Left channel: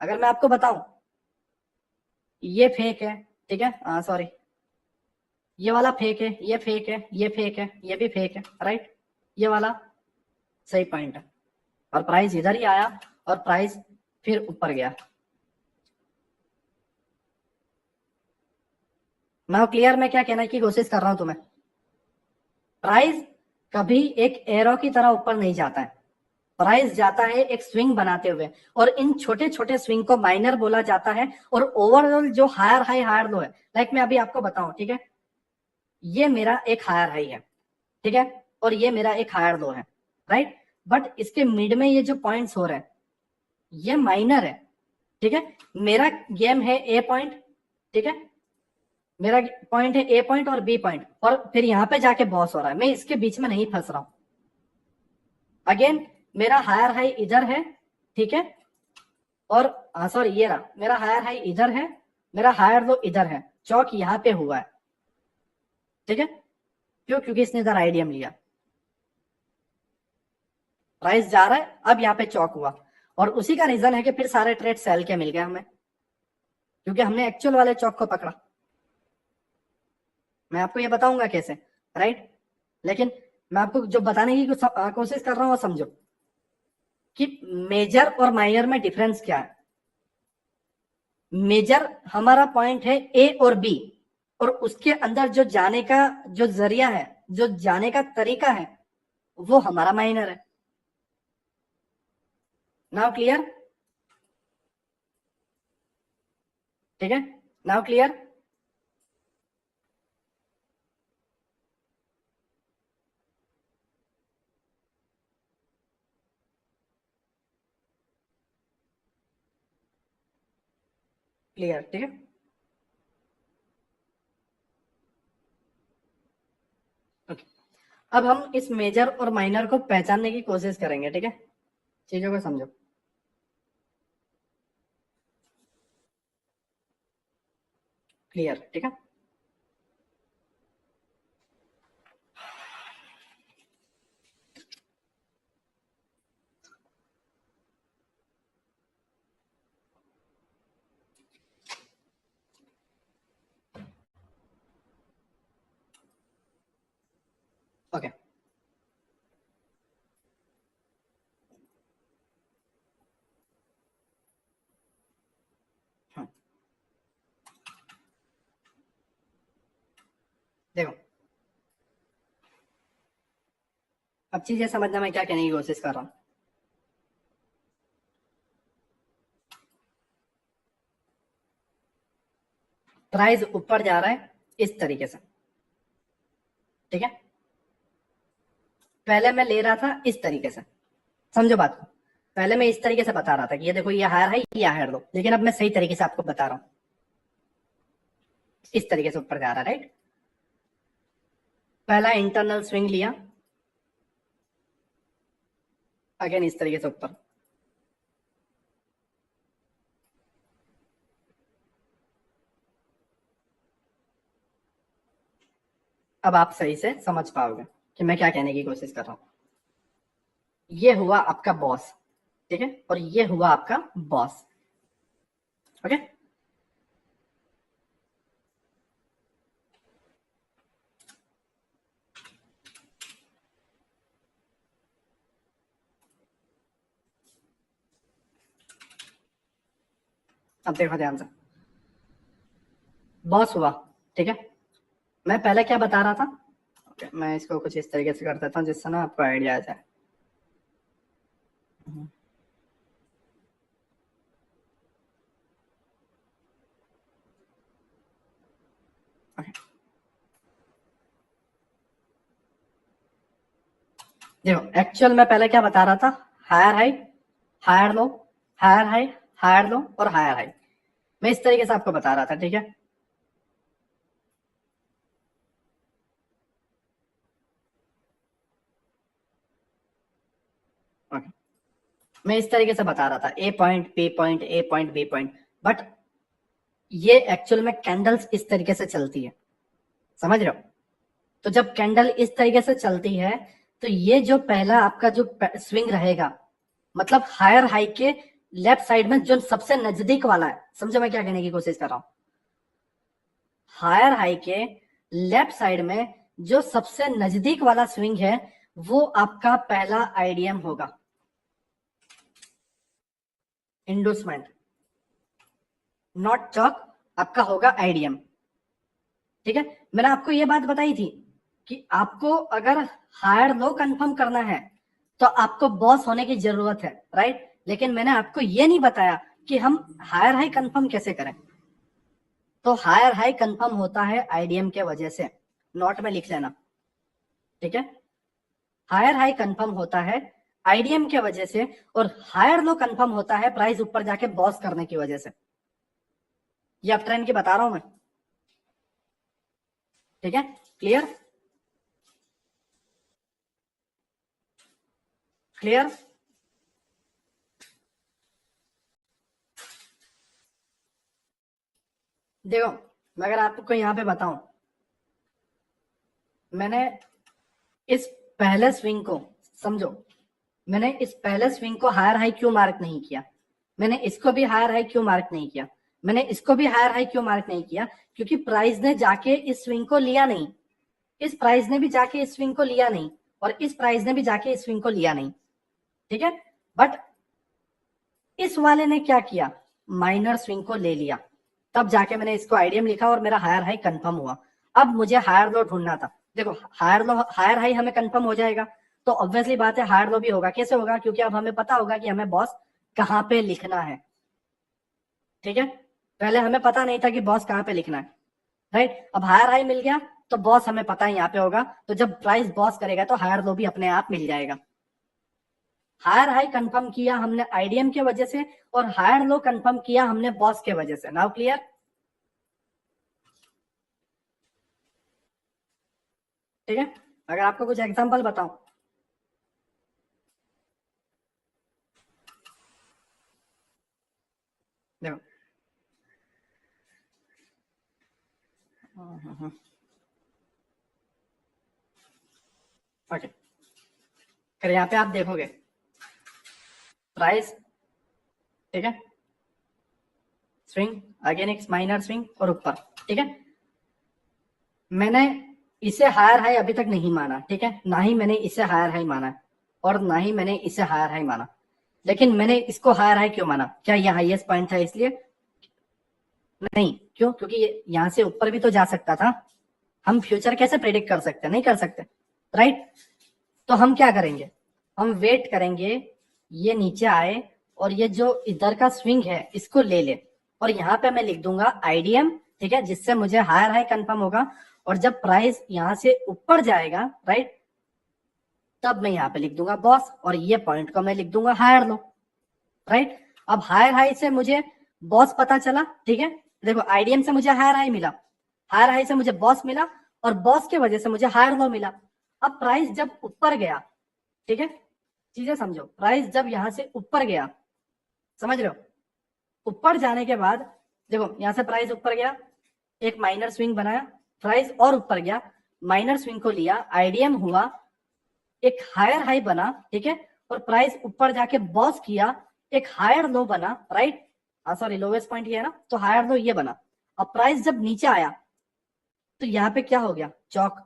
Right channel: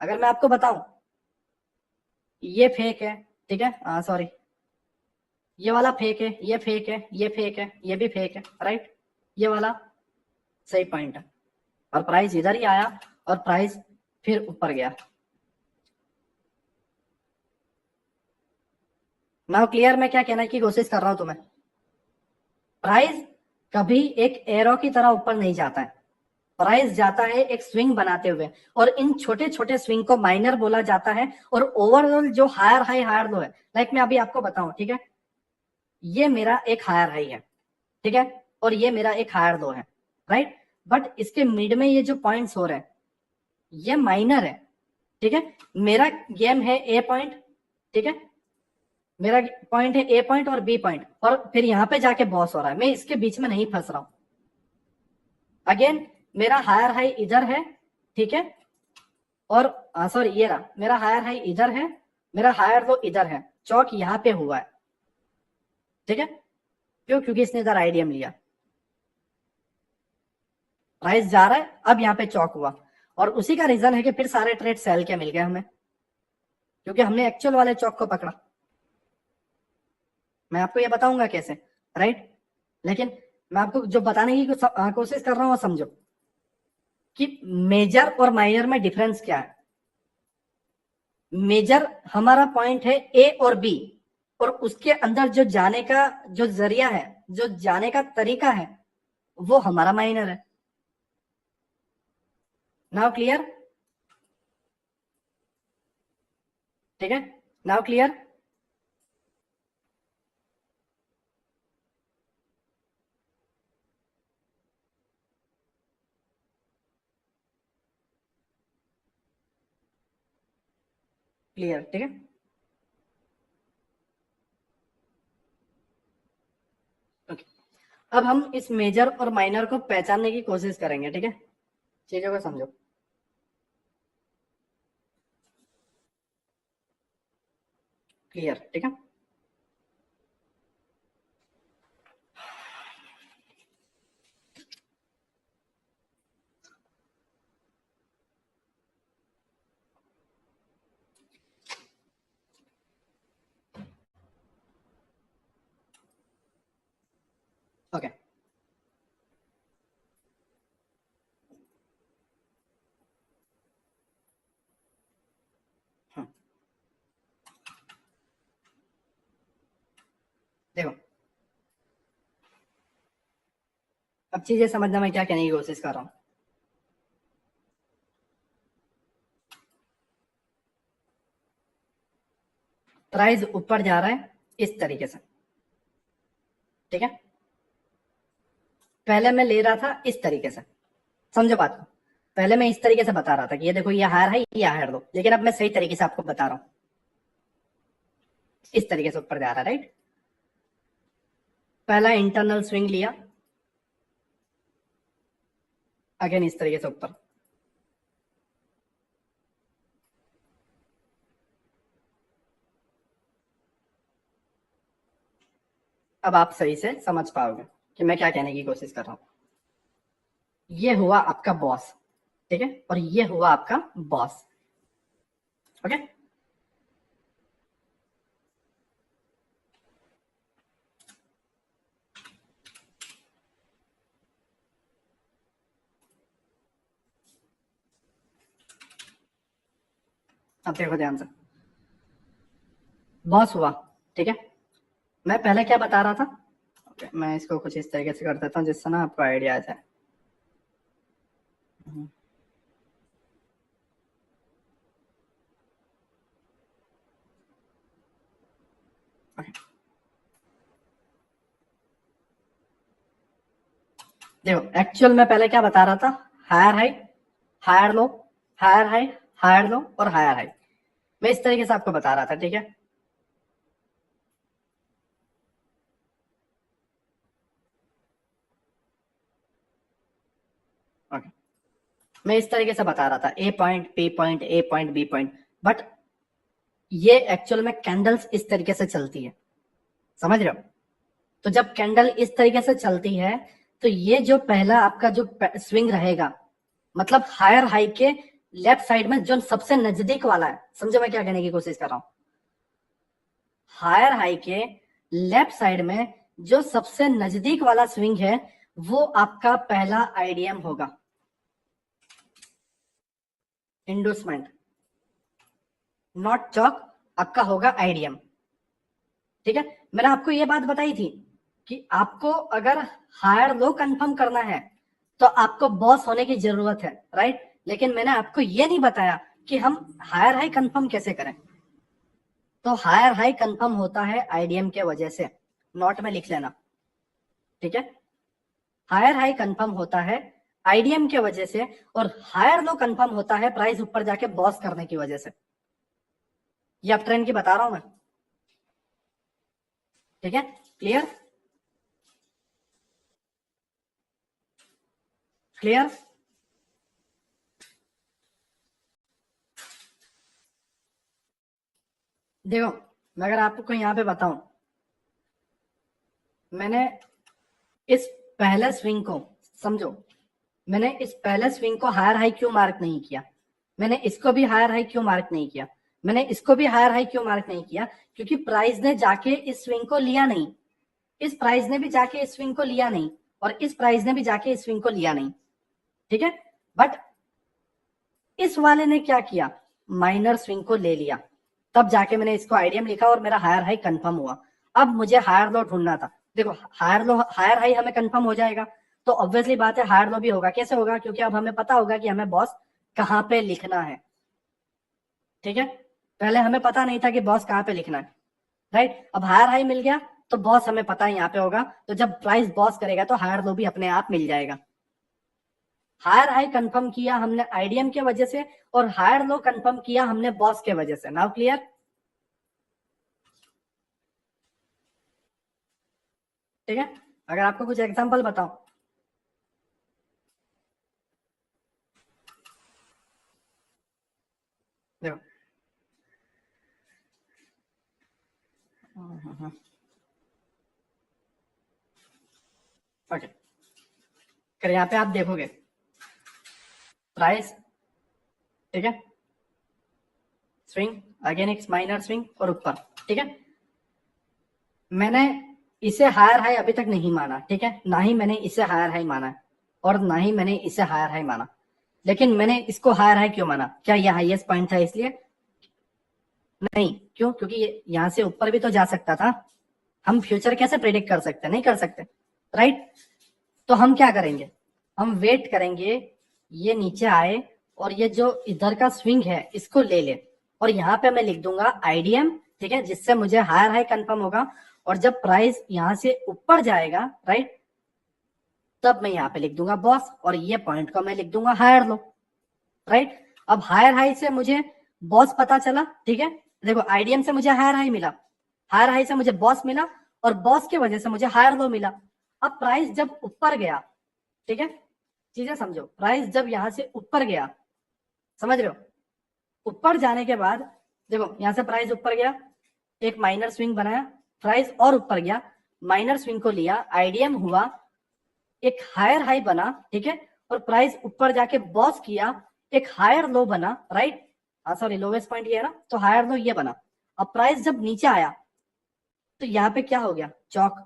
अगर मैं आपको बताऊं ये फेक है, ठीक है, सॉरी ये वाला फेक है, ये फेक है, ये फेक है, ये भी फेक है, राइट, ये वाला सही पॉइंट है, और प्राइस इधर ही आया और प्राइस फिर ऊपर गया। मैं क्लियर, मैं क्या कहने की कोशिश कर रहा हूं तुम्हें, प्राइस कभी एक एरो की तरह ऊपर नहीं जाता है, प्राइस जाता है एक स्विंग बनाते हुए, और इन छोटे छोटे स्विंग को माइनर बोला जाता है, और ओवरऑल जो हायर हाई हायर लो है, लाइक मैं अभी आपको बताऊं, ठीक है, ये मेरा एक हायर हाई है, ठीक है, और ये मेरा एक हायर लो है, राइट, बट इसके मिड में ये जो पॉइंट्स हो रहे हैं ये माइनर है, ठीक है, मेरा गेम है ए पॉइंट, ठीक है, मेरा पॉइंट है ए पॉइंट और बी पॉइंट, और फिर यहाँ पे जाके बॉस हो रहा है, मैं इसके बीच में नहीं फंस रहा हूं। अगेन मेरा हायर हाई इधर है, ठीक है, और सॉरी ये रहा, मेरा हायर हाई इधर है, मेरा हायर लो इधर है, चौक यहाँ पे हुआ है, ठीक है, क्यों, क्योंकि इसने इधर आईडीएम लिया, प्राइस जा रहा है, अब यहाँ पे चौक हुआ, और उसी का रीजन है कि फिर सारे ट्रेड सेल के मिल गए हमें, क्योंकि हमने एक्चुअल वाले चौक को पकड़ा। मैं आपको ये बताऊंगा कैसे, राइट, लेकिन मैं आपको जो बताने की कोशिश कर रहा हूँ वो समझो कि मेजर और माइनर में डिफरेंस क्या है। मेजर हमारा पॉइंट है ए और बी, और उसके अंदर जो जाने का जो जरिया है, जो जाने का तरीका है, वो हमारा माइनर है। नाउ क्लियर, ठीक है, नाउ क्लियर, क्लियर, ठीक है, ओके। अब हम इस मेजर और माइनर को पहचानने की कोशिश करेंगे, ठीक है, चीजों को समझो, क्लियर, ठीक है, ओके, देखो अब चीजें समझना मैं क्या कहने की कोशिश कर रहा हूं। प्राइस ऊपर जा रहा है इस तरीके से, ठीक है, पहले मैं ले रहा था इस तरीके से, समझो बात को, पहले मैं इस तरीके से बता रहा था कि ये देखो ये हायर है, ये हायर लो, लेकिन अब मैं सही तरीके से आपको बता रहा हूं, इस तरीके से ऊपर जा रहा है, राइट, पहला इंटरनल स्विंग लिया, अगेन इस तरीके से ऊपर, अब आप सही से समझ पाओगे कि मैं क्या कहने की कोशिश कर रहा हूं। ये हुआ आपका बॉस, ठीक है, और ये हुआ आपका बॉस, ओके, अब देखो ध्यान से, बॉस हुआ, ठीक है, मैं पहले क्या बता रहा था, ओके, मैं इसको कुछ इस तरीके से कर देता हूँ जिससे ना आपको आइडिया आ जाए, ओके, देखो एक्चुअल में पहले क्या बता रहा था, higher high, higher low, higher high, higher low और हायर हाई, मैं इस तरीके से आपको बता रहा था, ठीक है, ओके, मैं इस तरीके से बता रहा था, A point B point, A point B point, but ये एक्चुअल में कैंडल्स इस तरीके से चलती है, समझ रहे हो, तो जब कैंडल इस तरीके से चलती है तो ये जो पहला आपका जो स्विंग रहेगा, मतलब हायर हाई के लेफ्ट साइड में जो सबसे नजदीक वाला है, समझो मैं क्या कहने की कोशिश कर रहा हूं, हायर हाई के लेफ्ट साइड में जो सबसे नजदीक वाला स्विंग है वो आपका पहला आईडीएम होगा, इंडोसमेंट, नॉट चॉक, आपका होगा आईडीएम। ठीक है, मैंने आपको ये बात बताई थी कि आपको अगर हायर लो कंफर्म करना है तो आपको बॉस होने की जरूरत है, राइट। लेकिन मैंने आपको ये नहीं बताया कि हम हायर हाई कंफर्म कैसे करें। तो हायर हाई कंफर्म होता है आईडीएम के वजह से, नोट में लिख लेना, ठीक है। हायर हाई कंफर्म होता है आईडीएम के वजह से, और हायर लो कंफर्म होता है प्राइस ऊपर जाके बॉस करने की वजह से। ये अप ट्रेंड की बता रहा हूं मैं, ठीक है, क्लियर, क्लियर। देखो मैं अगर आपको यहाँ पे बताऊं, मैंने इस पहले स्विंग को, समझो, मैंने इस पहले स्विंग को हायर हाई क्यों मार्क नहीं किया, मैंने इसको भी हायर हाई क्यों मार्क नहीं किया, मैंने इसको भी हायर हाई क्यों मार्क नहीं किया, क्योंकि प्राइस ने जाके इस स्विंग को लिया नहीं, इस प्राइस ने भी जाके इस स्विंग को लिया नहीं, और इस प्राइस ने भी जाके इस स्विंग को लिया नहीं, ठीक है। बट इस वाले ने क्या किया, माइनर स्विंग को ले लिया, तब जाके मैंने इसको आईडीएम लिखा और मेरा हायर हाई कंफर्म हुआ। अब मुझे हायर लो ढूंढना था, देखो हायर लो हायर हाई हमें कंफर्म हो जाएगा तो ऑब्वियसली बात है हायर लो भी होगा। कैसे होगा, क्योंकि अब हमें पता होगा कि हमें बॉस कहाँ पे लिखना है, ठीक है। पहले हमें पता नहीं था कि बॉस कहाँ पे लिखना है, राइट। अब हायर हाई मिल गया तो बॉस हमें पता है यहाँ पे होगा, तो जब प्राइस बॉस करेगा तो हायर लो भी अपने आप मिल जाएगा। हायर हाई कंफर्म किया हमने आईडीएम के वजह से, और हायर लो कंफर्म किया हमने बॉस के वजह से। नाउ क्लियर, ठीक है। अगर आपको कुछ एग्जांपल बताओ, देखो ओके, फिर यहाँ पे आप देखोगे प्राइस, ठीक है, स्विंग, अगेन एक माइनर स्विंग और ऊपर, ठीक है। मैंने इसे हायर हाई अभी तक नहीं माना, ठीक है, ना ही मैंने इसे हायर हाई माना और ना ही मैंने इसे हायर हाई माना। लेकिन मैंने इसको हायर हाई क्यों माना, क्या ये हाईएस्ट पॉइंट था इसलिए? नहीं, क्यों? क्योंकि ये यहाँ से ऊपर भी तो जा सकता था। हम फ्यूचर कैसे प्रेडिक्ट कर सकते? नहीं कर सकते, राइट। तो हम क्या करेंगे, हम वेट करेंगे ये नीचे आए और ये जो इधर का स्विंग है इसको ले ले, और यहाँ पे मैं लिख दूंगा आईडीएम, ठीक है, जिससे मुझे हायर हाई कंफर्म होगा। और जब प्राइस यहाँ से ऊपर जाएगा, राइट, तब मैं यहाँ पे लिख दूंगा बॉस, और ये पॉइंट को मैं लिख दूंगा हायर लो, राइट। अब हायर हाई से मुझे बॉस पता चला, ठीक है, देखो आईडीएम से मुझे हायर हाई मिला, हायर हाई से मुझे बॉस मिला, और बॉस की वजह से मुझे हायर लो मिला। अब प्राइस जब ऊपर गया, ठीक है, चीजें समझो, प्राइस जब यहां से ऊपर गया, समझ रहे हो, ऊपर जाने के बाद देखो यहां से प्राइस ऊपर गया, एक माइनर स्विंग बनाया, प्राइस और ऊपर गया, माइनर स्विंग को लिया, आईडीएम हुआ, एक हायर हाई बना, ठीक है, और प्राइस ऊपर जाके बॉस किया, एक हायर लो बना, राइट, हाँ सॉरी लोवेस्ट पॉइंट ये है ना, तो हायर लो ये बना। अब प्राइस जब नीचे आया तो यहाँ पे क्या हो गया, चौक,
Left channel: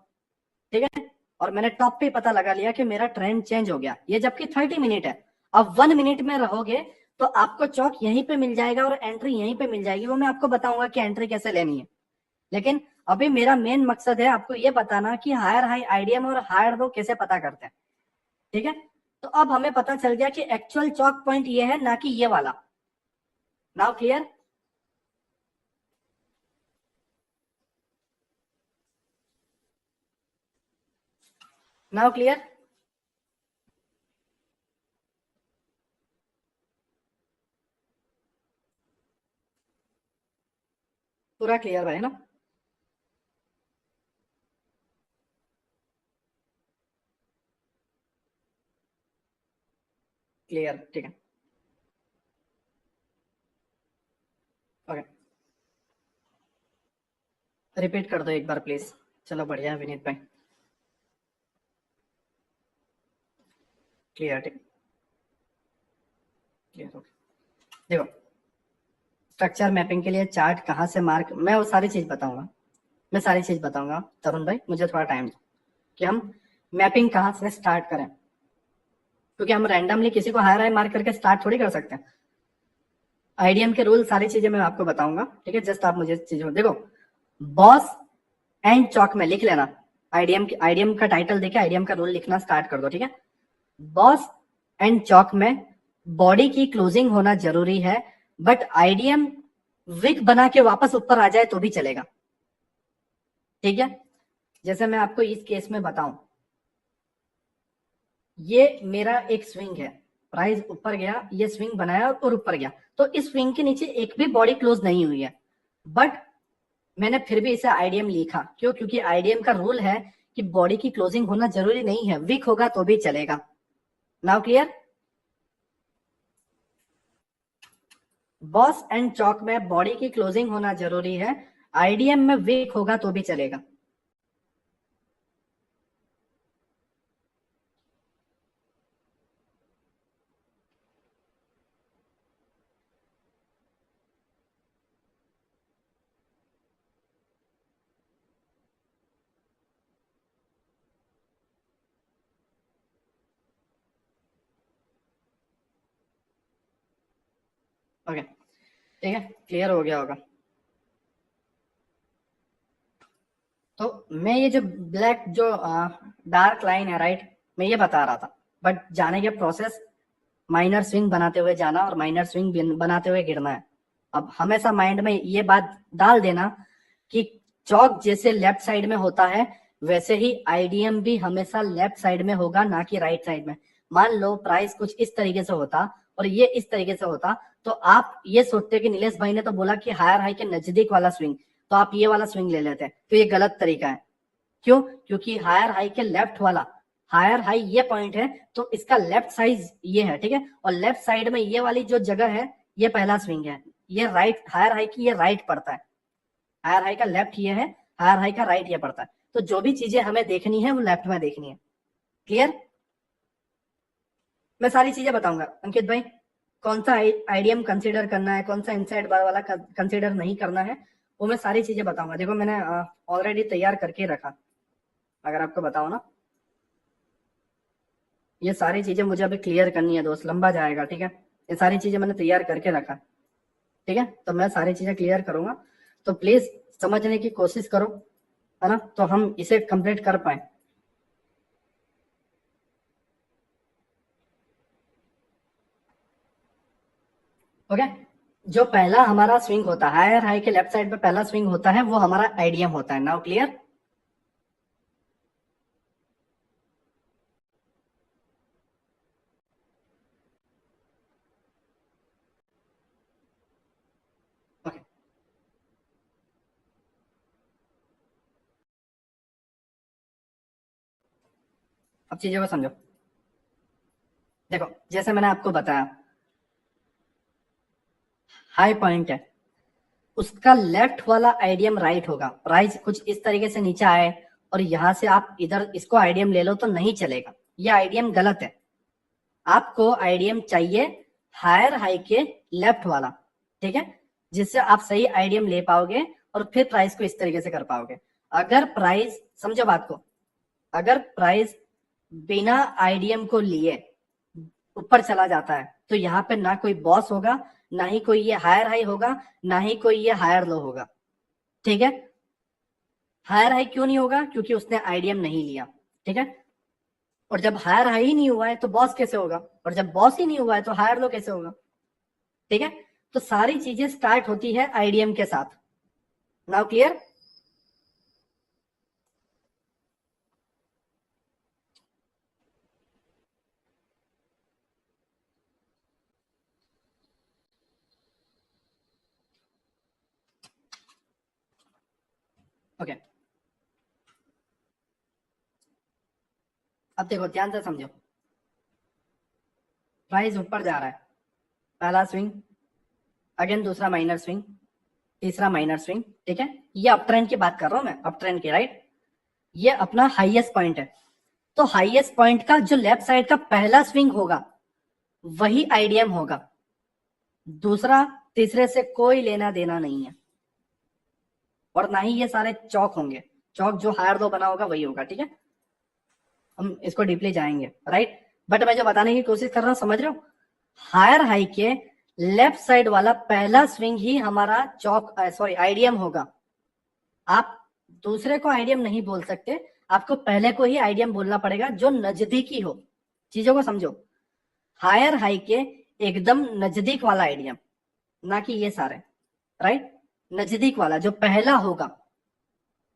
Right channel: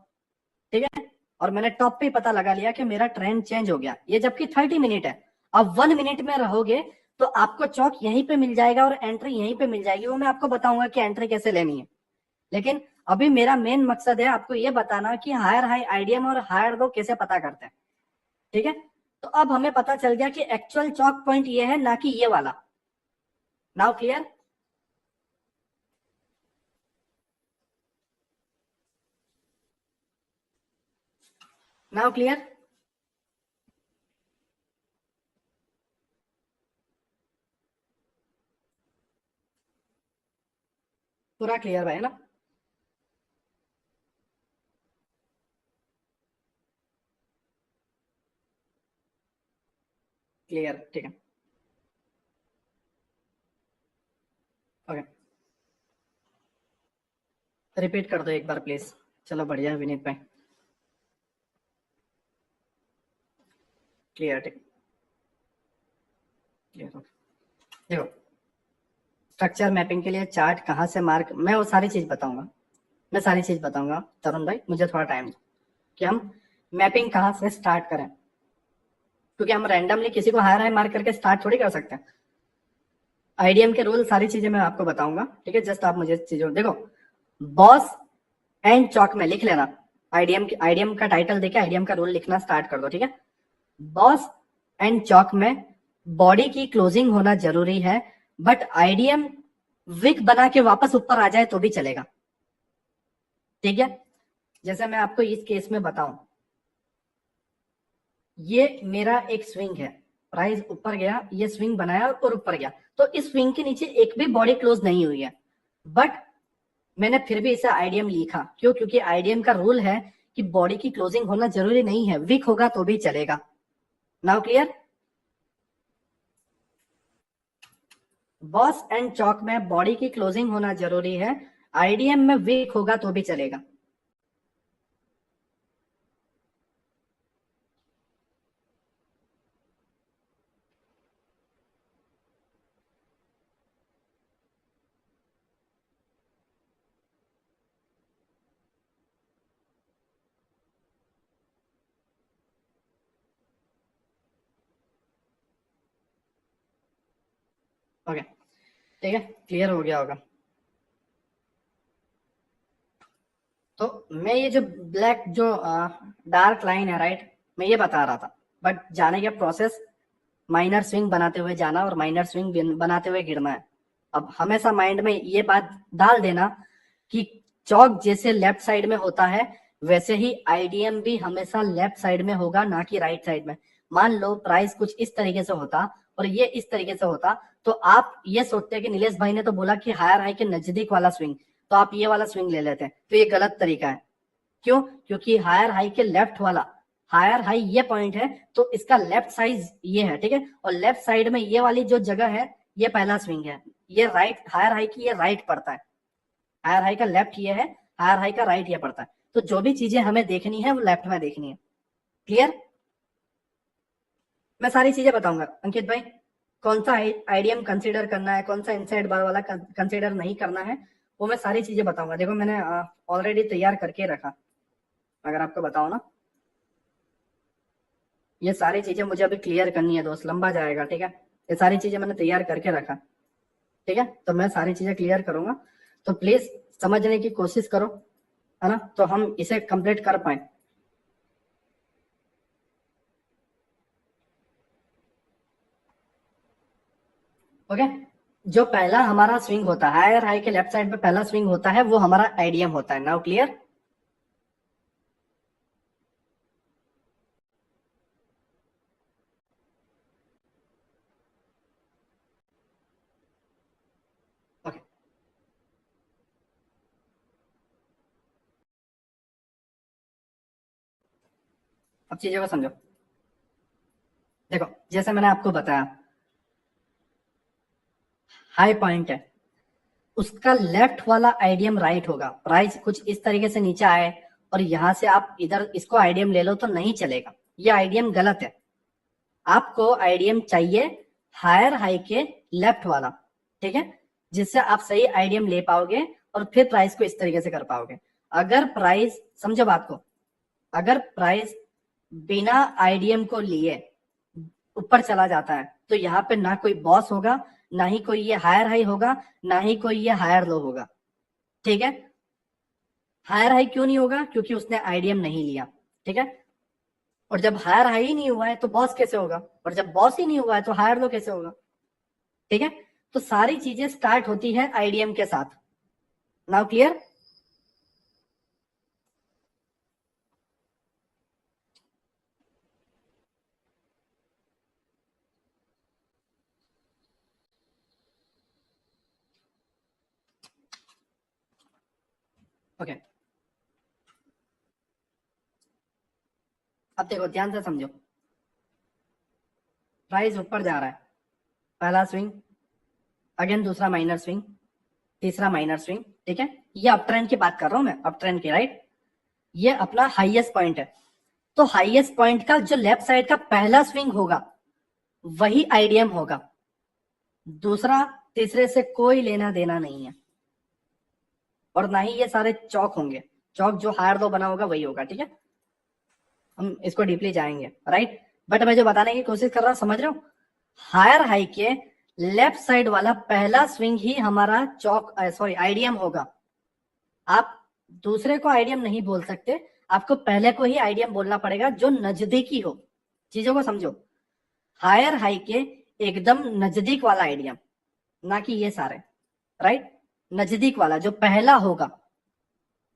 ठीक है, और मैंने टॉप पे पता लगा लिया कि मेरा ट्रेंड चेंज हो गया, ये जबकि 30 मिनट है। अब 1 मिनट में रहोगे तो आपको चौक यहीं पे मिल जाएगा और एंट्री यहीं पे मिल जाएगी, वो मैं आपको बताऊंगा कि एंट्री कैसे लेनी है। लेकिन अभी मेरा मेन मकसद है आपको ये बताना कि हायर हाई आईडीएम और हायर लो कैसे पता करते हैं, ठीक है। तो अब हमें पता चल गया कि एक्चुअल चौक पॉइंट ये है, ना कि ये वाला। नाउ क्लियर, नाउ क्लियर, पूरा क्लियर है ना? क्लियर, ठीक है, ओके, रिपीट कर दो एक बार प्लीज। चलो बढ़िया विनीत भाई, क्लियर, ठीक, क्लियर, ओके। देखो स्ट्रक्चर मैपिंग के लिए चार्ट कहाँ से मार्क, मैं वो सारी चीज बताऊंगा, मैं सारी चीज बताऊंगा तरुण भाई, मुझे थोड़ा टाइम दो कि हम मैपिंग कहाँ से स्टार्ट करें, क्योंकि हम रैंडमली किसी को हायर हाई मार्क करके स्टार्ट थोड़ी कर सकते हैं। आईडीएम के रूल सारी चीजें मैं आपको बताऊंगा, ठीक है, जस्ट आप मुझे चीजों देखो। बॉस एंड चौक में लिख लेना, आईडीएम का टाइटल देके आईडीएम का रूल लिखना स्टार्ट कर दो, ठीक है। बॉस एंड चौक में बॉडी की क्लोजिंग होना जरूरी है, बट आईडीएम विक बना के वापस ऊपर आ जाए तो भी चलेगा, ठीक है। जैसे मैं आपको इस केस में बताऊं, ये मेरा एक स्विंग है, प्राइस ऊपर गया, ये स्विंग बनाया और ऊपर गया, तो इस स्विंग के नीचे एक भी बॉडी क्लोज नहीं हुई है, बट मैंने फिर भी इसे आईडीएम लिखा, क्यों? क्योंकि आईडीएम का रूल है कि बॉडी की क्लोजिंग होना जरूरी नहीं है, वीक होगा तो भी चलेगा। Now clear? बॉस एंड चौक में बॉडी की क्लोजिंग होना जरूरी है, आईडीएम में वीक होगा तो भी चलेगा। ओके, ठीक है, क्लियर हो गया होगा। तो मैं ये जो ब्लैक जो डार्क लाइन है, राइट, मैं ये बता रहा था, बट जाने के प्रोसेस माइनर स्विंग बनाते हुए जाना और माइनर स्विंग बनाते हुए गिरना है। अब हमेशा माइंड में ये बात डाल देना कि चौक जैसे लेफ्ट साइड में होता है, वैसे ही आईडीएम भी हमेशा लेफ्ट साइड में होगा, ना कि राइट साइड में। मान लो प्राइस कुछ इस तरीके से होता और ये इस तरीके से होता, तो आप ये सोचते कि नीलेश भाई ने तो बोला कि हायर हाई के नजदीक वाला स्विंग, तो आप ये वाला स्विंग ले लेते, तो ये गलत तरीका है। क्यों? क्योंकि हायर हाई के लेफ्ट वाला, हायर हाई ये पॉइंट है, तो इसका लेफ्ट साइड ये है, ठीक है, और लेफ्ट साइड में ये वाली जो जगह है, ये पहला स्विंग है, ये राइट, हायर हाई की ये राइट पड़ता है, हायर हाई का लेफ्ट ये है, हायर हाई का राइट ये पड़ता है, तो जो भी चीजें हमें देखनी है वो लेफ्ट में देखनी है। क्लियर? मैं सारी चीजें बताऊंगा अंकित भाई, कौन सा आईडीएम कंसीडर करना है, कौन सा इनसाइड बार वाला कंसीडर नहीं करना है, वो मैं सारी चीजें बताऊंगा। देखो मैंने ऑलरेडी तैयार करके रखा, अगर आपको बताओ ना, ये सारी चीजें मुझे अभी क्लियर करनी है दोस्त, लंबा जाएगा, ठीक है, ये सारी चीजें मैंने तैयार करके रखा, ठीक है, तो मैं सारी चीजें क्लियर करूंगा, तो प्लीज समझने की कोशिश करो, है ना, तो हम इसे कंप्लीट कर पाए। ओके, जो पहला हमारा स्विंग होता है हायर हाई के लेफ्ट साइड पे, पहला स्विंग होता है वो हमारा आईडीएम होता है। Now clear? ओके, अब चीजों को समझो। देखो जैसे मैंने आपको बताया, हाई पॉइंट है, उसका लेफ्ट वाला आईडीएम राइट होगा, प्राइस कुछ इस तरीके से नीचे आए और यहां से आप इधर इसको आईडीएम ले लो तो नहीं चलेगा, ये आईडीएम गलत है। आपको आईडीएम चाहिए हायर हाई के लेफ्ट वाला, ठीक है, जिससे आप सही आईडीएम ले पाओगे और फिर प्राइस को इस तरीके से कर पाओगे। अगर प्राइस, समझो बात को, अगर प्राइस बिना आईडीएम को लिए ऊपर चला जाता है, तो यहाँ पे ना कोई बॉस होगा, ना ही कोई ये हायर हाई होगा, ना ही कोई ये हायर लो होगा, ठीक है। हायर हाई क्यों नहीं होगा? क्योंकि उसने आईडीएम नहीं लिया, ठीक है, और जब हायर हाई ही नहीं हुआ है तो बॉस कैसे होगा, और जब बॉस ही नहीं हुआ है तो हायर लो कैसे होगा, ठीक है। तो सारी चीजें स्टार्ट होती है आईडीएम के साथ। Now clear? ओके, अब देखो ध्यान से समझो, प्राइस ऊपर जा रहा है, पहला स्विंग, अगेन दूसरा माइनर स्विंग, तीसरा माइनर स्विंग, ठीक है, ये अप ट्रेंड की बात कर रहा हूं मैं, अप ट्रेंड की, राइट, ये अपना हाईएस्ट पॉइंट है, तो हाईएस्ट पॉइंट का जो लेफ्ट साइड का पहला स्विंग होगा वही आईडीएम होगा, दूसरा तीसरे से कोई लेना देना नहीं है, और ना ही ये सारे चौक होंगे। चौक जो हायर लो बना होगा वही होगा, ठीक है। हम इसको डीपली जाएंगे, राइट। बट मैं जो बताने की कोशिश कर रहा हूं, समझ रहे हो, हायर हाई के लेफ्ट साइड वाला पहला स्विंग ही हमारा चौक सॉरी आईडीएम होगा। आप दूसरे को आईडीएम नहीं बोल सकते, आपको पहले को ही आईडीएम बोलना पड़ेगा जो नजदीकी हो। चीजों को समझो, हायर हाई के एकदम नजदीक वाला आईडीएम, ना कि ये सारे, राइट। नजदीक वाला जो पहला होगा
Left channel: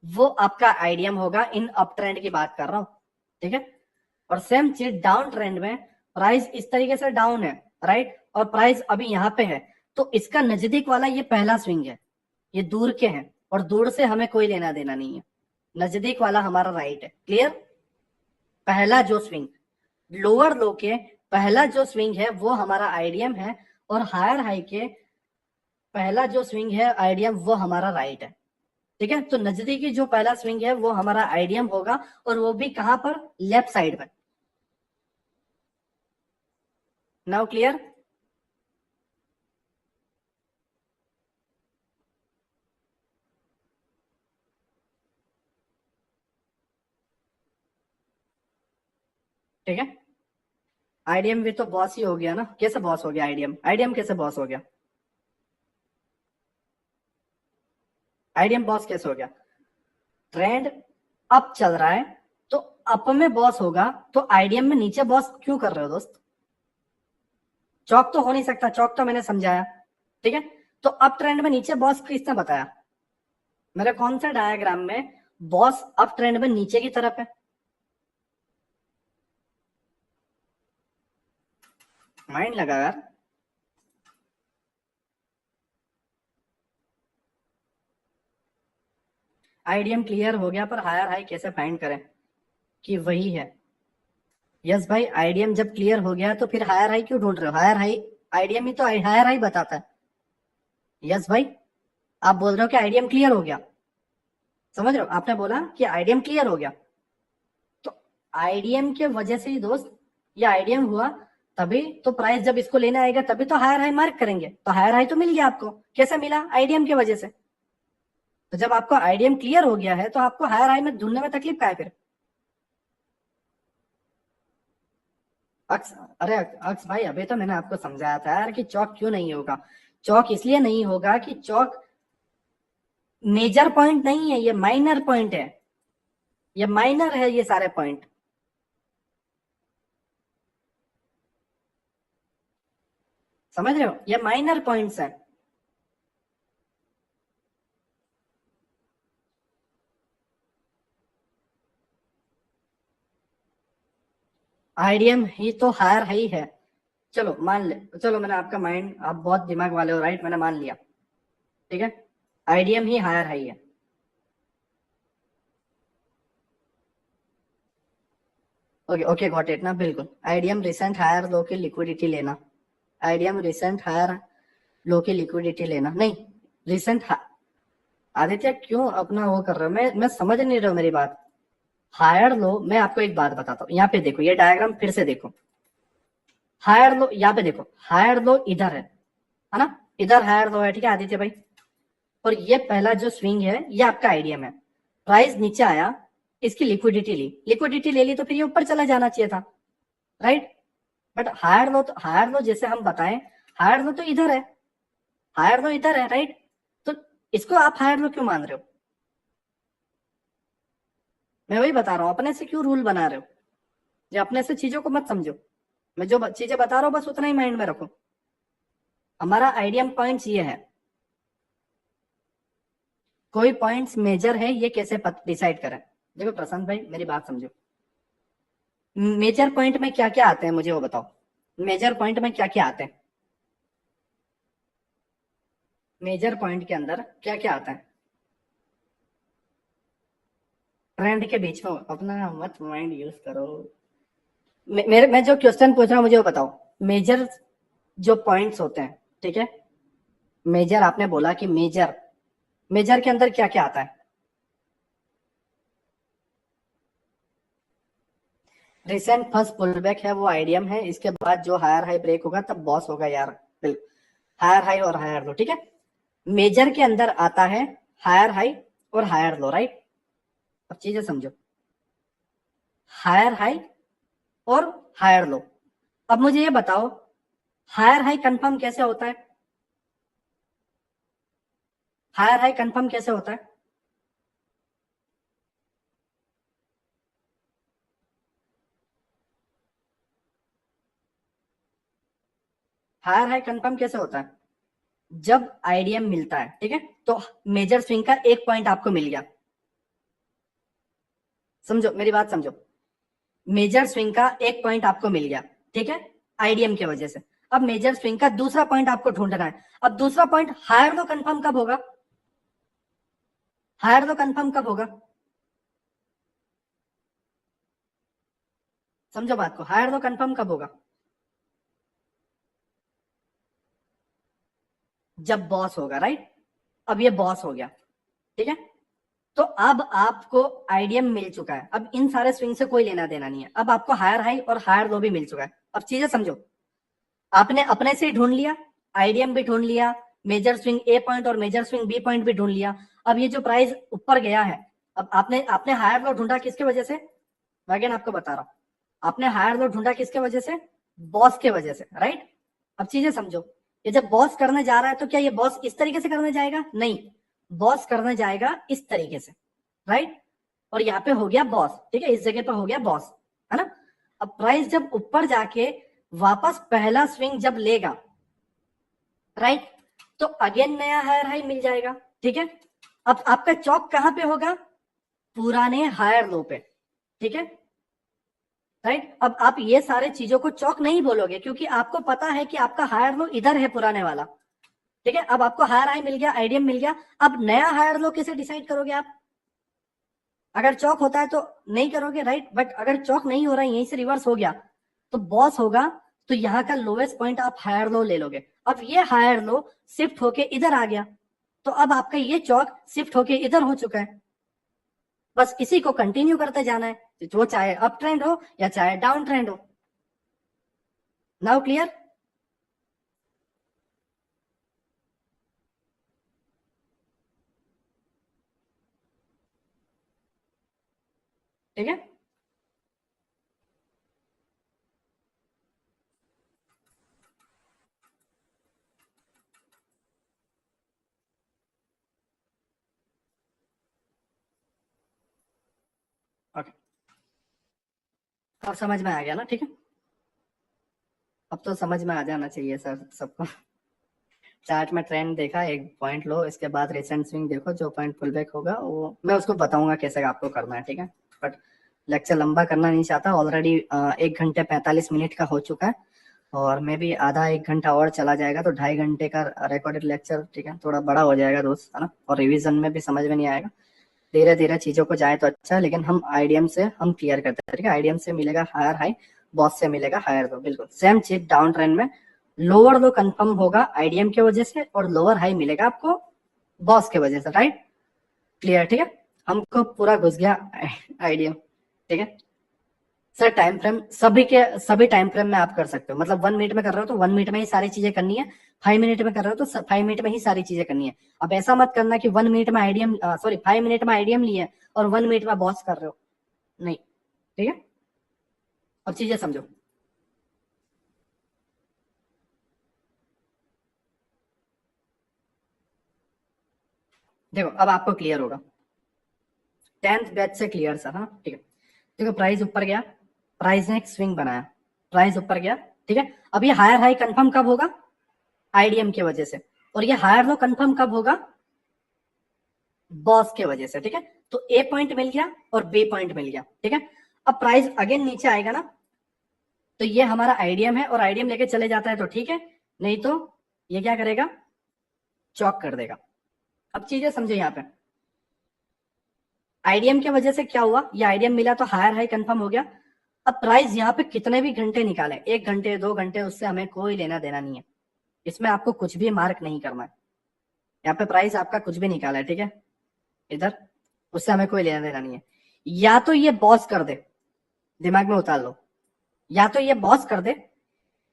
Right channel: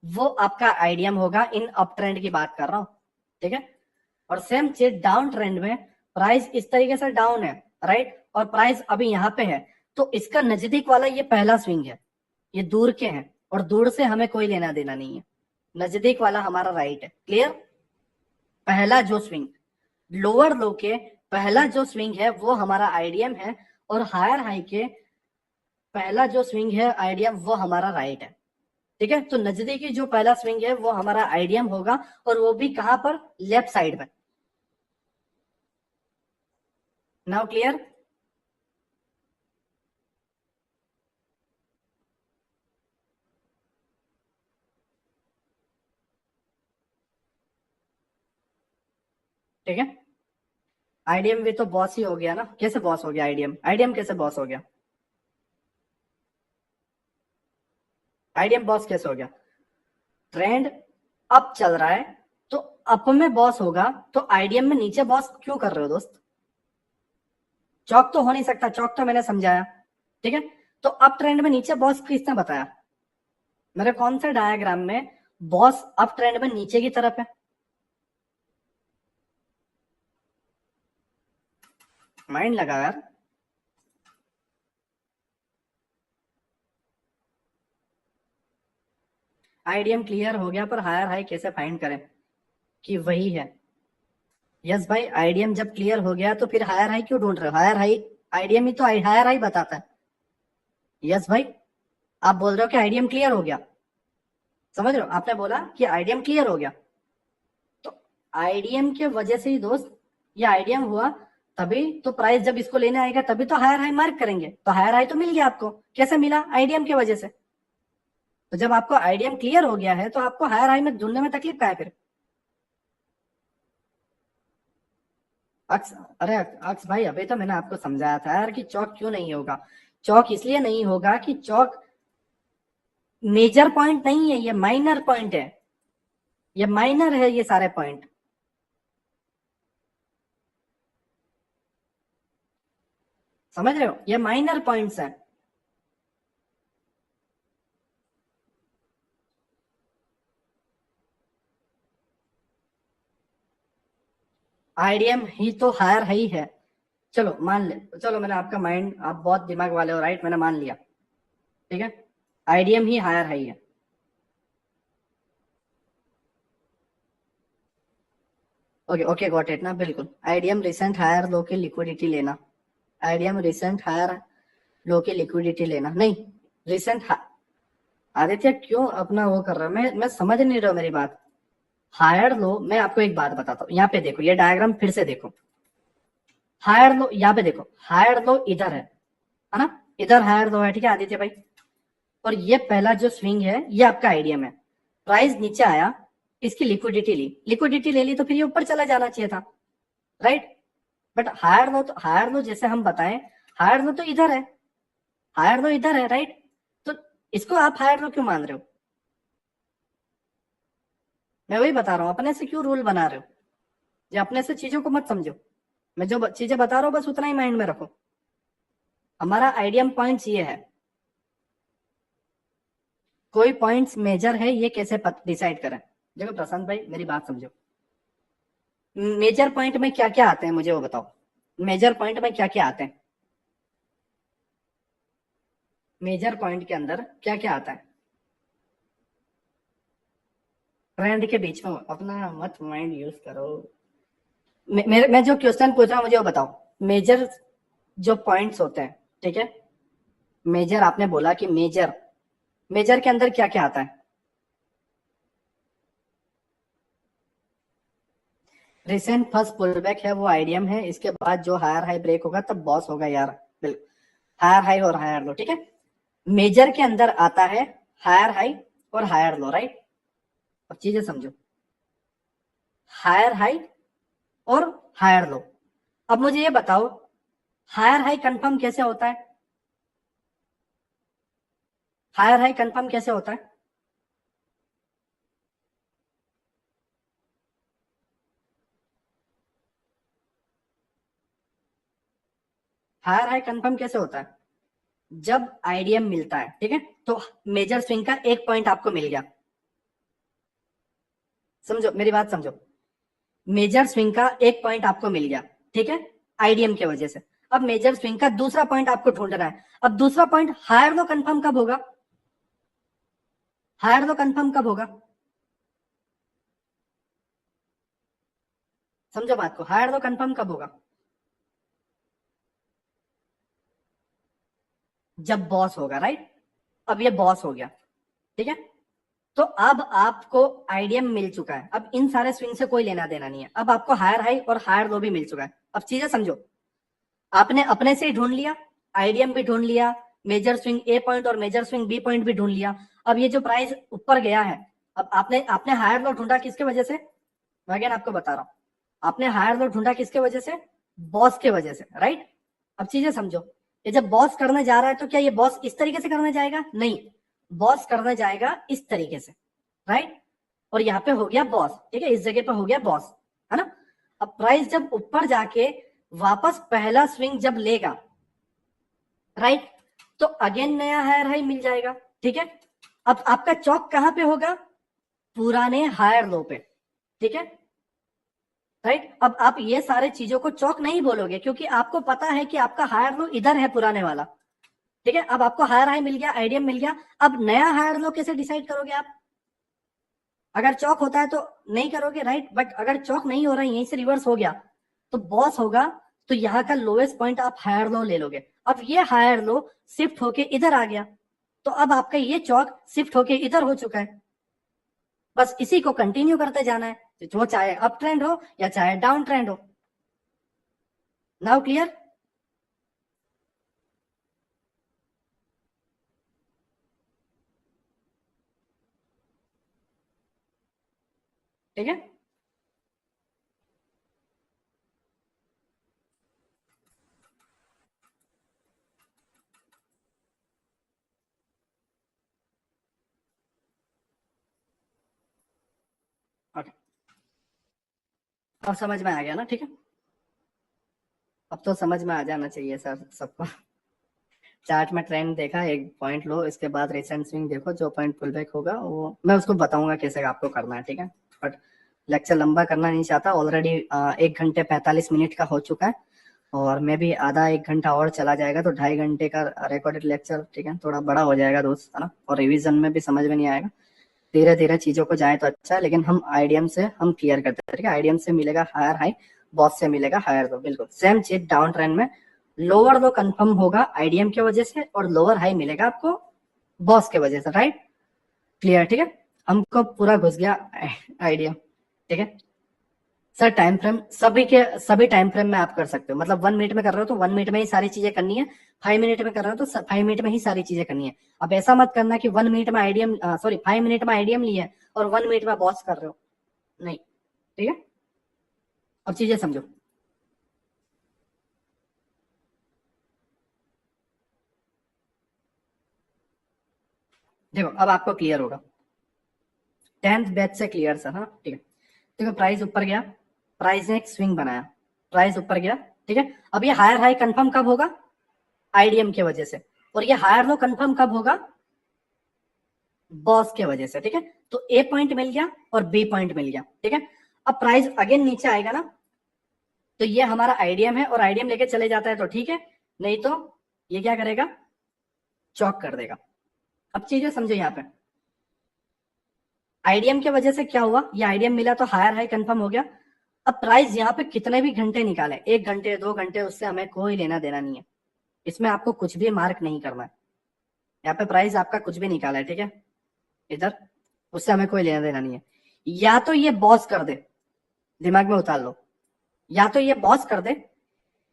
वो आपका आईडीएम होगा। इन अप ट्रेंड की बात कर रहा हूं, ठीक है। और सेम चीज डाउन ट्रेंड में, प्राइस इस तरीके से डाउन है, राइट, और प्राइस अभी यहां पे है, तो इसका नजदीक वाला ये पहला स्विंग है, ये दूर के हैं, और दूर से हमें कोई लेना देना नहीं है। नजदीक वाला हमारा राइट है, क्लियर। पहला जो स्विंग लोअर लो के पहला जो स्विंग है वो हमारा आईडीएम है, और हायर हाई के पहला जो स्विंग है आईडीएम वो हमारा राइट है, ठीक है। तो नजदीकी जो पहला स्विंग है वो हमारा आईडीएम होगा, और वो भी कहां पर, लेफ्ट साइड में। Now clear. ठीक है। आईडीएम भी तो बॉस ही हो गया ना। कैसे बॉस हो गया आईडीएम, आईडीएम कैसे बॉस हो गया, आईडीएम बॉस कैसे हो गया। ट्रेंड अप चल रहा है तो अप में बॉस होगा, तो आईडीएम में नीचे बॉस क्यों कर रहे हो दोस्त। चौक तो हो नहीं सकता, चौक तो मैंने समझाया, ठीक है। तो अप ट्रेंड में नीचे बॉस किसने बताया, मेरे कौन से डायग्राम में बॉस अप ट्रेंड में नीचे की तरफ है। माइंड लगा यार। आईडीएम क्लियर हो गया, पर हायर हाई कैसे फाइंड करें कि वही है। यस भाई, आईडीएम जब क्लियर हो गया तो फिर हायर हाई क्यों ढूंढ रहे हो, हायर हाई आईडीएम ही तो हायर हाई बताता है। यस भाई, आप बोल रहे हो कि आईडीएम क्लियर हो गया, समझ रहे हो, आपने बोला कि आईडीएम क्लियर हो गया, तो आईडीएम के वजह से ही दोस्त ये आईडीएम हुआ। तभी तो प्राइस जब इसको लेने आएगा तभी तो हायर हाई मार्क करेंगे, तो हायर हाई तो मिल गया आपको। कैसे मिला, आईडीएम के वजह से। तो जब आपको आईडीएम क्लियर हो गया है तो आपको हायर हाई में ढूंढने में तकलीफ का है फिर। अक्स, अरे अक्स भाई, अभी तो मैंने आपको समझाया था यार कि चौक क्यों नहीं होगा। चौक इसलिए नहीं होगा कि चौक मेजर पॉइंट नहीं है, ये माइनर पॉइंट है, ये माइनर है ये सारे पॉइंट, समझ रहे हो, ये माइनर पॉइंट्स हैं। आईडीएम ही तो हायर हाई है। चलो मान ले, चलो मैंने आपका माइंड, आप बहुत दिमाग वाले हो, राइट, मैंने मान लिया, ठीक है। आईडीएम ही हायर हाई है। ओके ओके, गॉट इट ना, बिल्कुल। आईडीएम रिसेंट हायर लो की लिक्विडिटी लेना, आईडीएम रिसेंट हायर लो की लिक्विडिटी लेना, नहीं, रिसेंट। आदित्य क्यों अपना वो कर रहा है, मैं समझ नहीं रहा हूँ मेरी बात। हायर लो, मैं आपको एक बात बताता हूँ, यहाँ पे देखो, ये डायग्राम फिर से देखो। हायर लो यहाँ पे देखो, हायर लो इधर है ना, इधर हायर लो है, ठीक है आदित्य भाई। और ये पहला जो स्विंग है ये आपका आईडीएम है। प्राइस नीचे आया, इसकी लिक्विडिटी ली, लिक्विडिटी ले ली तो फिर ये ऊपर चला जाना चाहिए था, राइट। बट हायर लो जैसे हम बताएं, हायर लो तो इधर है, हायर लो इधर है, राइट। तो इसको आप हायर लो क्यों मान रहे हो, मैं वही बता रहा हूँ, अपने से क्यों रूल बना रहे हो। जो अपने से चीजों को मत समझो, मैं जो चीजें बता रहा हूँ बस उतना ही माइंड में रखो। हमारा आइडियम पॉइंट्स ये है, कोई पॉइंट्स मेजर है ये कैसे डिसाइड करें। देखो प्रशांत भाई, मेरी बात समझो, मेजर पॉइंट में क्या क्या आते हैं मुझे वो बताओ, मेजर पॉइंट में क्या क्या आते हैं, मेजर पॉइंट के अंदर क्या क्या आता है। ट्रेंड के बीच में अपना मत माइंड यूज करो। मेरे मैं जो क्वेश्चन पूछ रहा हूँ मुझे वो बताओ, मेजर जो पॉइंट्स होते हैं, ठीक है। मेजर आपने बोला कि मेजर, मेजर के अंदर क्या क्या आता है। रिसेंट फर्स्ट पुल बैक है वो आइडियम है, इसके बाद जो हायर हाई ब्रेक होगा तब बॉस होगा यार, बिल्कुल। हायर हाई और हायर लो, ठीक है। मेजर के अंदर आता है हायर हाई और हायर लो, राइट। अब चीजें समझो, हायर हाई और हायर लो। अब मुझे ये बताओ, हायर हाई कंफर्म कैसे होता है? हायर हाई कंफर्म कैसे होता है? हायर हाई कंफर्म कैसे होता है? जब आईडीएम मिलता है, ठीक है, तो मेजर स्विंग का एक पॉइंट आपको मिल गया। समझो मेरी बात, समझो। मेजर स्विंग का एक पॉइंट आपको मिल गया, ठीक है, आईडीएम की वजह से। अब मेजर स्विंग का दूसरा पॉइंट आपको ढूंढना है। अब दूसरा पॉइंट हायर लो कंफर्म कब होगा? हायर लो कंफर्म कब होगा? समझो बात को, हायर लो कंफर्म कब होगा? जब बॉस होगा, राइट। अब ये बॉस हो गया, ठीक है। तो अब आपको आईडीएम मिल चुका है, अब इन सारे स्विंग से कोई लेना देना नहीं है। अब आपको हायर हाई और हायर लो भी मिल चुका है। अब चीजें समझो, आपने अपने से ही ढूंढ लिया, आईडीएम भी ढूंढ लिया, मेजर स्विंग ए पॉइंट और मेजर स्विंग बी पॉइंट भी ढूंढ लिया। अब ये जो प्राइस ऊपर गया है, अब आपने आपने हायर लो ढूंढा किसके वजह से? अगेन आपको बता रहा हूं, आपने हायर लो ढूंढा किसके वजह से? बॉस के वजह से, राइट। अब चीजें समझो, ये जब बॉस करने जा रहा है तो क्या ये बॉस इस तरीके से करने जाएगा? नहीं, बॉस करने जाएगा इस तरीके से, राइट। और यहाँ पे हो गया बॉस, ठीक है, इस जगह पे हो गया बॉस, है ना। अब प्राइस जब ऊपर जाके वापस पहला स्विंग जब लेगा, राइट, तो अगेन नया हायर हाई मिल जाएगा, ठीक है। अब आपका चौक कहां पे होगा? पुराने हायर लो पे, ठीक है, राइट। अब आप ये सारे चीजों को चौक नहीं बोलोगे क्योंकि आपको पता है कि आपका हायर लो इधर है, पुराने वाला, ठीक है। अब आपको हायर हाई मिल गया, आईडीएम मिल गया, अब नया हायर लो कैसे डिसाइड करोगे आप? अगर चौक होता है तो नहीं करोगे, राइट। बट अगर चौक नहीं हो रहा है, यहीं से रिवर्स हो गया, तो बॉस होगा, तो यहाँ का लोएस्ट पॉइंट आप हायर लो ले लोगे। अब ये हायर लो शिफ्ट होके इधर आ गया, तो अब आपका ये चौक शिफ्ट होके इधर हो चुका है। बस इसी को कंटिन्यू करते जाना है, वो चाहे अप ट्रेंड हो या चाहे डाउन ट्रेंड हो। Now clear? ठीक है। ओके, अब समझ में आ गया ना? ठीक है, अब तो समझ में आ जाना चाहिए सर सबको। चार्ट में ट्रेंड देखा, एक पॉइंट लो, इसके बाद रिसेंट स्विंग देखो, जो पॉइंट पुल बैक होगा वो मैं उसको बताऊंगा कैसे आपको करना है, ठीक है। बट लेक्चर लंबा करना नहीं चाहता, ऑलरेडी 1 घंटे 45 मिनट का हो चुका है, और मैं भी आधा 1 घंटा और चला जाएगा तो 2.5 घंटे का रिकॉर्डेड लेक्चर, ठीक है, थोड़ा बड़ा हो जाएगा दोस्त, है ना, और रिवीजन में भी समझ में नहीं आएगा। धीरे धीरे चीजों को जाए तो अच्छा है, लेकिन हम आईडीएम से हम क्लियर करते हैं, ठीक है। आईडीएम से मिलेगा हायर हाई, बॉस से मिलेगा हायर लो, बिल्कुल सेम चीज डाउन ट्रेंड में। लोअर लो कंफर्म होगा आईडीएम की वजह से, और लोअर हाई मिलेगा आपको बॉस की वजह से, राइट। क्लियर, ठीक है। हमको पूरा घुस गया आईडीएम, ठीक है। सर टाइम फ्रेम सभी के सभी टाइम फ्रेम में आप कर सकते हो, मतलब 1 मिनट में कर रहे हो तो 1 मिनट में ही सारी चीजें करनी है, 5 मिनट में कर रहे हो तो 5 मिनट में ही सारी चीजें करनी है। अब ऐसा मत करना कि 1 मिनट में आईडीएम, सॉरी 5 मिनट में आईडीएम लिए और 1 मिनट में बॉस कर रहे हो, नहीं, ठीक है। अब चीजें समझो, देखो अब आपको क्लियर होगा, 10th बैच से क्लियर सर, हाँ ठीक है। देखो प्राइस ऊपर गया, प्राइस ने एक स्विंग बनाया, प्राइस ऊपर गया, ठीक है। अब ये हायर हाई कंफर्म कब होगा? आईडीएम की वजह से। और ये हायर लो कंफर्म कब होगा? बॉस के वजह से, ठीक है। तो ए पॉइंट मिल गया और बी पॉइंट मिल गया, ठीक है। अब प्राइस अगेन नीचे आएगा ना, तो ये हमारा आईडीएम है और आईडीएम लेके चले जाता है तो ठीक है, नहीं तो ये क्या करेगा? चौक कर देगा। अब चीजें समझो, यहाँ पे आईडीएम की वजह से क्या हुआ, ये आईडीएम मिला तो हायर हाई कंफर्म हो गया। अब प्राइस यहाँ पे कितने भी घंटे निकाले, 1 घंटे 2 घंटे, उससे हमें कोई लेना देना नहीं है, इसमें आपको कुछ भी मार्क नहीं करना है। यहाँ पे प्राइस आपका कुछ भी निकाला है, ठीक है, इधर, उससे हमें कोई लेना देना नहीं है। या तो ये बॉस कर दे, दिमाग में उतार लो, या तो ये बॉस कर दे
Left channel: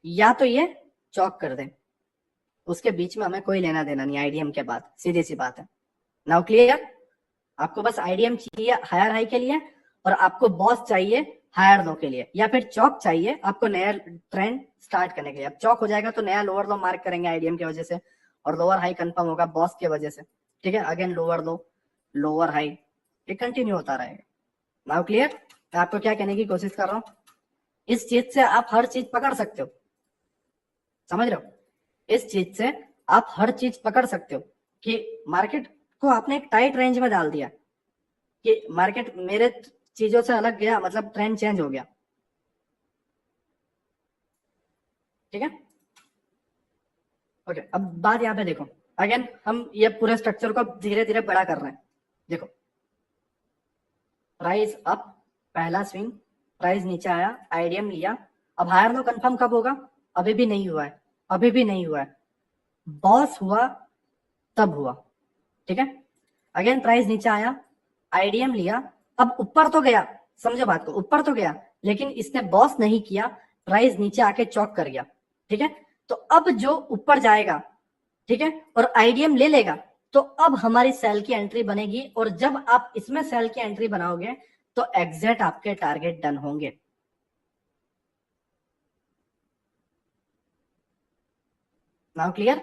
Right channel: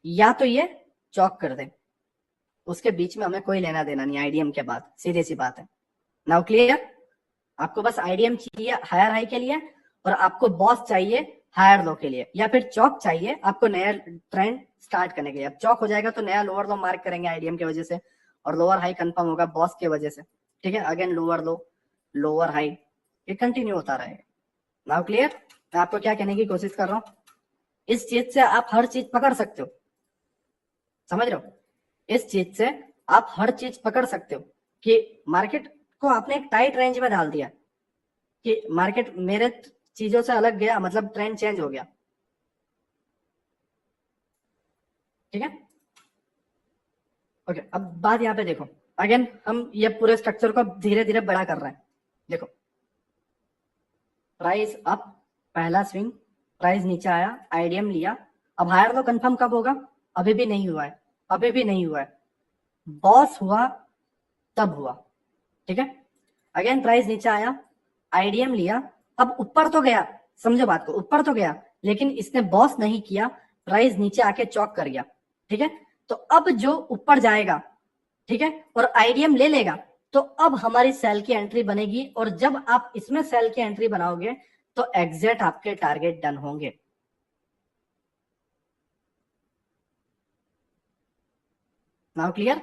या तो ये चौक कर दे, उसके बीच में हमें कोई लेना देना नहीं आईडीएम के बाद, सीधी सी बात है। Now clear? आपको बस आईडीएम चाहिए हायर हाई के लिए, और आपको बॉस चाहिए हायर लो के लिए, या फिर चौक चाहिए आपको नया ट्रेंड स्टार्ट करने के लिए। अब चौक हो जाएगा तो नया लोअर लो मार्क करेंगे आईडीएम की वजह से, और लोअर हाई कंफर्म होगा बॉस की वजह से। ठीक है, अगेन लोअर लो, लोअर हाई, ये कंटिन्यू होता रहेगा। Now clear? मैं आपको क्या कहने की कोशिश कर रहा हूँ, इस चीज से आप हर चीज पकड़ सकते हो, समझ रहे हो? इस चीज से आप हर चीज पकड़ सकते हो कि मार्केट को आपने एक टाइट रेंज में डाल दिया कि मार्केट मेरे चीजों से अलग गया, मतलब ट्रेंड चेंज हो गया। ठीक है, ओके। अब बात यहाँ पे देखो, अगेन हम ये पूरे स्ट्रक्चर को धीरे धीरे बड़ा कर रहे हैं। देखो, प्राइस अप, पहला स्विंग, प्राइस नीचे आया, आईडीएम लिया। अब हायर लो कंफर्म कब होगा? अभी भी नहीं हुआ है, अभी भी नहीं हुआ है। बॉस हुआ तब हुआ। ठीक है, अगेन प्राइस नीचे आया, आईडीएम लिया। अब ऊपर तो गया, समझो बात को, ऊपर तो गया, लेकिन इसने बॉस नहीं किया, प्राइस नीचे आके चौक कर गया। ठीक है, तो अब जो ऊपर जाएगा, ठीक है, और आईडीएम ले लेगा, तो अब हमारी सेल की एंट्री बनेगी, और जब आप इसमें सेल की एंट्री बनाओगे तो एग्जैक्ट आपके टारगेट डन होंगे। Now clear?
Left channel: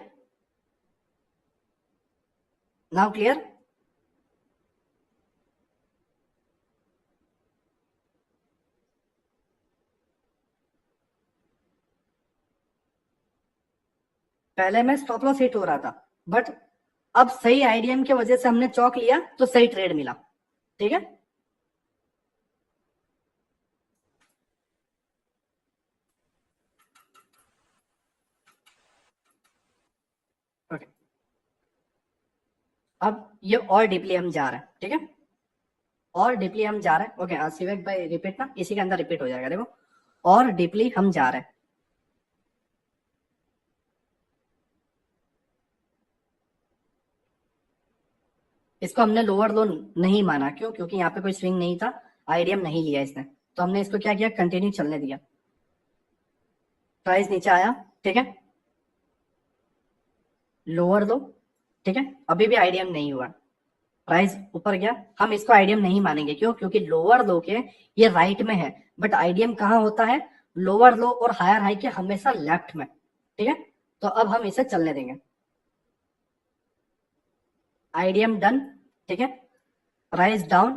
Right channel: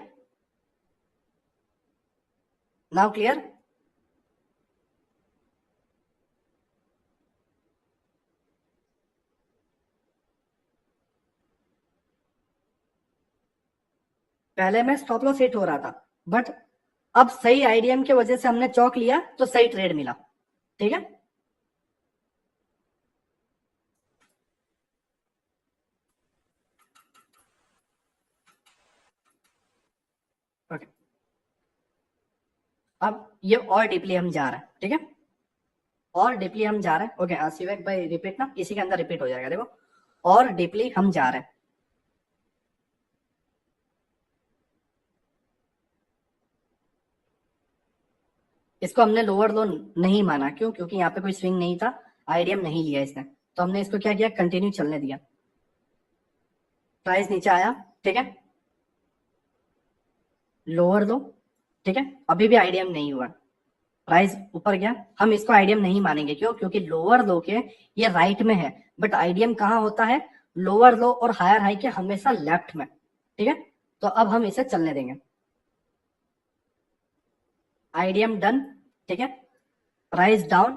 Now clear? पहले में स्टॉप लॉस हिट हो रहा था, बट अब सही आईडीएम की वजह से हमने चौक लिया तो सही ट्रेड मिला। ठीक है, ओके। अब ये और डीपली हम जा रहे हैं, ठीक है, और डीपली हम जा रहे हैं। ओके, शिवेक भाई रिपीट ना, इसी के अंदर रिपीट हो जाएगा। देखो, और डीपली हम जा रहे हैं। इसको हमने लोअर लो नहीं माना, क्यों? क्योंकि यहाँ पे कोई स्विंग नहीं था, आईडीएम नहीं लिया इसने, तो हमने इसको क्या किया, कंटिन्यू चलने दिया। प्राइस नीचे आया, ठीक है, लोअर लो, ठीक है, अभी भी आईडीएम नहीं हुआ, प्राइस ऊपर गया, हम इसको आईडीएम नहीं मानेंगे। क्यों? क्योंकि लोअर लो के ये राइट में है, बट आईडीएम कहाँ होता है? लोअर लो और हायर हाई के हमेशा लेफ्ट में। ठीक है, तो अब हम इसे चलने देंगे। आईडीएम डन, ठीक है, प्राइस डाउन,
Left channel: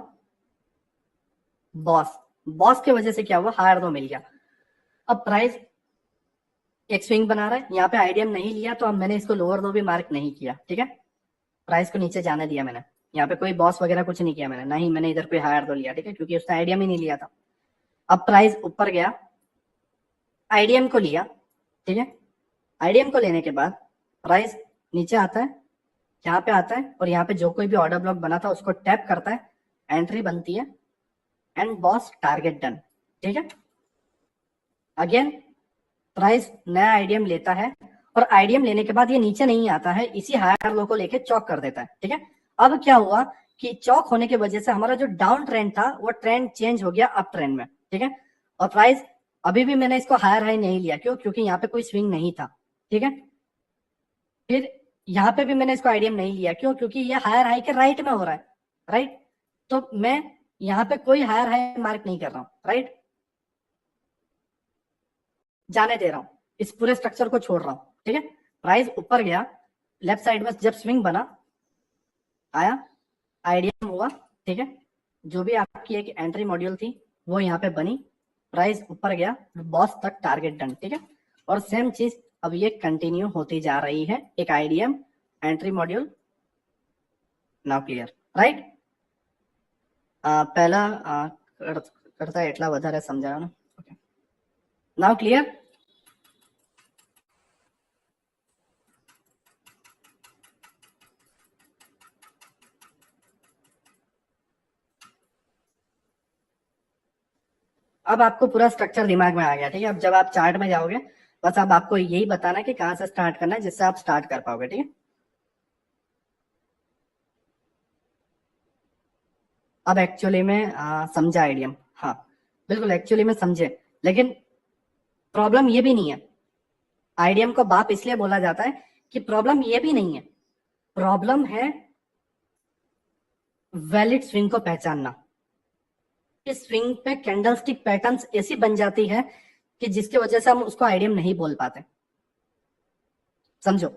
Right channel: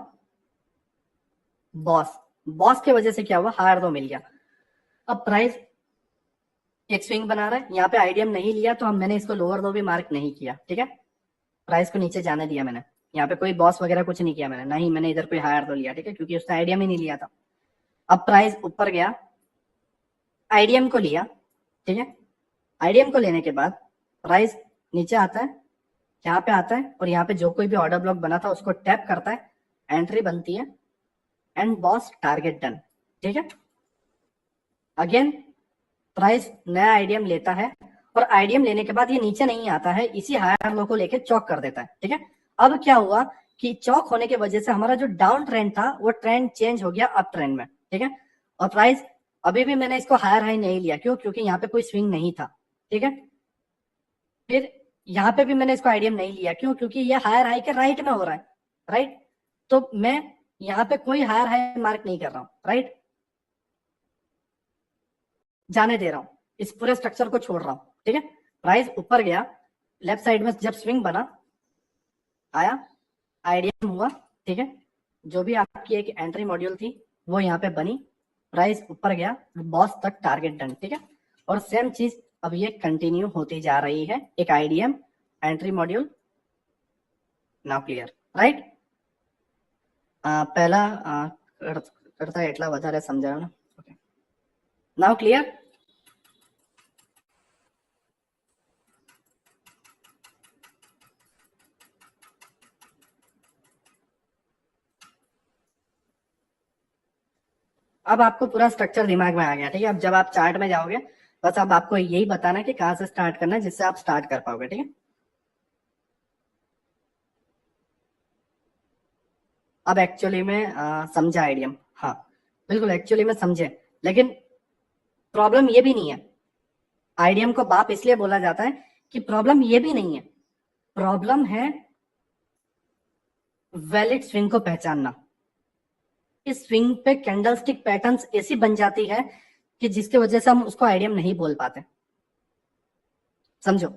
बॉस, बॉस की वजह से क्या हुआ, हायर लो मिल गया। अब प्राइस एक स्विंग बना रहा है, यहाँ पे आईडीएम नहीं लिया तो हम मैंने इसको लोअर लो भी मार्क नहीं किया। ठीक है, प्राइस को नीचे जाने दिया मैंने, यहाँ पे कोई बॉस वगैरह कुछ नहीं किया मैंने, ना ही मैंने इधर कोई हायर लो लिया। ठीक है, क्योंकि उसने आईडीएम ही नहीं लिया था। अब प्राइस ऊपर गया, आईडीएम को लिया, ठीक है, आईडीएम को लेने के बाद प्राइस नीचे आता है, यहाँ पे आता है, और यहाँ पे जो कोई भी ऑर्डर ब्लॉक बना था उसको टैप करता है, एंट्री बनती है, एंड बॉस टारगेट डन। ठीक है, अगेन प्राइस नया आईडीएम लेता है, और आईडीएम लेने के बाद ये नीचे नहीं आता है, इसी हायर लो को लेके चौक कर देता है। ठीक है, अब क्या हुआ कि चौक होने की वजह से हमारा जो डाउन ट्रेंड था वो ट्रेंड चेंज हो गया अप ट्रेंड में। ठीक है, और प्राइस अभी भी मैंने इसको हायर हाई नहीं लिया, क्यों? क्योंकि यहाँ पे कोई स्विंग नहीं था। ठीक है, फिर यहाँ पे भी मैंने इसको आईडीएम नहीं लिया, क्यों? क्योंकि ये हायर हाई के राइट में हो रहा है, राइट, तो मैं यहाँ पे कोई हायर हाई मार्क नहीं कर रहा हूँ, राइट, जाने दे रहा हूँ, इस पूरे स्ट्रक्चर को छोड़ रहा हूँ। ठीक है, प्राइस ऊपर गया, लेफ्ट साइड में जब स्विंग बना, आया, आईडीएम हुआ, ठीक है, जो भी आपकी एक एंट्री मॉड्यूल थी वो यहाँ पे बनी, प्राइस ऊपर गया, बॉस तक टारगेट डन। ठीक है, और सेम चीज अब ये कंटिन्यू होती जा रही है, एक IDM entry module. Now clear, right? पहला करता એટલા વધારે સમજાયો ને, ઓકે, નાउ क्लियर? अब आपको पूरा स्ट्रक्चर दिमाग में आ गया। ठीक है, अब जब आप चार्ट में जाओगे बस अब आपको यही बताना है कि कहाँ से स्टार्ट करना है, जिससे आप स्टार्ट कर पाओगे। ठीक है, अब एक्चुअली में समझा आईडीएम, हाँ बिल्कुल एक्चुअली में समझे, लेकिन प्रॉब्लम ये भी नहीं है। आईडीएम को बाप इसलिए बोला जाता है कि प्रॉब्लम ये भी नहीं है, प्रॉब्लम है वैलिड स्विंग को पहचानना। इस स्विंग पे कैंडलस्टिक पैटर्न्स ऐसी बन जाती है कि जिसकी वजह से हम उसको आइडियम नहीं बोल पाते, समझो।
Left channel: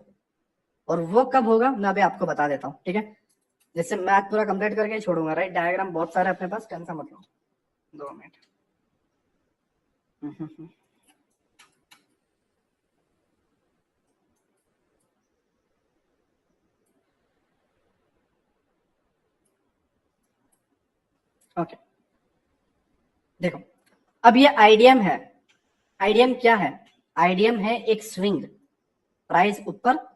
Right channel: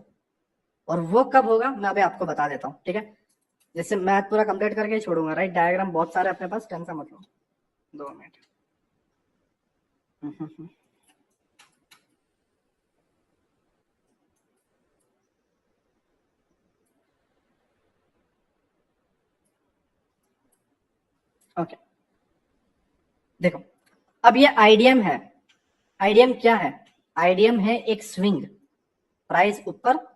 और वो कब होगा मैं अभी आपको बता देता हूँ, ठीक है। जैसे मैं आज पूरा कंप्लीट करके ही छोड़ूंगा, राइट। डायग्राम बहुत सारे अपने पास, टेंशन मत लो। 2 मिनट। ओके, देखो अब ये आइडियम है। आइडियम क्या है? आइडियम है एक स्विंग, प्राइस ऊपर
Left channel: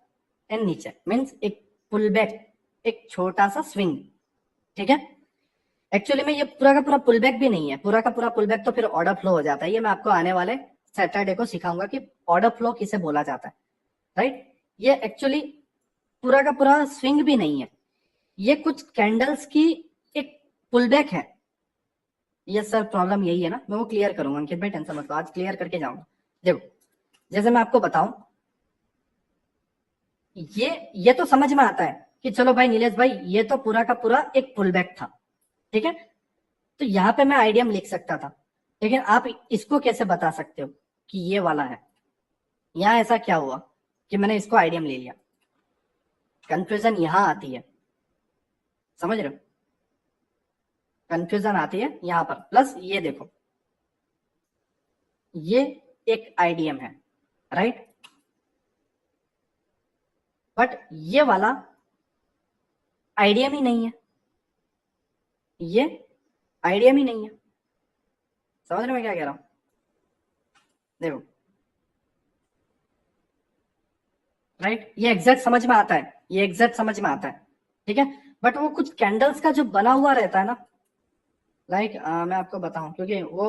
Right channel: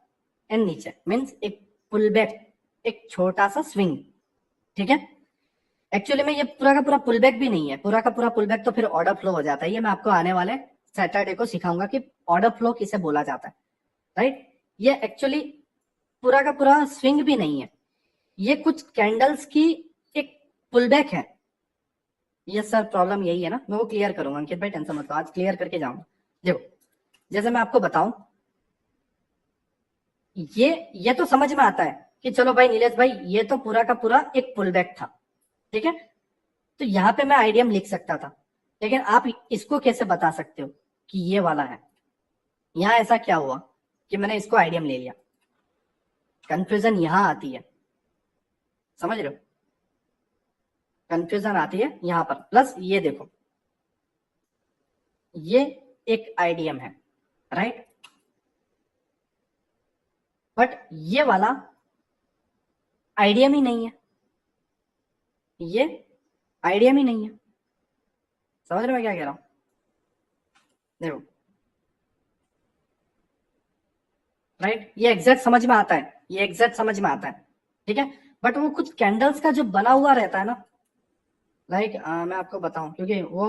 एंड नीचे, मींस एक पुल बैक, एक छोटा सा स्विंग, ठीक है। एक्चुअली में ये पूरा का पूरा पुल बैक भी नहीं है, पूरा का पूरा पुल बैक तो फिर ऑर्डर फ्लो हो जाता है। ये मैं आपको आने वाले सैटरडे को सिखाऊंगा कि ऑर्डर फ्लो किसे बोला जाता है, राइट। ये एक्चुअली पूरा का पूरा स्विंग भी नहीं है, ये कुछ कैंडल्स की एक पुल बैक है। ये सर प्रॉब्लम यही है ना, मैं वो क्लियर करूंगा अंकित भाई, टेंशन मत लो, आज क्लियर करके जाऊंगा। देखो जैसे मैं आपको बताऊं, ये तो समझ में आता है कि चलो भाई नीलेश भाई, ये तो पूरा का पूरा एक पुल बैक था, ठीक है। तो यहाँ पे मैं आइडियम लिख सकता था, लेकिन आप इसको कैसे बता सकते हो कि ये वाला है? यहाँ ऐसा क्या हुआ कि मैंने इसको आइडियम ले लिया? कंफ्यूजन यहाँ आती है, समझ रहे हो? कंफ्यूजन आती है यहाँ पर। प्लस ये देखो, ये एक आइडियम है, राइट। बट ये वाला आइडियम ही नहीं है, ये आइडियम ही नहीं है। समझ रहे हो मैं क्या कह रहा हूँ? देखो, राइट, ये एग्जैक्ट समझ में आता है, ये एग्जैक्ट समझ में आता है, ठीक है। बट वो कुछ कैंडल्स का जो बना हुआ रहता है ना, लाइक मैं आपको बताऊं, क्योंकि वो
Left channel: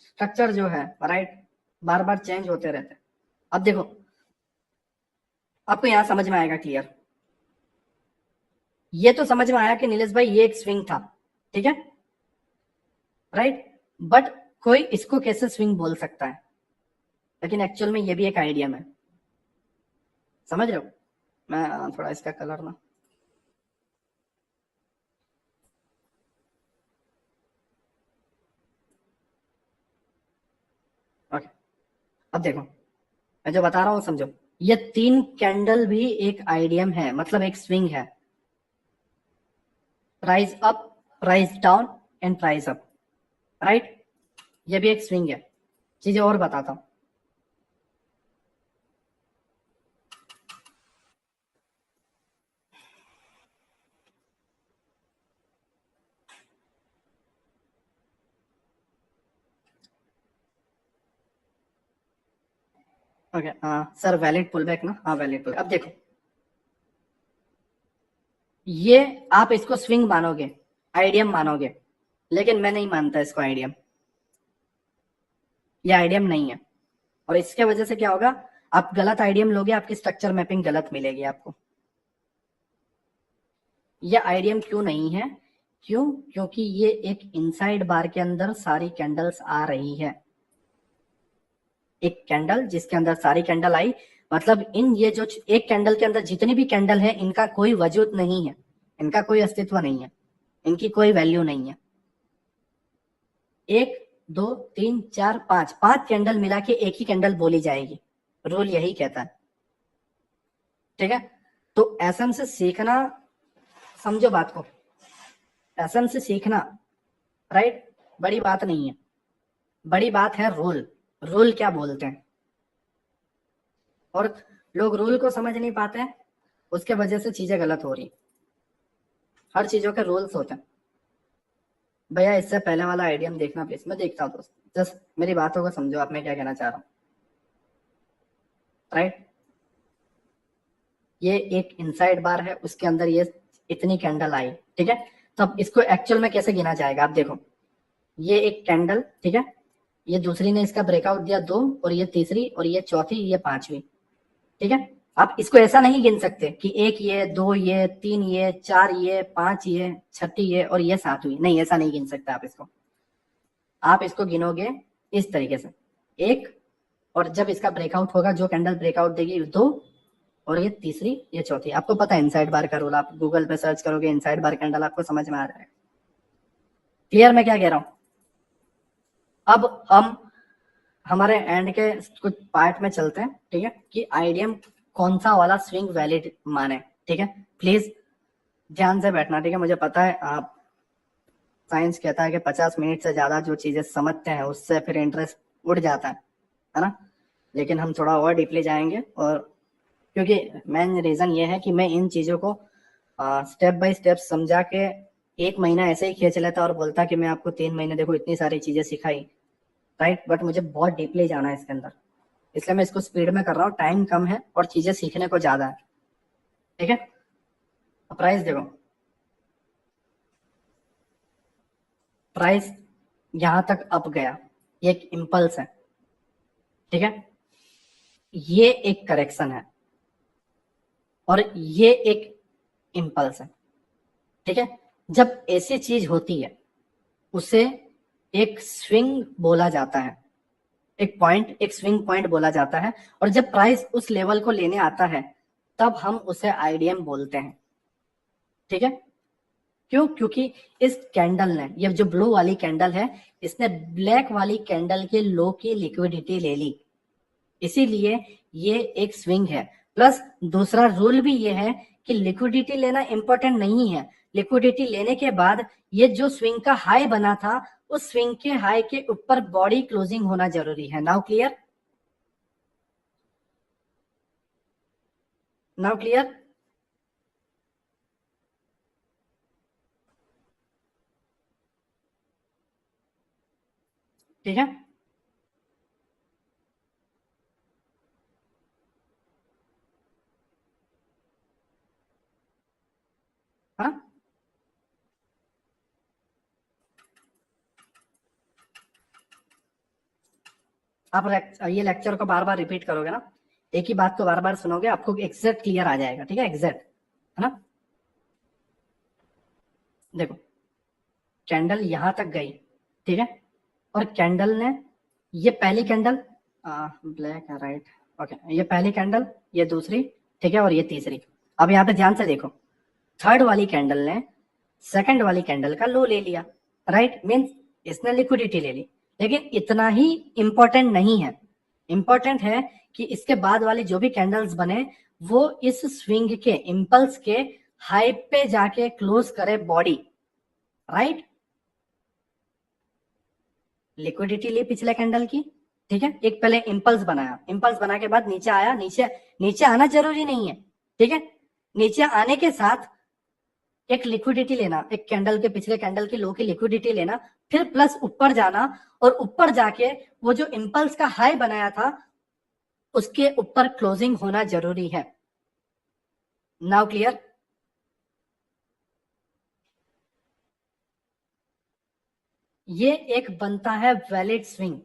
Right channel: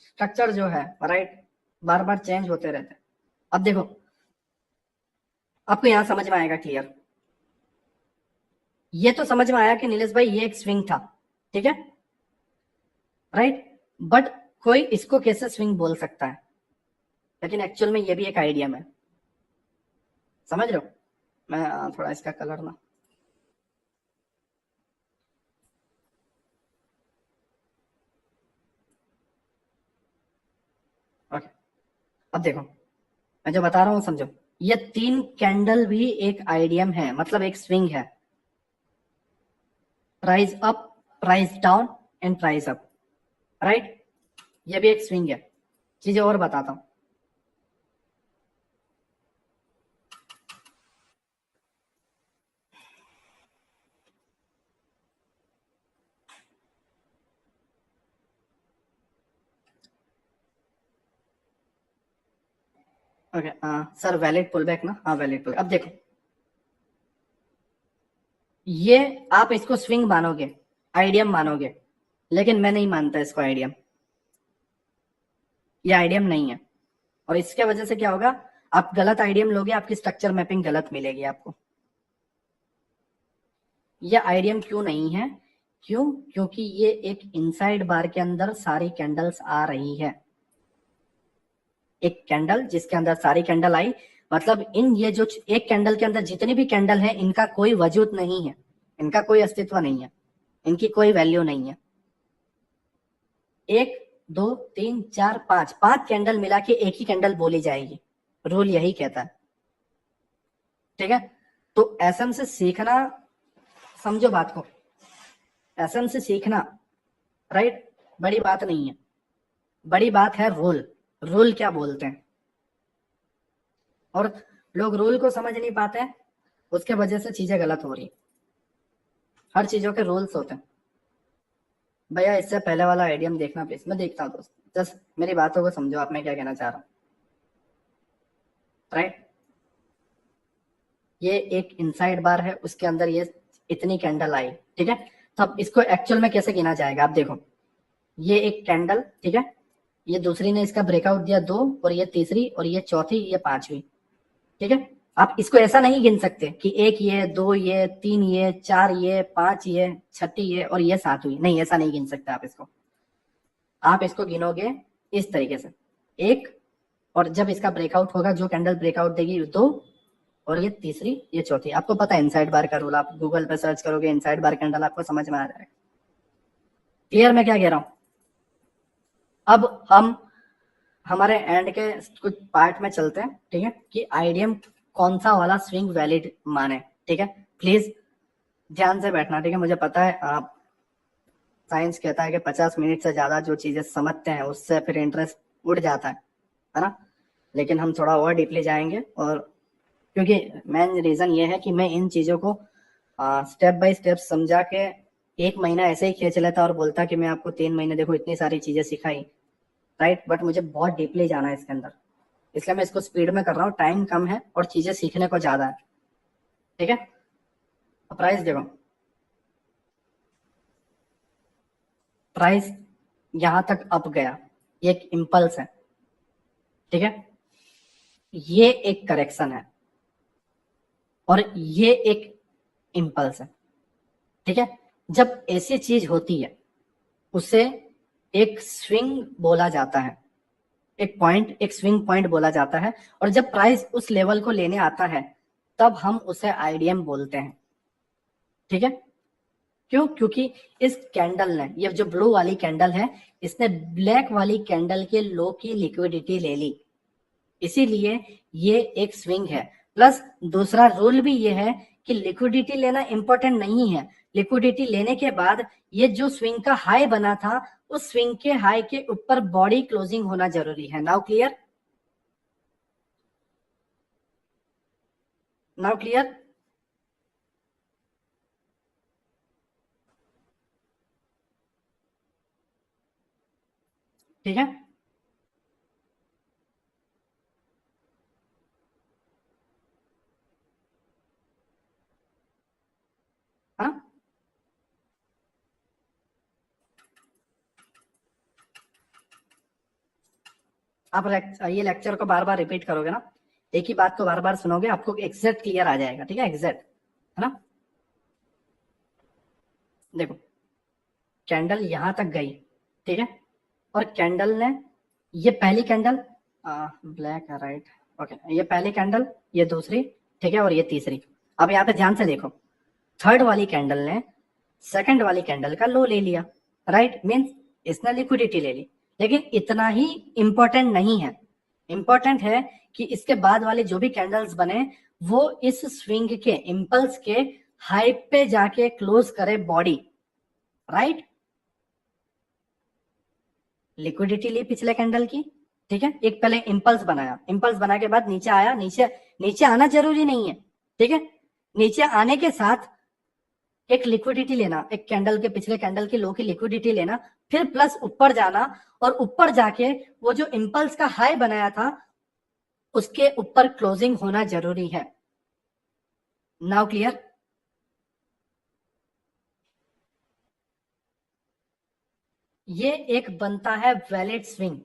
स्ट्रक्चर जो है, राइट, बार बार चेंज होते रहते हैं। अब देखो, आपको यहां समझ में आएगा क्लियर। ये तो समझ में आया कि नीलेश भाई ये एक स्विंग था, ठीक है, राइट। बट कोई इसको कैसे स्विंग बोल सकता है? लेकिन एक्चुअल में ये भी एक आइडियम है, समझ रहे हो? मैं थोड़ा इसका कलर ना, ओके। अब देखो, मैं जो बता रहा हूँ समझो, ये 3 कैंडल भी एक आइडियम है, मतलब एक स्विंग है। Price up, price down and price up, right. ये भी एक स्विंग है। चीजें और बताता हूँ। ओके सर, वैलिड पुलबैक ना? हाँ वैलिड पुल। अब देखो, ये आप इसको स्विंग मानोगे, आइडियम मानोगे, लेकिन मैं नहीं मानता इसको आइडियम। ये आइडियम नहीं है, और इसके वजह से क्या होगा, आप गलत आइडियम लोगे, आपकी स्ट्रक्चर मैपिंग गलत मिलेगी आपको। ये आइडियम क्यों नहीं है? क्यों? क्योंकि ये एक इनसाइड बार के अंदर सारी कैंडल्स आ रही है। एक कैंडल जिसके अंदर सारी कैंडल आई, मतलब इन ये जो एक कैंडल के अंदर जितनी भी कैंडल है, इनका कोई वजूद नहीं है, इनका कोई अस्तित्व नहीं है, इनकी कोई वैल्यू नहीं है। 1 2 3 4 5 कैंडल मिला के एक ही कैंडल बोली जाएगी, रूल यही कहता है, ठीक है। तो एसएम से सीखना, समझो बात को, एसएम से सीखना, राइट, बड़ी बात नहीं है। बड़ी बात है रोल, रोल क्या बोलते हैं। और लोग रूल को समझ नहीं पाते हैं, उसके वजह से चीजें गलत हो रही। हर चीजों के रूल्स होते हैं। भैया इससे पहले वाला आइडियम देखना प्लीज, मैं देखता हूँ दोस्त, जस्ट मेरी बातों को समझो, आप मैं क्या कहना चाह रहा हूँ, राइट। ये एक इनसाइड बार है, उसके अंदर ये इतनी कैंडल आई, ठीक है। तो अब इसको एक्चुअल में कैसे गिना जाएगा? आप देखो, ये एक कैंडल, ठीक है, ये दूसरी ने इसका ब्रेकआउट दिया 2, और ये तीसरी, और ये चौथी, ये 5वीं, ठीक है। आप इसको ऐसा नहीं गिन सकते कि 1 ये, 2 ये, 3 ये, 4 ये, 5 ये, छठी ये, और ये 7वीं, नहीं, ऐसा नहीं गिन सकते आप इसको। आप इसको गिनोगे इस तरीके से, 1, और जब इसका ब्रेकआउट होगा, जो कैंडल ब्रेकआउट देगी 2, और ये तीसरी, ये चौथी। आपको पता है इनसाइड बार का रूल, आप गूगल पे सर्च करोगे इनसाइड बार कैंडल, आपको समझ में आ जाएगा। क्लियर मैं क्या कह रहा हूं? अब हम हमारे एंड के कुछ पार्ट में चलते हैं, ठीक है, कि आईडीएम कौन सा वाला स्विंग वैलिड माने। ठीक है, प्लीज ध्यान से बैठना। ठीक है, मुझे पता है आप, साइंस कहता है कि 50 मिनट से ज्यादा जो चीजें समझते हैं उससे फिर इंटरेस्ट उड़ जाता है ना, लेकिन हम थोड़ा और डीपली जाएंगे। और क्योंकि मेन रीजन ये है कि मैं इन चीजों को स्टेप बाय स्टेप समझा के 1 महीना ऐसे ही खींच लेता और बोलता कि मैं आपको 3 महीने देखो इतनी सारी चीजें सिखाई, राइट, बट मुझे बहुत डीपली जाना है इसके अंदर, इसलिए मैं इसको स्पीड में कर रहा हूँ। टाइम कम है और चीजें सीखने को ज्यादा है। ठीक है, प्राइस देखो, प्राइस यहां तक अप गया, ये एक इम्पल्स है। ठीक है, ये एक करेक्शन है और ये एक इम्पल्स है। ठीक है, जब ऐसी चीज होती है उसे एक स्विंग बोला जाता है, एक पॉइंट, एक स्विंग पॉइंट बोला जाता है। और जब प्राइस उस लेवल को लेने आता है तब हम उसे आईडीएम बोलते हैं। ठीक है, क्यों? क्योंकि इस कैंडल ने, ये जो ब्लू वाली कैंडल है, इसने ब्लैक वाली कैंडल के लो की लिक्विडिटी ले ली, इसीलिए ये एक स्विंग है। प्लस दूसरा रूल भी ये है कि लिक्विडिटी लेना इंपॉर्टेंट नहीं है, लिक्विडिटी लेने के बाद ये जो स्विंग का हाई बना था उस स्विंग के हाई के ऊपर बॉडी क्लोजिंग होना जरूरी है। Now clear? Now clear? ठीक है, हाँ, आप ये लेक्चर को बार बार रिपीट करोगे ना, एक ही बात को बार बार सुनोगे, आपको एग्जैक्ट क्लियर आ जाएगा। ठीक है, एग्जैक्ट, है ना। देखो, कैंडल यहां तक गई, ठीक है, और कैंडल ने, ये पहली कैंडल, ब्लैक है, राइट, ओके, ये पहली कैंडल, ये दूसरी, ठीक है, और ये तीसरी। अब यहाँ पे ध्यान से देखो, थर्ड वाली कैंडल ने सेकंड वाली कैंडल का लो ले लिया, राइट, मीन्स इसने लिक्विडिटी ले ली। लेकिन इतना ही इंपॉर्टेंट नहीं है, इंपॉर्टेंट है कि इसके बाद वाले जो भी कैंडल्स बने वो इस स्विंग के, इंपल्स के हाई पे जाके क्लोज करे बॉडी, राइट। लिक्विडिटी ली पिछले कैंडल की, ठीक है, एक पहले इंपल्स बनाया, इंपल्स बना के बाद नीचे आया, नीचे नीचे आना जरूरी नहीं है, ठीक है, नीचे आने के साथ एक लिक्विडिटी लेना, एक कैंडल के पिछले कैंडल की लो की लिक्विडिटी लेना, फिर प्लस ऊपर जाना, और ऊपर जाके वो जो इंपल्स का हाई बनाया था उसके ऊपर क्लोजिंग होना जरूरी है। Now clear? ये एक बनता है वैलिड स्विंग,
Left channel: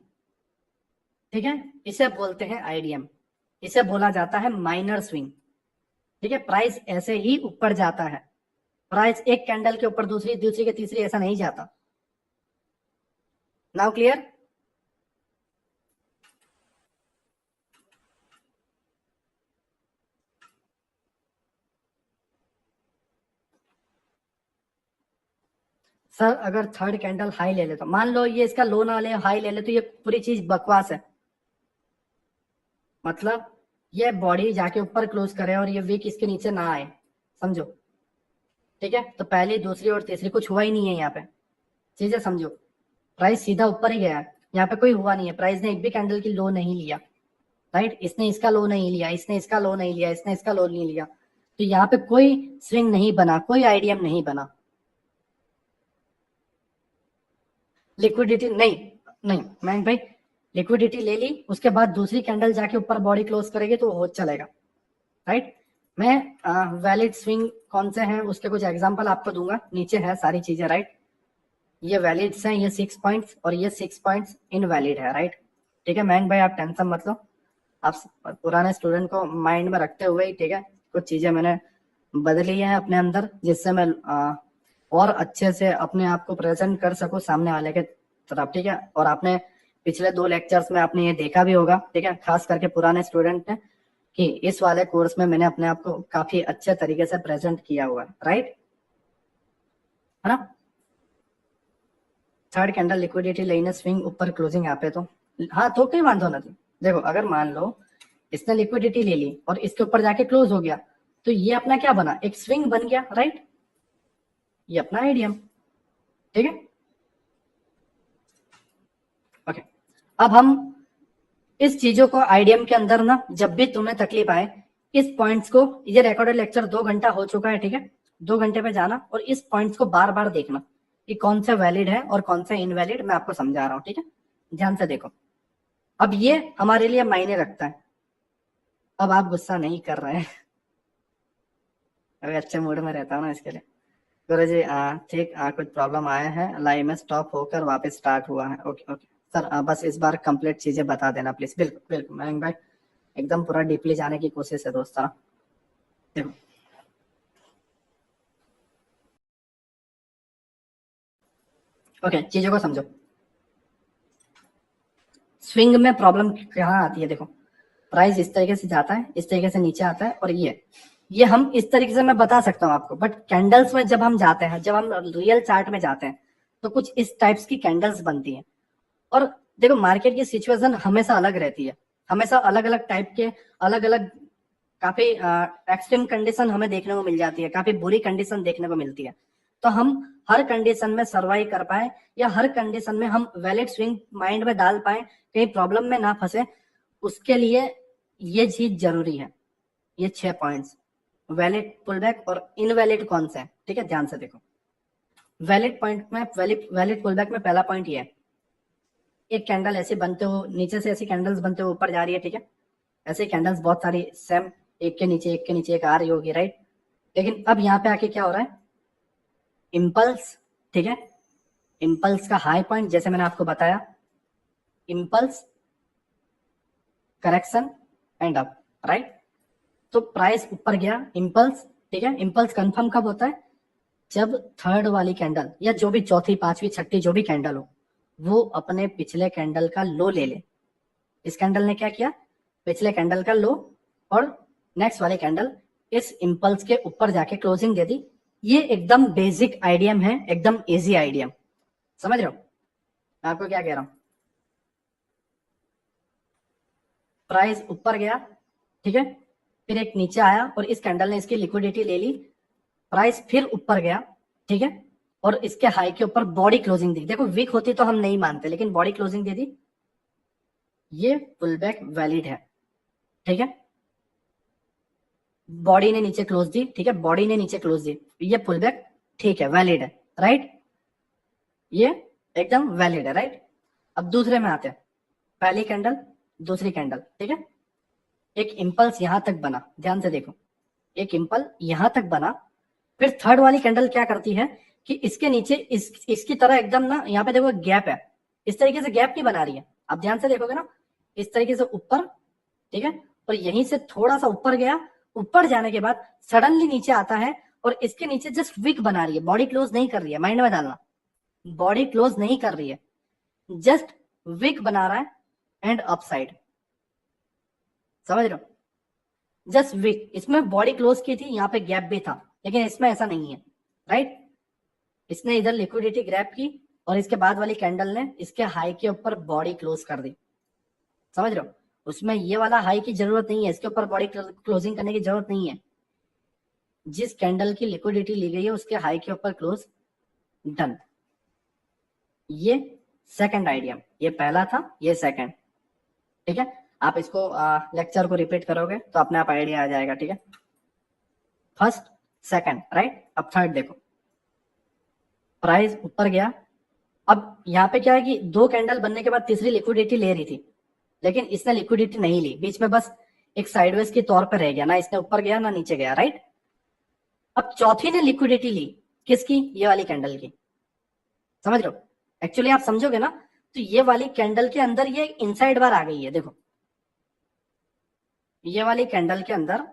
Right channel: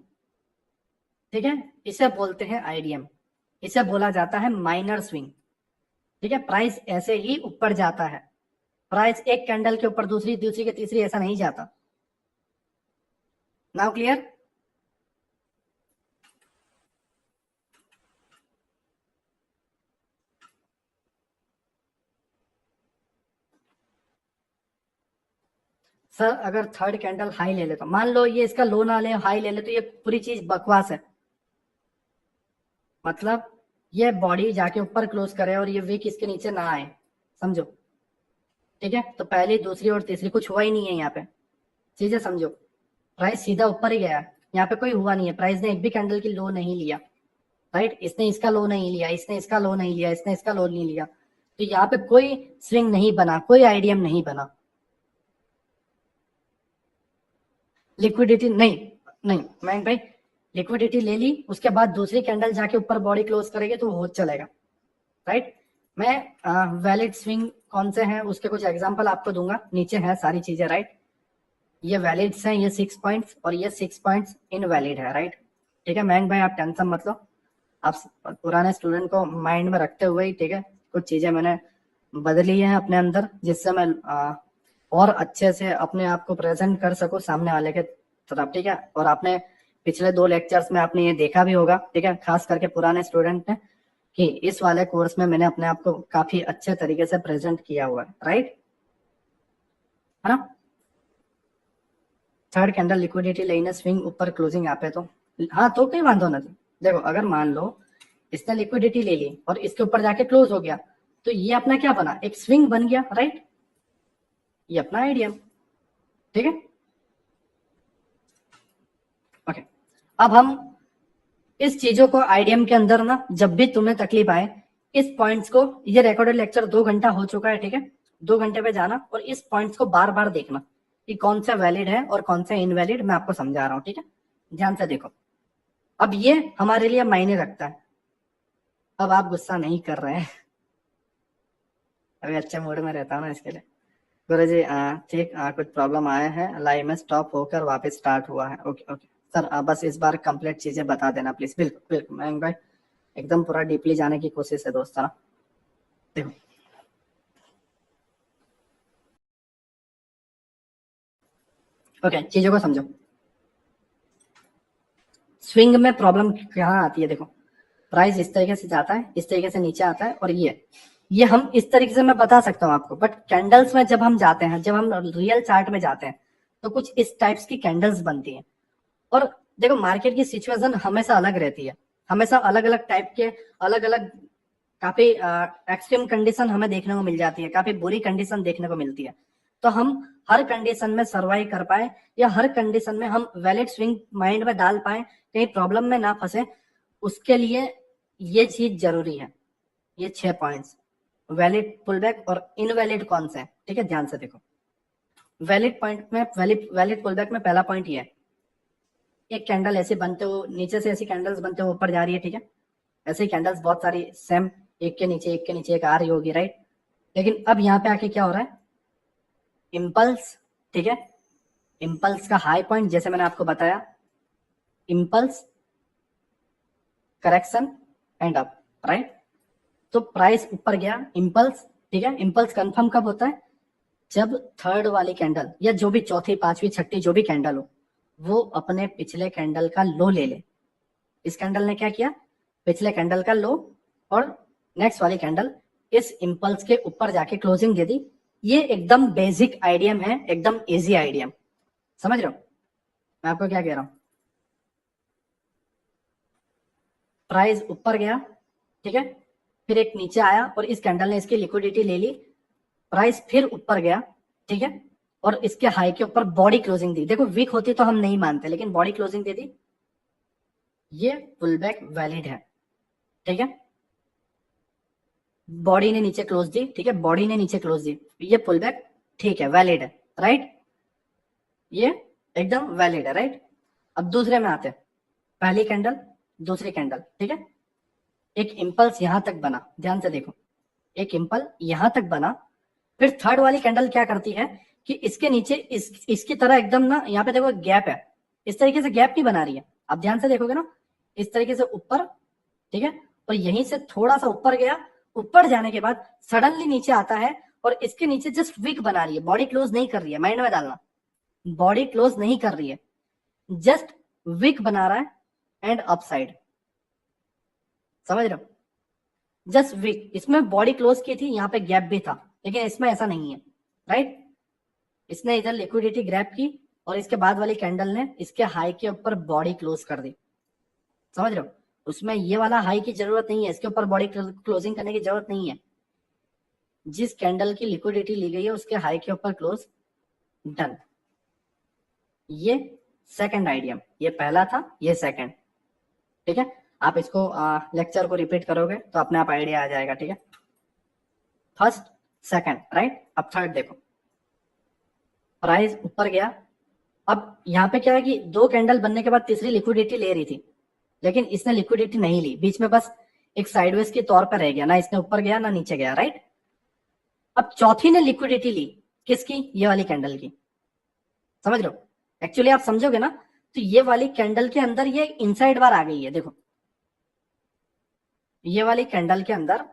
ठीक है, इसे बोलते हैं आईडीएम, इसे बोला जाता है माइनर स्विंग। ठीक है, प्राइस ऐसे ही ऊपर जाता है, प्राइस एक कैंडल के ऊपर दूसरी, दूसरी के तीसरी, ऐसा नहीं जाता। Now clear? सर अगर थर्ड कैंडल हाई ले ले, तो मान लो ये इसका लो ना ले, हाई ले ले, तो ये पूरी चीज बकवास है। मतलब ये बॉडी जाके ऊपर क्लोज करे और ये विक इसके नीचे ना आए, समझो। ठीक है, तो पहली, दूसरी और तीसरी कुछ हुआ ही नहीं है यहाँ पे, चीजें समझो। प्राइस सीधा ऊपर ही गया, यहाँ पे कोई हुआ नहीं है, प्राइस ने एक भी कैंडल की लो नहीं लिया, राइट, इसने इसका लो नहीं लिया, इसने इसका लो नहीं लिया, इसने इसका लो नहीं लिया, तो यहाँ पे कोई स्विंग नहीं बना, कोई आईडीएम नहीं बना। लिक्विडिटी नहीं, नहीं मैं भाई, लिक्विडिटी ले ली, उसके बाद दूसरी कैंडल जाके ऊपर बॉडी क्लोज करेगी तो हो चलेगा, राइट। मैं वैलिड स्विंग कौन से हैं उसके कुछ एग्जांपल आपको दूंगा, नीचे है सारी चीजें, राइट। ये वैलिड्स हैं, ये 6 पॉइंट्स, और ये 6 पॉइंट्स इनवैलिड है, राइट। ठीक है मैन भाई, आप टेंशन मत लो, आप पुराने स्टूडेंट को माइंड में रखते हुए ही, ठीक है, कुछ चीजें मैंने बदली हैं अपने अंदर, जिससे मैं और अच्छे से अपने आप को प्रेजेंट कर सकूं सामने वाले के तरफ। ठीक है, और आपने पिछले 2 लेक्चर्स में आपने ये देखा भी होगा, ठीक है, खास करके पुराने स्टूडेंट ने, कि इस वाले कोर्स में मैंने अपने आप को काफी अच्छे तरीके से प्रेजेंट किया हुआ है, राइट, है ना। थर्ड कैंडल लिक्विडिटी लઈને स्विंग ऊपर क्लोजिंग આપે તો हाँ तो कोई वांधो नहीं। देखो अगर मान लो इसने लिक्विडिटी ले ली और इसके ऊपर जाके क्लोज हो गया तो ये अपना क्या बना, एक स्विंग बन गया, राइट, ये अपना आइडियम, ठीक है, ओके। अब हम इस चीजों को आइडियम के अंदर ना, जब भी तुम्हें तकलीफ आए इस पॉइंट्स को, ये रिकॉर्डेड लेक्चर 2 घंटा हो चुका है, ठीक है, 2 घंटे पे जाना और इस पॉइंट्स को बार बार देखना कि कौन सा वैलिड है और कौन सा इनवैलिड, मैं आपको समझा रहा हूँ, ठीक है, ध्यान से देखो। अब ये हमारे लिए मायने रखता है। अब आप गुस्सा नहीं कर रहे हैं अभी अच्छे मूड में रहता हूँ ना इसके लिए। गुरु जी ठीक, कुछ प्रॉब्लम आया है, लाइव में स्टॉप होकर वापस स्टार्ट हुआ है, ओके ओके सर, बस इस बार कंप्लीट चीजें बता देना प्लीज। बिल्कुल बिल्कुल मयंक भाई, एकदम पूरा डीपली जाने की कोशिश है दोस्त, ना देखो ओके, चीजों को समझो। स्विंग में प्रॉब्लम कहाँ आती है, देखो प्राइस इस तरीके से जाता है, इस तरीके से नीचे आता है, और ये हम इस तरीके से मैं बता सकता हूँ आपको, बट कैंडल्स में जब हम जाते हैं, जब हम रियल चार्ट में जाते हैं तो कुछ इस टाइप्स की कैंडल्स बनती हैं। और देखो मार्केट की सिचुएशन हमेशा अलग रहती है, हमेशा अलग अलग टाइप के, अलग अलग काफी एक्सट्रीम कंडीशन हमें देखने को मिल जाती है, काफी बुरी कंडीशन देखने को मिलती है। तो हम हर कंडीशन में सर्वाइव कर पाए या हर कंडीशन में हम वैलिड स्विंग माइंड में डाल पाए, कहीं प्रॉब्लम में ना फंसे, उसके लिए ये चीज जरूरी है। ये 6 पॉइंट्स, वैलिड पुलबैक और इनवैलिड कौन सा है, ठीक है, ध्यान से देखो। वैलिड पॉइंट में, वैलिड पुलबैक में पहला पॉइंट ये है, एक कैंडल ऐसे बनते हो, नीचे से ऐसी कैंडल्स बनते हो ऊपर जा रही है, ठीक है, ऐसे कैंडल्स बहुत सारी सेम, एक के नीचे एक के नीचे एक आ रही होगी, राइट। लेकिन अब यहाँ पे आके क्या हो रहा है, इम्पल्स, ठीक है, इम्पल्स का हाई पॉइंट जैसे मैंने आपको बताया, impulse, correction and up, right. तो प्राइस ऊपर गया, इम्पल्स, ठीक है, इम्पल्स कंफर्म कब होता है, जब थर्ड वाली कैंडल या जो भी चौथी पांचवी छठी जो भी कैंडल हो वो अपने पिछले कैंडल का लो ले ले। इस कैंडल ने क्या किया, पिछले कैंडल का लो और नेक्स्ट वाली कैंडल इस इम्पल्स के ऊपर जाके क्लोजिंग दे दी। ये एकदम बेसिक आइडियम है, एकदम इजी आइडियम, समझ रहे हो मैं आपको क्या कह रहा हूं। प्राइस ऊपर गया, ठीक है, फिर एक नीचे आया और इस कैंडल ने इसकी लिक्विडिटी ले ली, प्राइस फिर ऊपर गया, ठीक है, और इसके हाई के ऊपर बॉडी क्लोजिंग दी। देखो वीक होती तो हम नहीं मानते, लेकिन बॉडी क्लोजिंग दे दी, ये पुल बैक वैलिड है, ठीक है, बॉडी ने नीचे क्लोज दी, ठीक है, बॉडी ने नीचे क्लोज दी, ये पुल बैक ठीक है, वैलिड है, राइट, ये एकदम वैलिड है, राइट। अब दूसरे में आते हैं, पहली कैंडल, दूसरी कैंडल, ठीक है, एक इंपल्स यहां तक बना, ध्यान से देखो, एक इंपल यहां तक बना, फिर थर्ड वाली कैंडल क्या करती है कि इसके नीचे इसकी तरह एकदम ना, यहाँ पे देखो गैप है, इस तरीके से गैप नहीं बना रही है, अब ध्यान से देखोगे ना, इस तरीके से ऊपर, ठीक है, और यहीं से थोड़ा सा ऊपर गया, ऊपर जाने के बाद सडनली नीचे आता है और इसके नीचे जस्ट विक बना रही है, बॉडी क्लोज नहीं कर रही है, माइंड में डालना, बॉडी क्लोज नहीं कर रही है, जस्ट विक बना रहा है एंड अपसाइड, समझ रहे हो, जस्ट विक, इसमें बॉडी क्लोज की थी, यहाँ पे गैप भी था, लेकिन इसमें ऐसा नहीं है, राइट। इसने इधर लिक्विडिटी ग्रैब की और इसके बाद वाली कैंडल ने इसके हाई के ऊपर बॉडी क्लोज कर दी, समझ रहे हो, उसमें ये वाला हाई की जरूरत नहीं है, इसके ऊपर बॉडी क्लोजिंग करने की जरूरत नहीं है, जिस कैंडल की लिक्विडिटी ली गई है उसके हाई के ऊपर क्लोज, डन। ये सेकंड आइडियम, ये पहला था, ये सेकंड, ठीक है, आप इसको लेक्चर को रिपीट करोगे तो अपने आप आइडिया आ जाएगा, ठीक है, फर्स्ट सेकंड, राइट। अब थर्ड देखो, प्राइस ऊपर गया, अब यहाँ पे क्या है कि 2 कैंडल बनने के बाद तीसरी लिक्विडिटी ले रही थी, लेकिन इसने लिक्विडिटी नहीं ली, बीच में बस एक साइडवेज के तौर पर रह गया, ना इसने ऊपर गया ना नीचे गया, राइट। अब चौथी ने लिक्विडिटी ली, किसकी, ये वाली कैंडल की, समझ रहे हो, एक्चुअली आप समझोगे ना तो ये वाली कैंडल के अंदर ये इनसाइड बार आ गई है, देखो ये वाली कैंडल के अंदर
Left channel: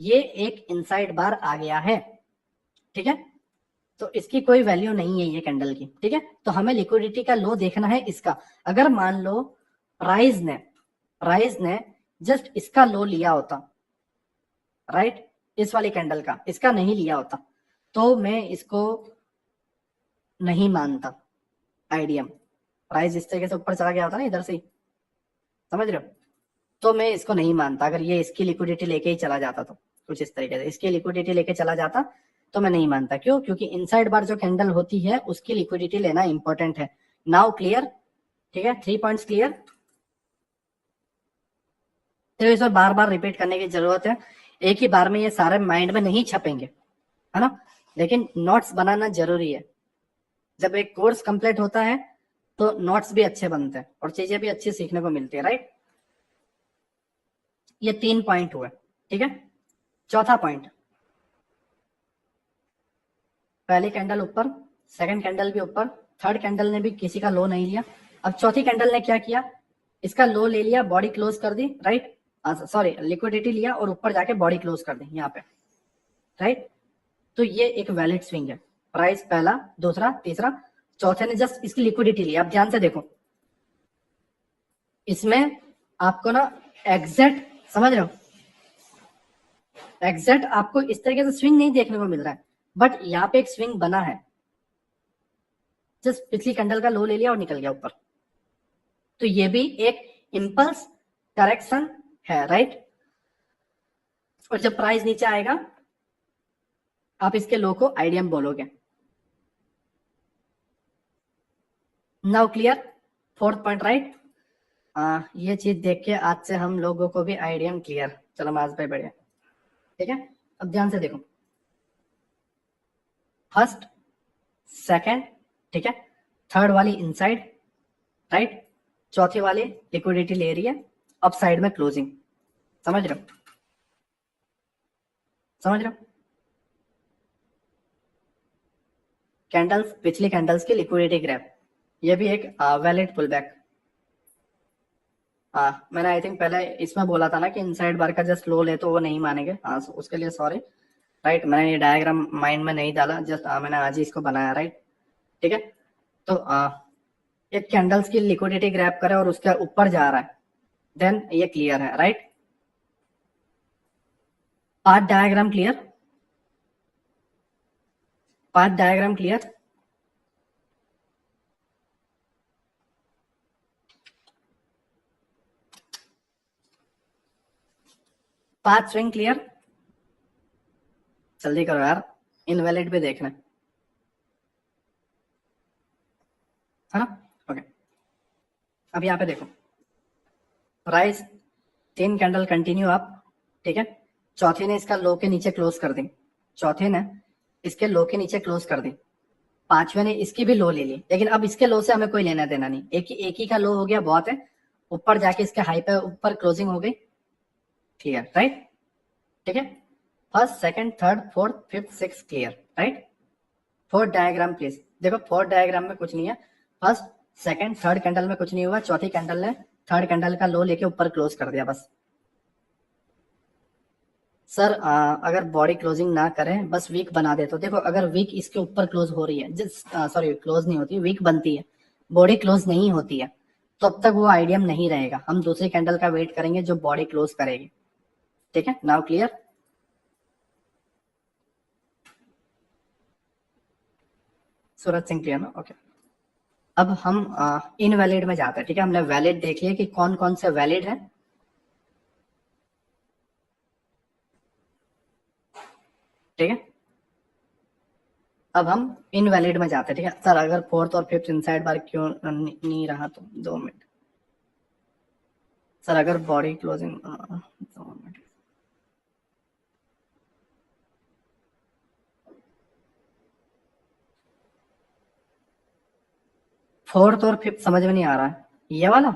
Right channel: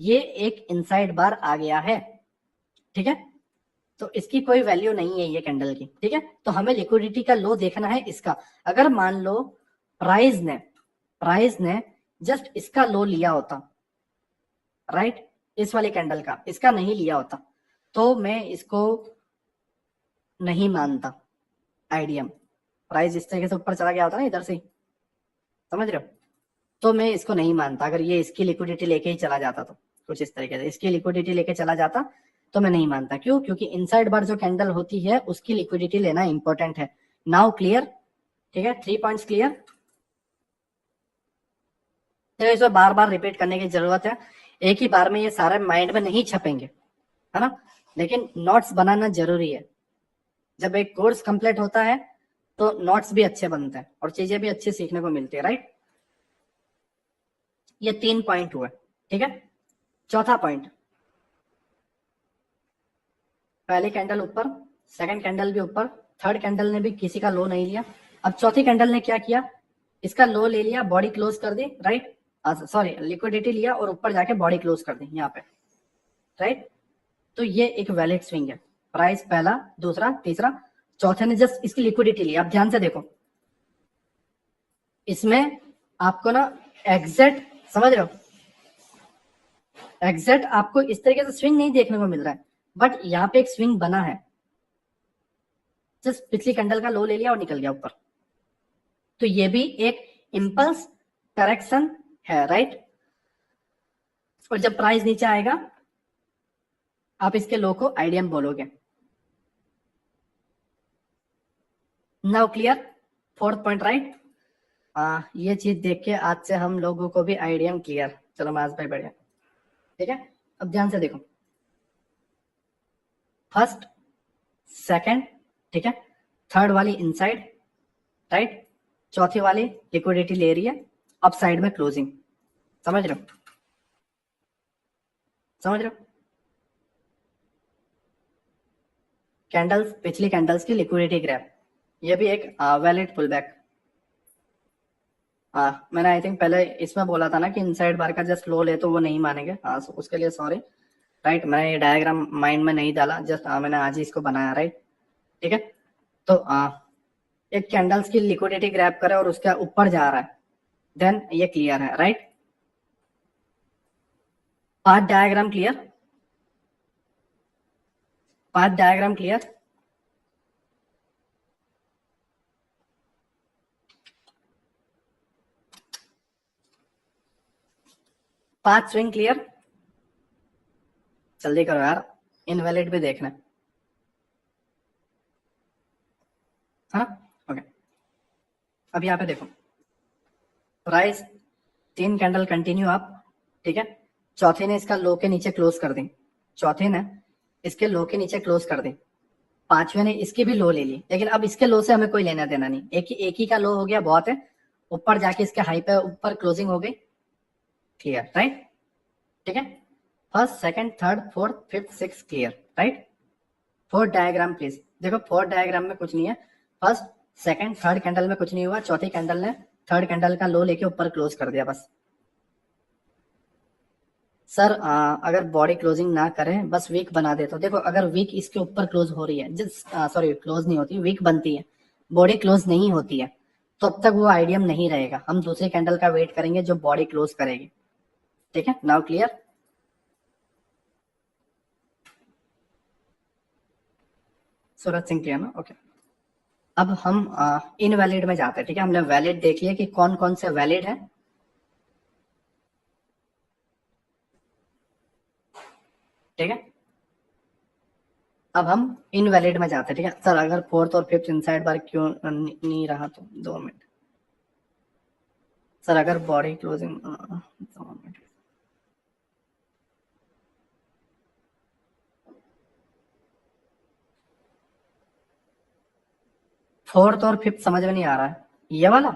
ये एक इनसाइड बार आ गया है, ठीक है, तो इसकी कोई वैल्यू नहीं है ये कैंडल की, ठीक है, तो हमें लिक्विडिटी का लो देखना है इसका। अगर मान लो प्राइस ने जस्ट इसका लो लिया होता, राइट, इस वाली कैंडल का, इसका नहीं लिया होता तो मैं इसको नहीं मानता आईडीएम। प्राइस इस तरीके से ऊपर चला गया होता ना इधर से, समझ रहे हो, तो मैं इसको नहीं मानता। अगर ये इसकी लिक्विडिटी लेके ही चला जाता तो कुछ इस तरीके से इसकी लिक्विडिटी लेके चला जाता तो मैं नहीं मानता। क्यों? क्योंकि इनसाइड बार जो कैंडल होती है उसकी लिक्विडिटी लेना इंपॉर्टेंट है। Now clear? ठीक है, 3 पॉइंट्स क्लियर। तो इसे बार बार रिपीट करने की जरूरत है, एक ही बार में ये सारे माइंड में नहीं छपेंगे, है ना, लेकिन नोट्स बनाना जरूरी है। जब एक कोर्स कंप्लीट होता है तो नोट्स भी अच्छे बनते हैं और चीजें भी अच्छी सीखने को मिलती है, राइट। ये 3 पॉइंट हुए, ठीक है। चौथा पॉइंट, पहली कैंडल ऊपर, सेकंड कैंडल भी ऊपर, थर्ड कैंडल ने भी किसी का लो नहीं लिया। अब चौथी कैंडल ने क्या किया, इसका लो ले लिया, बॉडी क्लोज कर दी, राइट, सॉरी लिक्विडिटी लिया और ऊपर जाके बॉडी क्लोज कर दी यहाँ पे, राइट। तो ये एक वैलिड स्विंग है। प्राइस पहला, दूसरा, तीसरा, चौथे ने जस्ट इसकी लिक्विडिटी ली। आप ध्यान से देखो, इसमें आपको ना एग्जैक्ट, समझ रहे हो, एग्जैक्ट आपको इस तरीके से स्विंग नहीं देखने को मिल रहा है, बट यहाँ पे एक स्विंग बना है। जस्ट पिछली कैंडल का लो ले लिया और निकल गया ऊपर, तो ये भी एक इंपल्स करेक्शन है, राइट। और जब प्राइस नीचे आएगा आप इसके लो को आईडीएम बोलोगे। Now clear? Fourth point, right. ये चीज देख के आज से हम लोगों को भी आईडीएम क्लियर। चलो माज भाई, बढ़िया, ठीक है। अब ध्यान से देखो, फर्स्ट, सेकंड, ठीक है, थर्ड वाली इनसाइड, राइट, चौथी वाली लिक्विडिटी ले रही है, अब साइड में क्लोजिंग। समझ रहे हो? समझ रहे हो? कैंडल्स, पिछली कैंडल्स की लिक्विडिटी ग्रैप, ये भी एक वैलिड पुल बैक। मैंने आई थिंक पहले इसमें बोला था ना कि इनसाइड बार का जस्ट लो ले तो वो नहीं मानेंगे, उसके लिए सॉरी, राइट। मैंने ये डायग्राम माइंड में नहीं डाला, जस्ट मैंने आज ही इसको बनाया, राइट, ठीक है। तो एक कैंडल्स की लिक्विडिटी ग्रैप करे और उसके ऊपर जा रहा है, देन ये क्लियर है, right. Path diagram clear? Path diagram clear? Path swing clear? जल्दी करो यार, इनवैलिड पे देखना है ना। ओके, अब यहाँ पे देखो, प्राइस 3 कैंडल कंटिन्यू अप, ठीक है। चौथे ने इसका लो के नीचे क्लोज कर दी, चौथे ने इसके लो के नीचे क्लोज कर दी, पांचवे ने इसकी भी लो ले ली, लेकिन अब इसके लो से हमें कोई लेना देना नहीं, एक ही का लो हो गया, बहुत है। ऊपर जाके इसके हाई पे ऊपर क्लोजिंग हो गई, क्लियर, राइट, ठीक है। First, second, third, fourth, fifth, six, clear, right. Fourth diagram please देखो, फोर्थ डायग्राम में कुछ नहीं है, फर्स्ट, सेकंड, थर्ड कैंडल में कुछ नहीं हुआ, चौथी कैंडल ने थर्ड कैंडल का लो लेके ऊपर क्लोज कर दिया बस। सर अगर बॉडी क्लोजिंग ना करें, बस वीक बना दे तो देखो, अगर वीक इसके ऊपर क्लोज हो रही है, जिस सॉरी क्लोज नहीं होती, वीक बनती है, बॉडी क्लोज नहीं होती है, तो अब तक वो आइडियम नहीं रहेगा। हम दूसरी कैंडल का वेट करेंगे जो बॉडी क्लोज करेगी, ठीक है। Now clear? Suraj Singh clear ना? ओके। अब हम इनवैलिड में जाते हैं, ठीक है। हमने वैलिड देख लिया कि कौन कौन से वैलिड है, ठीक है। अब हम इनवैलिड में जाते हैं, ठीक है। सर अगर फोर्थ और फिफ्थ इनसाइड बार क्यों नहीं रहा, तो 2 मिनट सर, अगर बॉडी क्लोजिंग 2 मिनट, फोर्थ और फिफ्थ समझ में नहीं आ रहा है, ये वाला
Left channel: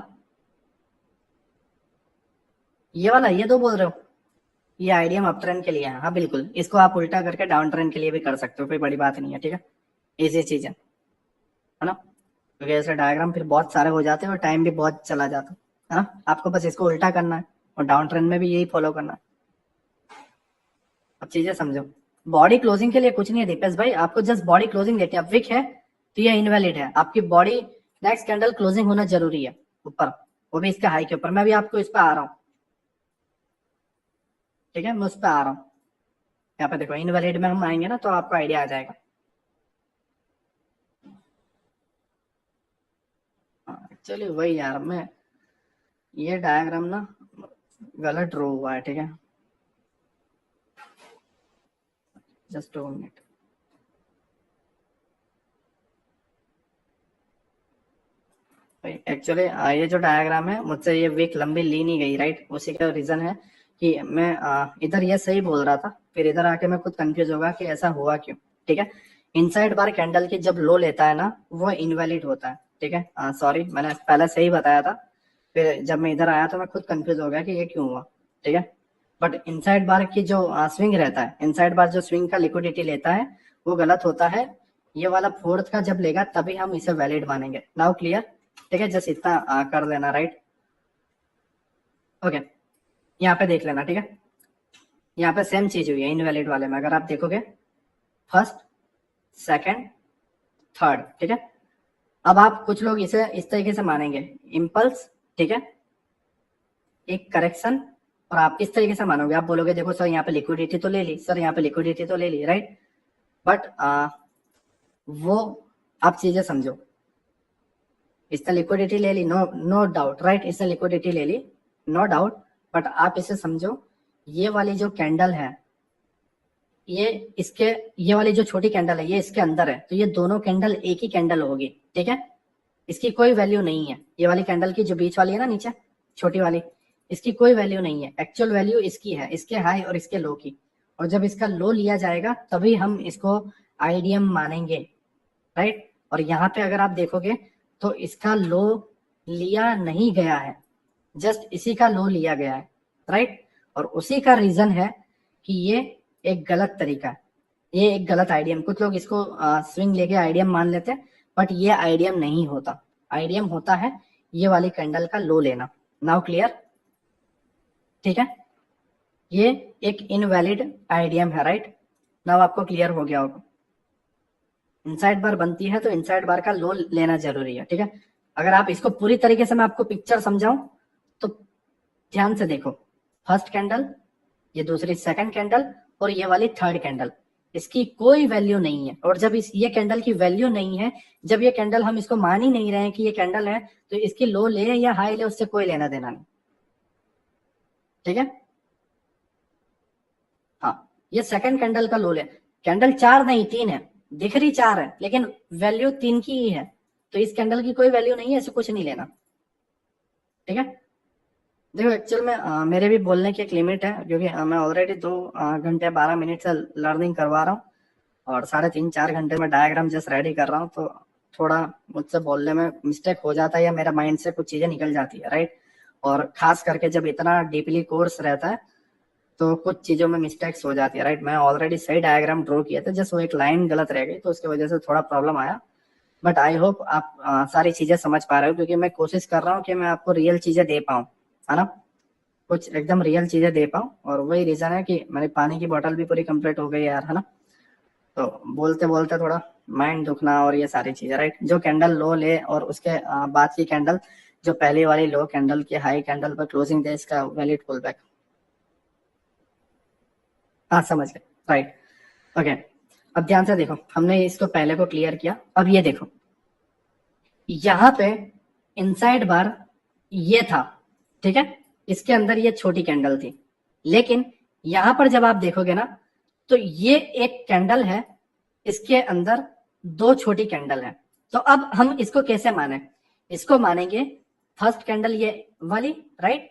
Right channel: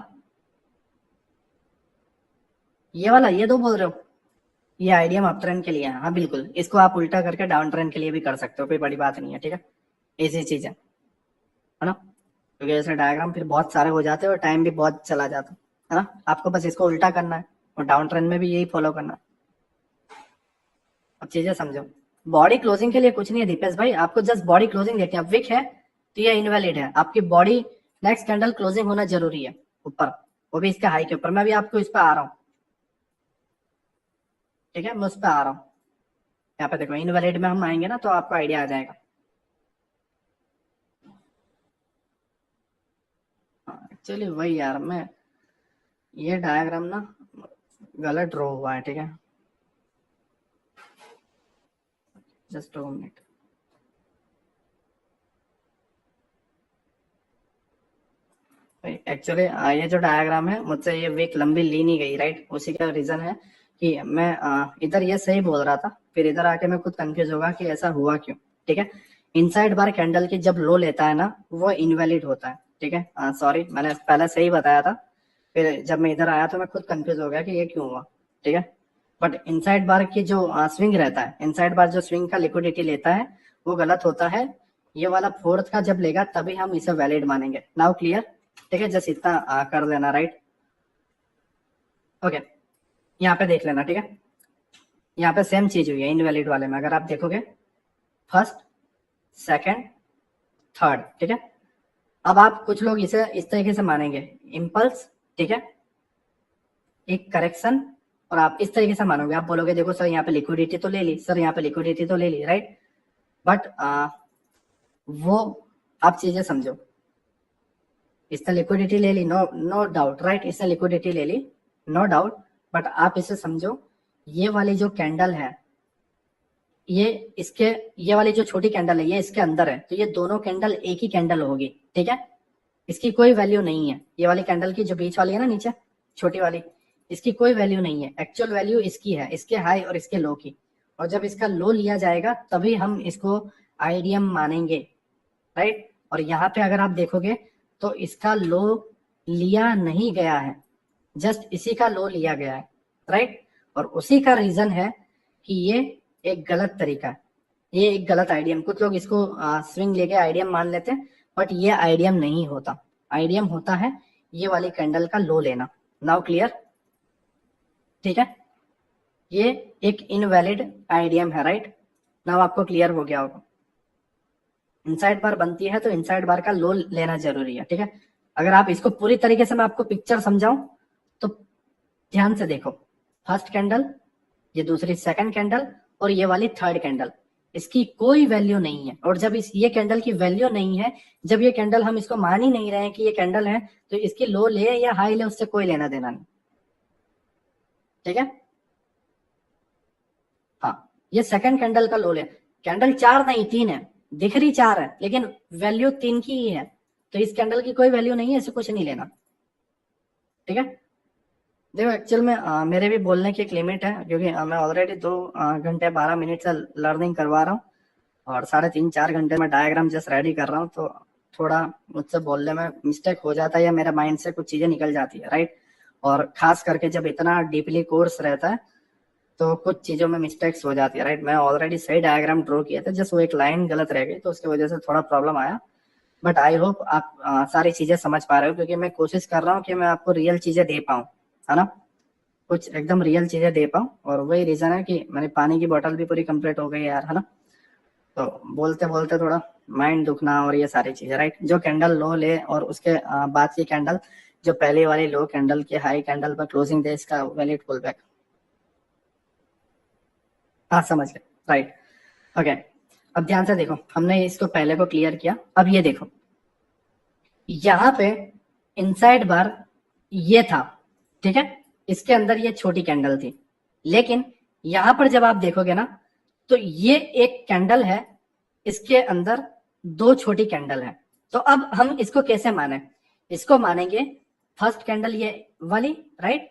ये दो बोल रहे हो, ये आइडियम अप ट्रेंड के लिए है, हाँ बिल्कुल, इसको आप उल्टा करके डाउन ट्रेंड के लिए भी कर सकते हो, कोई बड़ी बात नहीं है, ठीक है, इजी चीज है ना। क्योंकि ऐसे डायग्राम फिर बहुत सारे हो जाते हैं और टाइम भी बहुत चला जाता है ना। आपको बस इसको उल्टा करना है और डाउन ट्रेंड में भी यही फॉलो करना है। अब चीजें समझो, बॉडी क्लोजिंग के लिए कुछ नहीं है दीपेश भाई, आपको जस्ट बॉडी क्लोजिंग देखते हैं। अब विक है तो ये इनवैलिड है, आपकी बॉडी नेक्स्ट कैंडल क्लोजिंग होना जरूरी है ऊपर, वो भी इसके हाई के ऊपर। मैं भी आपको इस पर आ रहा हूँ, ठीक है, मैं उस पर आ रहा हूँ। यहाँ पे देखो इनवैलिड में हम आएंगे ना तो आपको आइडिया आ जाएगा। एक्चुअली वही यार, मैं ये डायग्राम ना गलत ड्रॉ हुआ है, ठीक है, जस्ट 2 मिनट। एक्चुअली ये जो डायग्राम है मुझसे ये वीक लंबी ली नहीं गई, राइट। उसी का रीजन है कि मैं इधर ये सही बोल रहा था, फिर इधर आके मैं खुद कंफ्यूज होगा कि ऐसा हुआ क्यों। ठीक है, इनसाइड बार कैंडल की जब लो लेता है ना वो इनवैलिड होता है। ठीक है, सॉरी मैंने पहले सही बताया था, फिर जब मैं इधर आया तो मैं खुद कंफ्यूज हो गया कि ये क्यों हुआ। ठीक है, बट इनसाइड बार की जो स्विंग रहता है, इनसाइड बार जो स्विंग का लिक्विडिटी लेता है वो गलत होता है। ये वाला फोर्थ का जब लेगा तभी हम इसे वैलिड मानेंगे। Now clear. ठीक है, जस्ट इतना कर लेना, राइट। ओके, यहाँ पे देख लेना। ठीक है, यहाँ पे सेम चीज हुई है इनवैलिड वाले में, अगर आप देखोगे फर्स्ट, सेकंड, थर्ड। ठीक है, अब आप कुछ लोग इसे इस तरीके से मानेंगे, इम्पल्स, ठीक है, एक करेक्शन, और आप इस तरीके से मानोगे, आप बोलोगे देखो सर यहाँ पे लिक्विडिटी तो ले ली, सर यहाँ पे लिक्विडिटी तो ले ली, राइट। बट वो आप चीजें समझो, इसने लिक्विडिटी ले ली, नो नो डाउट, राइट, इसने लिक्विडिटी ले ली, नो डाउट। बट आप इसे समझो, ये वाली जो कैंडल है, ये इसके, ये वाली जो छोटी कैंडल है ये इसके अंदर है, तो ये दोनों कैंडल एक ही कैंडल होगी। ठीक है, इसकी कोई वैल्यू नहीं है, ये वाली कैंडल की जो बीच वाली है ना नीचे छोटी वाली, इसकी कोई वैल्यू नहीं है। एक्चुअल वैल्यू इसकी है, इसके हाई और इसके लो की। और जब इसका लो लिया जाएगा तभी हम इसको आईडीएम मानेंगे, राइट। और यहाँ पे अगर आप देखोगे तो इसका लो लिया नहीं गया है, जस्ट इसी का लो लिया गया है, राइट। और उसी का रीजन है कि ये एक गलत तरीका है, ये एक गलत आईडीएम। कुछ लोग इसको स्विंग लेके आईडीएम मान लेते हैं, बट ये आईडीएम नहीं होता। आईडीएम होता है ये वाली कैंडल का लो लेना। Now clear. ठीक है, ये एक इनवैलिड आईडीएम है, राइट। नाउ आपको क्लियर हो गया होगा। इनसाइड बार बनती है तो इनसाइड बार का लो लेना जरूरी है। ठीक है, अगर आप इसको पूरी तरीके से मैं आपको पिक्चर समझाऊं तो ध्यान से देखो, फर्स्ट कैंडल, ये दूसरी सेकंड कैंडल, और ये वाली थर्ड कैंडल, इसकी कोई वैल्यू नहीं है। और जब इस ये कैंडल की वैल्यू नहीं है, जब ये कैंडल हम इसको मान ही नहीं रहे हैं कि ये कैंडल है, तो इसकी लो ले या हाई ले उससे कोई लेना देना नहीं। ठीक है, हाँ, ये सेकंड कैंडल का लो ले, कैंडल 4 नहीं 3 है, दिख रही 4 है लेकिन वैल्यू 3 की ही है, तो इस कैंडल की कोई वैल्यू नहीं है, इसे कुछ नहीं लेना। ठीक है, देखो एक्चुअल में मेरे भी बोलने की एक लिमिट है, क्योंकि मैं ऑलरेडी 2 घंटे 12 मिनट से लर्निंग करवा रहा हूँ, और 3.5 4 घंटे में डायग्राम जस्ट रेडी कर रहा हूँ, तो थोड़ा मुझसे बोलने में मिस्टेक हो जाता है या मेरे माइंड से कुछ चीजें निकल जाती है, राइट। और खास करके जब इतना डीपली कोर्स रहता है तो कुछ चीजों में मिस्टेक्स हो जाती है, राइट। मैं ऑलरेडी सही डायग्राम ड्रॉ किया था, जस्ट वो एक लाइन गलत रह गई तो उसकी वजह से थोड़ा प्रॉब्लम आया। बट आई होप आप सारी चीजें समझ पा रहे हो, क्योंकि मैं कोशिश कर रहा हूँ कि मैं आपको रियल चीजें दे पाऊँ, है ना, कुछ एकदम रियल चीजें दे पाऊँ। और वही रीजन है कि मेरी पानी की बोतल भी पूरी कंप्लीट हो गई है यार, है ना। तो बोलते बोलते थोड़ा माइंड दुखना और ये सारी चीजें, राइट। जो कैंडल लो ले और उसके बाद की कैंडल जो पहली वाली लो कैंडल की हाई कैंडल पर क्लोजिंग दे, इसका वैलिड पुल बैक। हाँ समझ गए, राइट। ओके, अब ध्यान से देखो, हमने इसको पहले को क्लियर किया। अब ये देखो, यहाँ पे इनसाइड बार ये था, ठीक है, इसके अंदर ये छोटी कैंडल थी, लेकिन यहां पर जब आप देखोगे ना तो ये एक कैंडल है, इसके अंदर 2 छोटी कैंडल है। तो अब हम इसको कैसे माने, इसको मानेंगे फर्स्ट कैंडल ये वाली, राइट,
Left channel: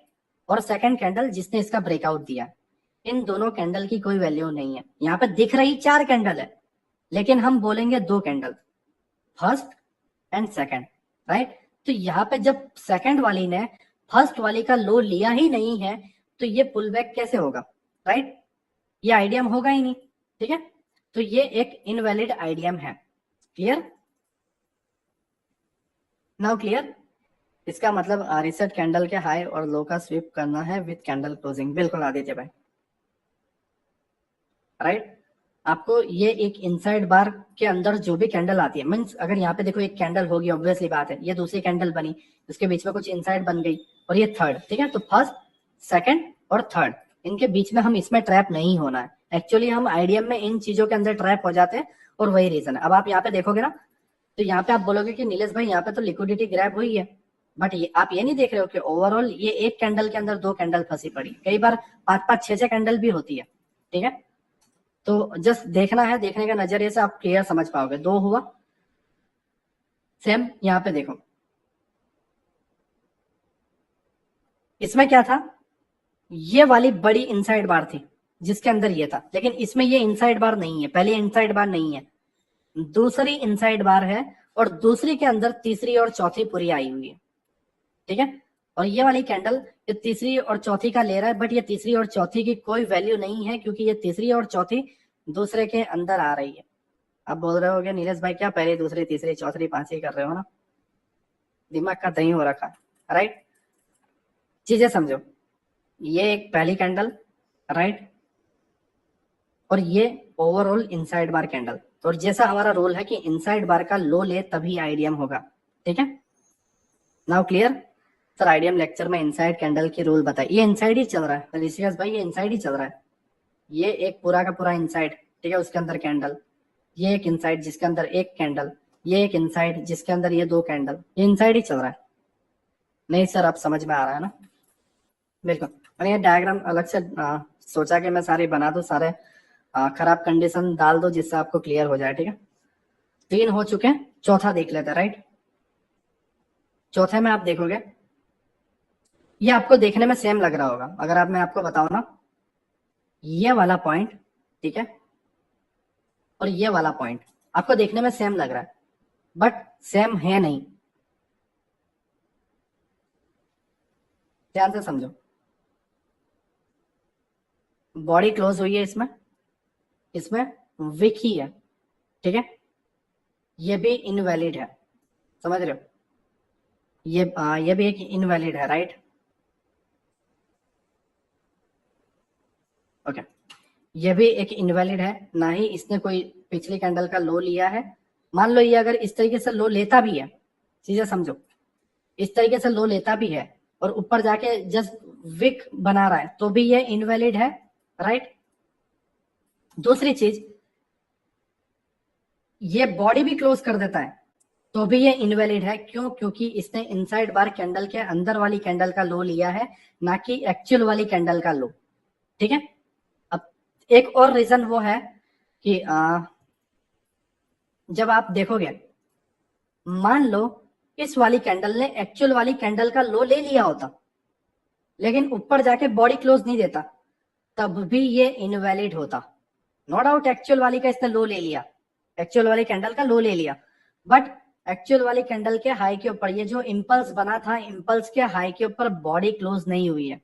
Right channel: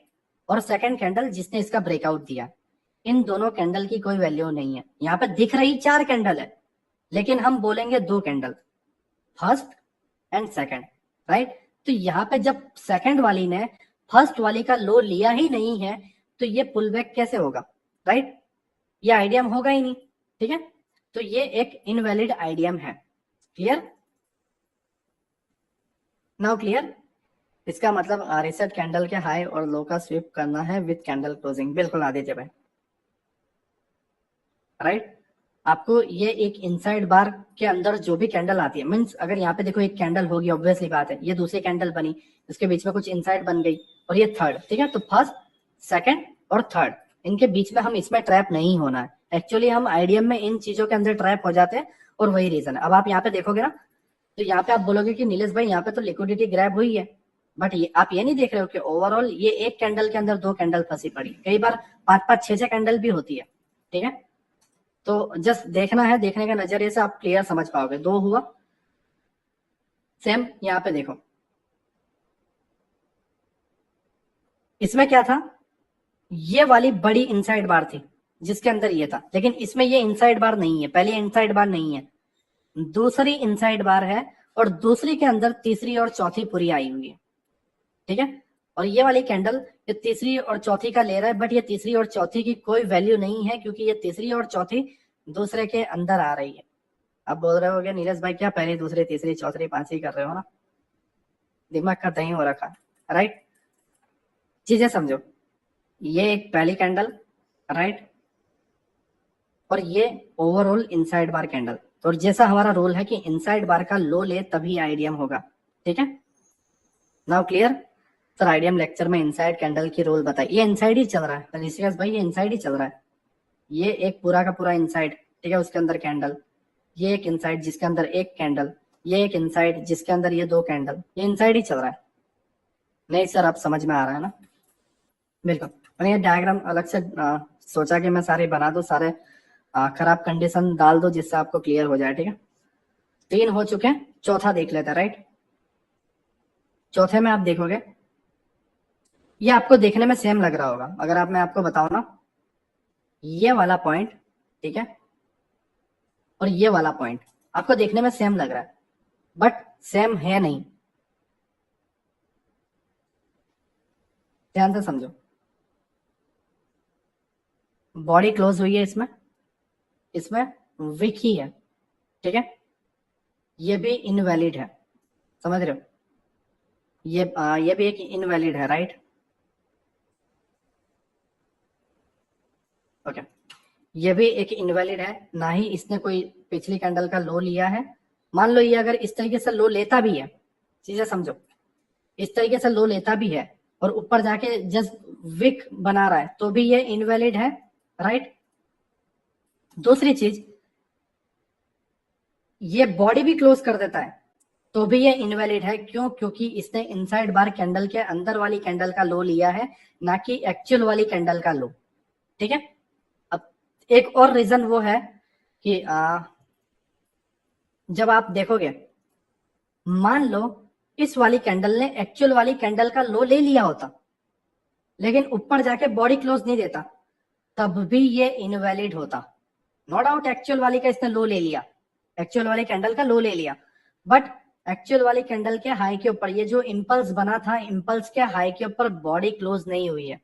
और सेकंड कैंडल जिसने इसका ब्रेकआउट दिया। इन दोनों कैंडल की कोई वैल्यू नहीं है, यहाँ पे दिख रही 4 कैंडल है, लेकिन हम बोलेंगे 2 candle, first and second, right. तो यहाँ पे जब सेकंड वाली ने फर्स्ट वाली का लो लिया ही नहीं है तो ये पुल बैक कैसे होगा, राइट, ये आइडियम होगा ही नहीं। ठीक है, तो ये एक इनवैलिड आइडियम है। Clear, now clear. इसका मतलब रिसेट कैंडल के हाई और लो का स्वीप करना है विद कैंडल क्लोजिंग। बिल्कुल आदित्य भाई, राइट। आपको ये एक इनसाइड बार के अंदर जो भी कैंडल आती है, मीन्स अगर यहाँ पे देखो एक कैंडल होगी, ऑब्वियसली बात है, ये दूसरी कैंडल बनी, इसके बीच में कुछ इनसाइड बन गई, और ये थर्ड, ठीक है। तो फर्स्ट, सेकंड और थर्ड इनके बीच में हम इसमें ट्रैप नहीं होना है। एक्चुअली हम आईडीएम में इन चीजों के अंदर ट्रैप हो जाते हैं और वही रीजन है। अब आप यहाँ पे देखोगे ना, तो यहाँ पे आप बोलोगे कि नीलेश भाई यहाँ पे तो लिक्विडिटी ग्रैब हुई है, बट आप ये नहीं देख रहे हो कि ओवरऑल ये एक कैंडल के अंदर दो कैंडल फंसी पड़ी, कई बार 5-5 6-6 कैंडल भी होती है। ठीक है, तो जस्ट देखना है, देखने के नजरिए से आप क्लियर समझ पाओगे। दो हुआ। सेम यहाँ पे देखो, इसमें क्या था, ये वाली बड़ी इनसाइड बार थी जिसके अंदर ये था, लेकिन इसमें ये इनसाइड बार नहीं है, पहली इनसाइड बार नहीं है, दूसरी इनसाइड बार है, और दूसरी के अंदर तीसरी और चौथी पूरी आई हुई है। ठीक है, और ये वाली कैंडल ये तीसरी और चौथी का ले रहा है, बट ये तीसरी और चौथी की कोई वैल्यू नहीं है, क्योंकि ये तीसरी और चौथी दूसरे के अंदर आ रही है। आप बोल रहे होगे नीलेश भाई क्या पहली दूसरी तीसरी चौथी पांचवी कर रहे हो ना, दिमाग का दही हो रखा है, राइट। चीजें समझो, ये एक पहली कैंडल, राइट, और ये ओवरऑल इनसाइड बार कैंडल। तो जैसा हमारा रूल है कि इनसाइड बार का लो ले तभी आईडीएम होगा। ठीक है, now clear. Sir IDM lecture में इनसाइड कैंडल की रूल बताइए। ये इनसाइड ही चल रहा है ऋषिकेश भाई, ये इनसाइड ही चल रहा है, ये एक पूरा का पूरा इनसाइड। ठीक है, उसके अंदर कैंडल, ये एक इनसाइड जिसके अंदर एक कैंडल, ये एक इनसाइड जिसके अंदर ये दो कैंडल, ये इनसाइड ही चल रहा है। नहीं सर, आप समझ में आ रहा है ना, बिल्कुल। मैंने ये डायग्राम अलग से सोचा कि मैं सारे बना दूं, सारे खराब कंडीशन डाल दो जिससे आपको क्लियर हो जाए। ठीक है, 3 हो चुके हैं, चौथा देख लेते हैं, राइट। चौथे में आप देखोगे, ये आपको देखने में सेम लग रहा होगा, अगर मैं आपको बताऊं ना, ये वाला पॉइंट, ठीक है, और ये वाला पॉइंट आपको देखने में सेम लग रहा है, बट सेम है नहीं। ध्यान से समझो, बॉडी क्लोज हुई है इसमें, इसमें विक ही है। ठीक है, ये भी इनवैलिड है, समझ रहे हो, ये भी एक इनवैलिड है, राइट। ओके, ये भी एक इनवैलिड है, ना ही इसने कोई पिछली कैंडल का लो लिया है। मान लो ये अगर इस तरीके से लो लेता भी है, चीजें समझो, इस तरीके से लो लेता भी है और ऊपर जाके जस्ट विक बना रहा है, तो भी ये इनवैलिड है, राइट। दूसरी चीज, ये बॉडी भी क्लोज कर देता है तो भी ये इनवैलिड है। क्यों? क्योंकि इसने इनसाइड बार कैंडल के अंदर वाली कैंडल का लो लिया है, ना कि एक्चुअल वाली कैंडल का लो। ठीक है, अब एक और रीजन वो है कि जब आप देखोगे, मान लो इस वाली कैंडल ने एक्चुअल वाली कैंडल का लो ले लिया होता, लेकिन ऊपर जाके बॉडी क्लोज नहीं देता, तब भी ये इनवैलिड होता। नो डाउट एक्चुअल वाली का इसने लो ले लिया, एक्चुअल वाली कैंडल का लो ले लिया, बट एक्चुअल वाली कैंडल के हाई के ऊपर ये जो इंपल्स बना था, इंपल्स के हाई के ऊपर बॉडी क्लोज नहीं हुई है।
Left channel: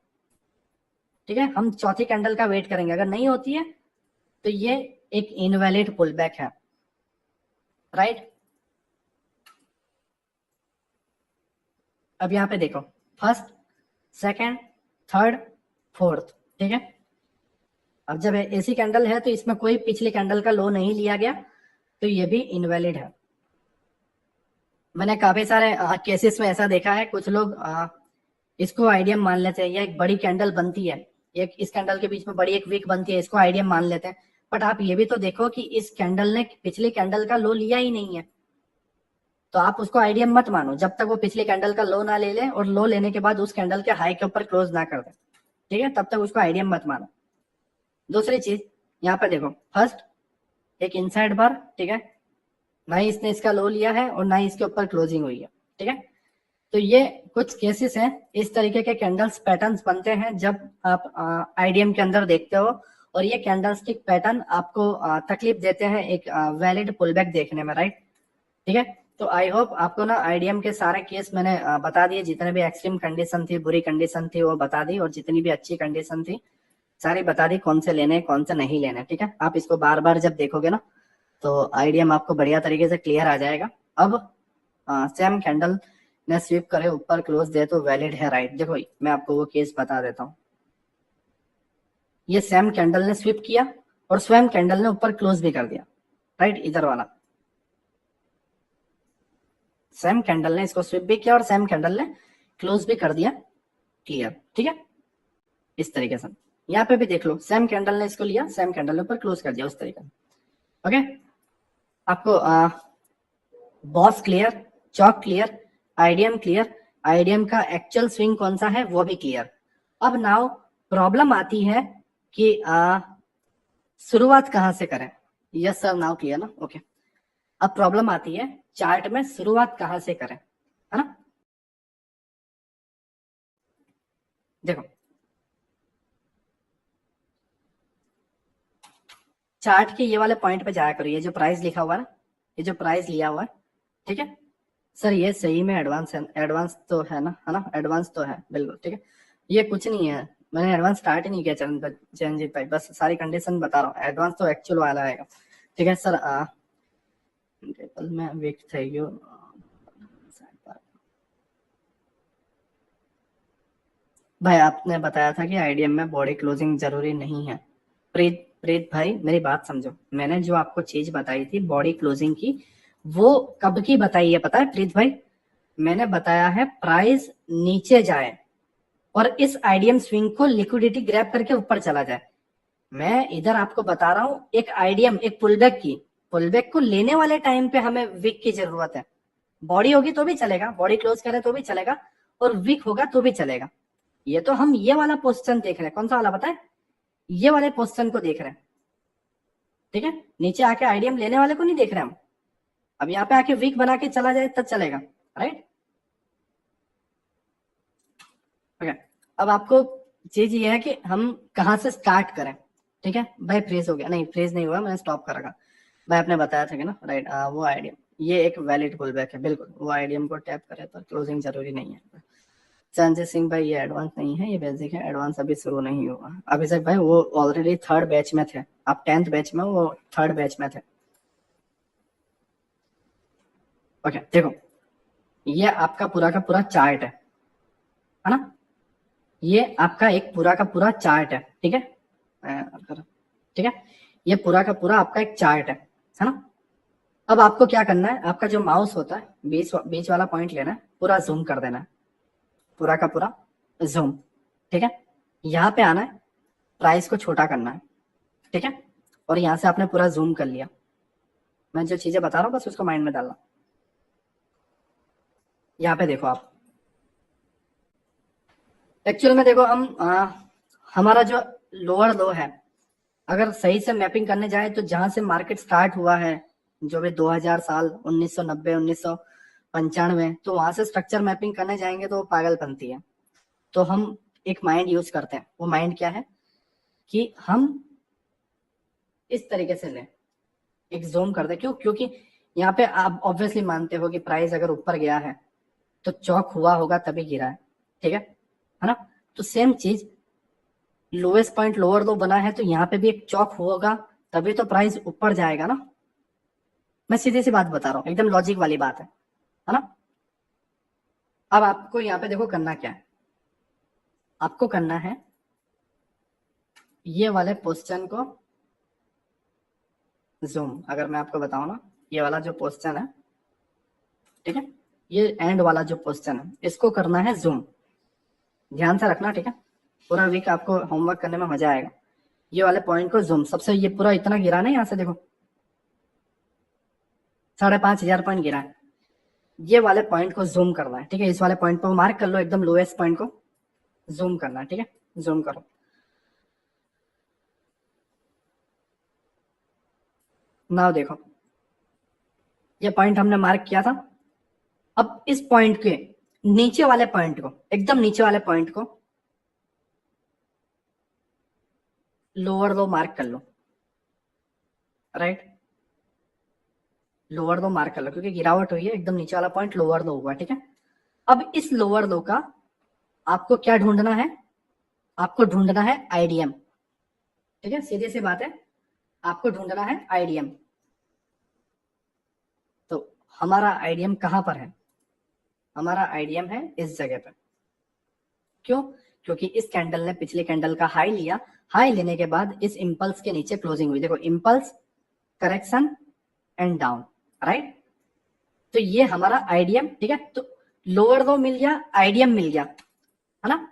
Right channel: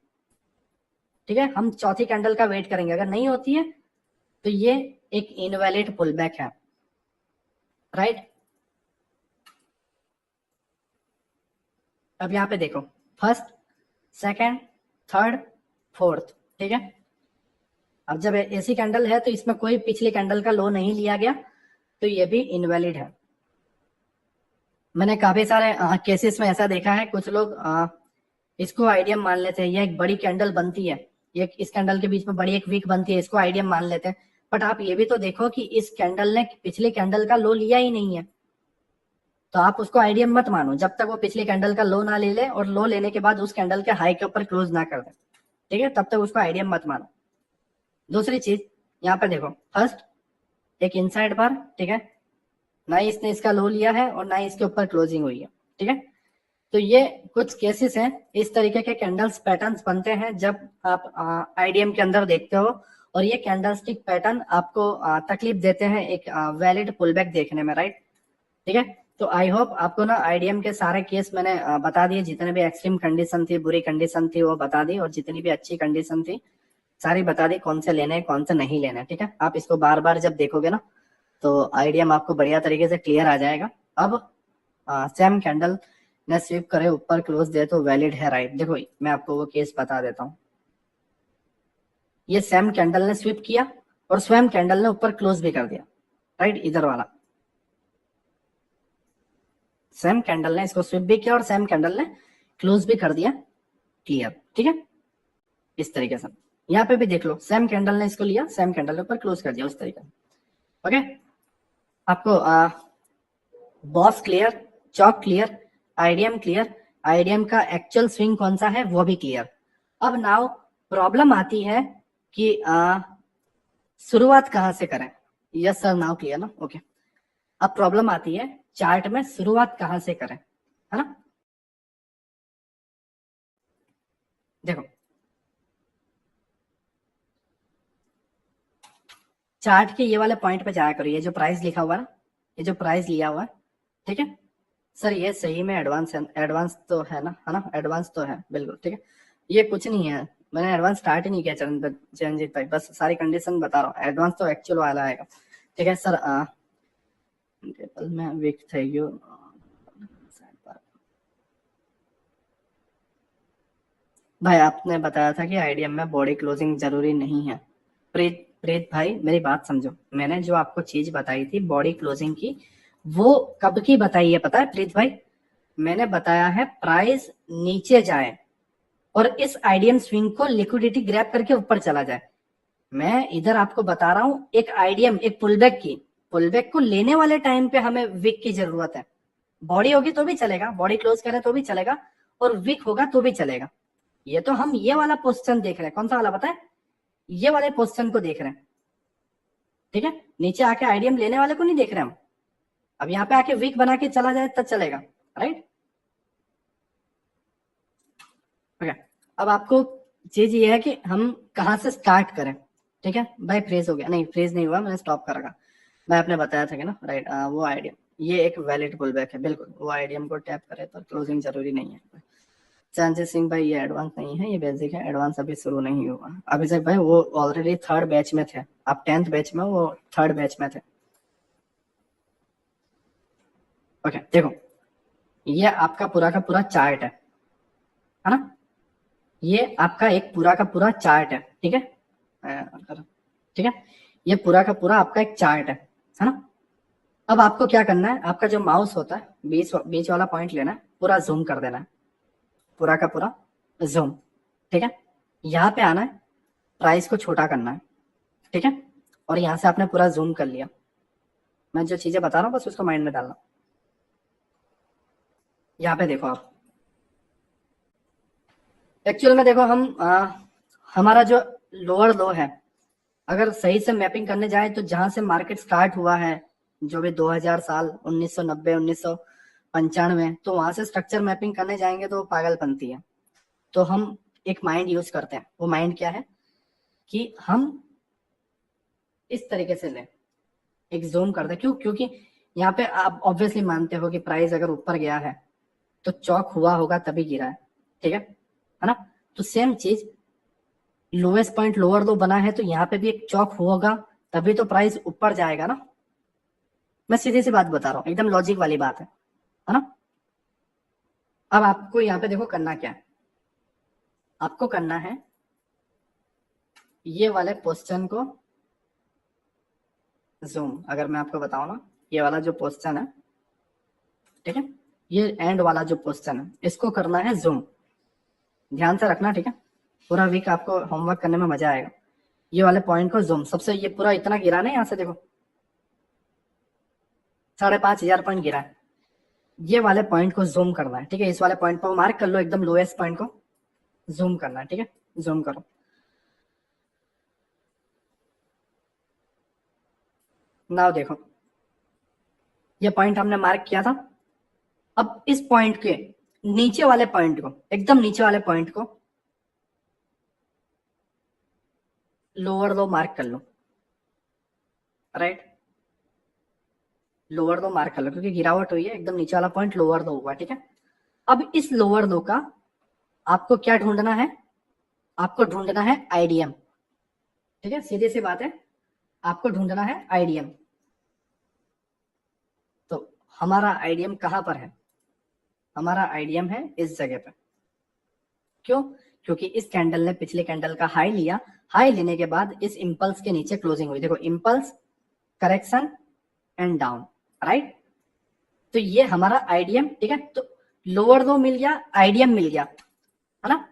ठीक है, हम चौथी कैंडल का वेट करेंगे, अगर नहीं होती है तो ये एक इनवैलिड पुलबैक है, राइट। अब यहाँ पे देखो, फर्स्ट, सेकंड, थर्ड, फोर्थ। ठीक है, अब जब ऐसी कैंडल है तो इसमें कोई पिछली कैंडल का लो नहीं लिया गया, तो ये भी इनवैलिड है। मैंने काफी सारे केसेस में ऐसा देखा है, कुछ लोग इसको आइडियम मान लेते हैं, ये एक बड़ी कैंडल बनती है, ये इस कैंडल के बीच में बड़ी एक वीक बनती है, इसको आइडियम मान लेते हैं। बट आप ये भी तो देखो कि इस कैंडल ने पिछली कैंडल का लो लिया ही नहीं है, तो आप उसको आइडियम मत मानो जब तक वो पिछली कैंडल का लो ना ले ले और लो लेने के बाद उस कैंडल के हाई के ऊपर क्लोज ना कर दे। ठीक है, तब तक उसको आइडियम मत मानो। दूसरी चीज, यहाँ पर देखो, फर्स्ट एक इनसाइड बार, ठीक है, ना ही इसने इसका लो लिया है और ना ही इसके ऊपर क्लोजिंग हुई है। ठीक है, तो ये कुछ केसेस हैं, इस तरीके के कैंडल्स पैटर्न्स बनते हैं जब आप आईडीएम के अंदर देखते हो, और ये कैंडलस्टिक पैटर्न आपको तकलीफ देते हैं एक वैलिड पुलबैक देखने में, राइट। ठीक है, तो आई होप आपको ना आईडीएम के सारे केस मैंने बता दिए, जितने भी एक्सट्रीम कंडीशन थी, बुरी कंडीशन थी वो बता दी, और जितनी भी अच्छी कंडीशन थी सारी बता दी, कौन से लेने कौन से नहीं लेने। ठीक है, आप इसको बार बार जब देखोगे ना तो आईडीएम आपको बढ़िया तरीके से क्लियर आ जाएगा। अब सेम कैंडल ने स्वीप करे ऊपर क्लोज दे तो वैलिड है, राइट। देखो मैं आपको वो केस बता देता हूँ, ये सेम कैंडल ने स्वीप किया और स्वयं कैंडल ने ऊपर क्लोज भी कर दिया, राइट। इधर वाला सेम कैंडल ने इसको स्वीप भी किया और सेम कैंडल ने क्लोज भी कर दिया, क्लियर। ठीक है, इस तरीके से यहाँ पे भी देख लो, सेम कैंडल ने इसको लिया, सेम कैंडल ऊपर क्लोज कर दिया उस तरीके से। ओके, आपको बॉस क्लियर, चौक क्लियर, आईडीएम क्लियर, आईडीएम का एक्चुअल स्विंग कौन सा है वो भी क्लियर। अब नाउ प्रॉब्लम आती है कि शुरुआत कहाँ से करें। यस सर, नाउ क्लियर ना, ओके। अब प्रॉब्लम आती है चार्ट में शुरुआत कहाँ से करें, है ना। देखो चार्ट के ये वाले पॉइंट पे जाया करो, ये जो प्राइस लिखा हुआ है ना, ये जो प्राइस लिया हुआ है, ठीक है सर, ये सही में एडवांस है, एडवांस तो है ना, है ना, एडवांस तो है बिल्कुल, ठीक है। ये कुछ नहीं है, मैंने एडवांस स्टार्ट ही नहीं किया चरणजीत भाई, बस सारी कंडीशन बता रहा हूँ, एडवांस तो एक्चुअल वाला आएगा, ठीक है सर। टेबल में वीक थे यू, भाई आपने बताया था कि आईडीएम में बॉडी क्लोजिंग जरूरी नहीं है। प्रीत प्रीत भाई मेरी बात समझो, मैंने जो आपको चीज बताई थी बॉडी क्लोजिंग की, वो कब की बताई है पता है प्रीत भाई? मैंने बताया है प्राइस नीचे जाए और इस आईडीएम स्विंग को लिक्विडिटी ग्रैब करके ऊपर चला जाए। मैं इधर आपको बता रहा हूं एक आईडीएम, एक पुलबैक की, पुलबैक को लेने वाले टाइम पे हमें विक की जरूरत है। बॉडी होगी तो भी चलेगा, बॉडी क्लोज करे तो भी चलेगा, और विक होगा तो भी चलेगा। ये तो हम ये वाला पोस्टन देख रहे हैं, कौन सा वाला पता है? ये वाले पोस्टन को देख रहे हैं, ठीक है। नीचे आके आईडीएम लेने वाले को नहीं देख रहे हम। अब यहाँ पे आके वीक बना के चला जाए तब चलेगा, राइट। ओके, अब आपको चीज ये है कि हम कहाँ से स्टार्ट करें, ठीक है भाई। फ्रीज हो गया, नहीं फ्रीज नहीं हुआ, मैंने स्टॉप कर रखा। भाई आपने बताया था कि ना, राइट, वो आईडीएम ये एक वैलिड पुल बैक है बिल्कुल, वो आईडीएम को टैप करे पर क्लोजिंग जरूरी नहीं है। संजय सिंह भाई ये एडवांस नहीं है, ये बेसिक है, एडवांस अभी शुरू नहीं हुआ। अभिषेक भाई वो ऑलरेडी थर्ड बैच में थे, आप 10th बैच में, वो थर्ड बैच में थे। ओके देखो, ये आपका पूरा का पूरा चार्ट है ना, ये आपका एक पूरा का पूरा चार्ट है, ठीक है। ठीक है, ये पूरा का पूरा आपका एक चार्ट है ना। अब आपको क्या करना है, आपका जो माउस होता है बीच बीच वाला पॉइंट लेना है, पूरा जूम कर देना है, पूरा का पूरा जूम, ठीक है। यहाँ पे आना है, प्राइस को छोटा करना है, ठीक है। और यहाँ से आपने पूरा जूम कर लिया। मैं जो चीजें बता रहा हूँ बस उसको माइंड में डालना। यहाँ पे देखो आप, एक्चुअल में देखो हम हमारा जो लोअर लो है, अगर सही से मैपिंग करने जाए तो जहां से मार्केट स्टार्ट हुआ है, जो भी 2000 साल 1990 1995, तो वहां से स्ट्रक्चर मैपिंग करने जाएंगे तो पागलपंती है। तो हम एक माइंड यूज करते हैं, वो माइंड क्या है कि हम इस तरीके से लें, एक जोन कर दे। क्यों? क्योंकि यहाँ पे आप ऑब्वियसली मानते हो कि प्राइस अगर ऊपर गया है तो चौक हुआ होगा तभी गिरा है, ठीक है ना। तो सेम चीज, लोएस्ट पॉइंट लोअर लो बना है तो यहाँ पे भी एक चौक होगा तभी तो प्राइस ऊपर जाएगा ना। मैं सीधी सी बात बता रहा हूँ, एकदम लॉजिक वाली बात है ना। अब आपको यहाँ पे देखो करना क्या है, आपको करना है ये वाले पोस्टन को जूम। अगर मैं आपको बताऊं ना, ये वाला जो पोस्टन है, ठीक है, ये एंड वाला जो पोस्टन है, इसको करना है जूम। ध्यान से रखना, ठीक है, पूरा वीक आपको होमवर्क करने में मजा आएगा। ये वाले पॉइंट को जूम, सबसे ये पूरा इतना गिरा ना, यहाँ से देखो 5,500 पॉइंट गिरा है, ये वाले पॉइंट को जूम करना है, ठीक है। इस वाले पॉइंट को मार्क कर लो, एकदम लोएस्ट पॉइंट को जूम करना है, ठीक है। जूम करो, नाउ देखो ये पॉइंट हमने मार्क किया था। अब इस पॉइंट के नीचे वाले पॉइंट को, एकदम नीचे वाले पॉइंट को लोअर लो मार्क कर लो, राइट। लोअर लो मार्क कर लो क्योंकि गिरावट हुई है, एकदम नीचे वाला पॉइंट लोअर लो हुआ, ठीक है। अब इस लोअर लो का आपको क्या ढूंढना है, आपको ढूंढना है आईडीएम, ठीक है, सीधी सी बात है, आपको ढूंढना है आईडीएम। तो हमारा आईडीएम कहां पर है? हमारा आईडीएम है इस जगह पर। क्यों? क्योंकि इस कैंडल ने पिछले कैंडल का हाई लिया, हाई लेने के बाद इस इंपल्स के नीचे क्लोजिंग हुई, देखो impulse, correction and down, right. तो ये हमारा आईडीएम, ठीक है। तो लोअर लो मिल गया, आईडीएम मिल गया, है ना।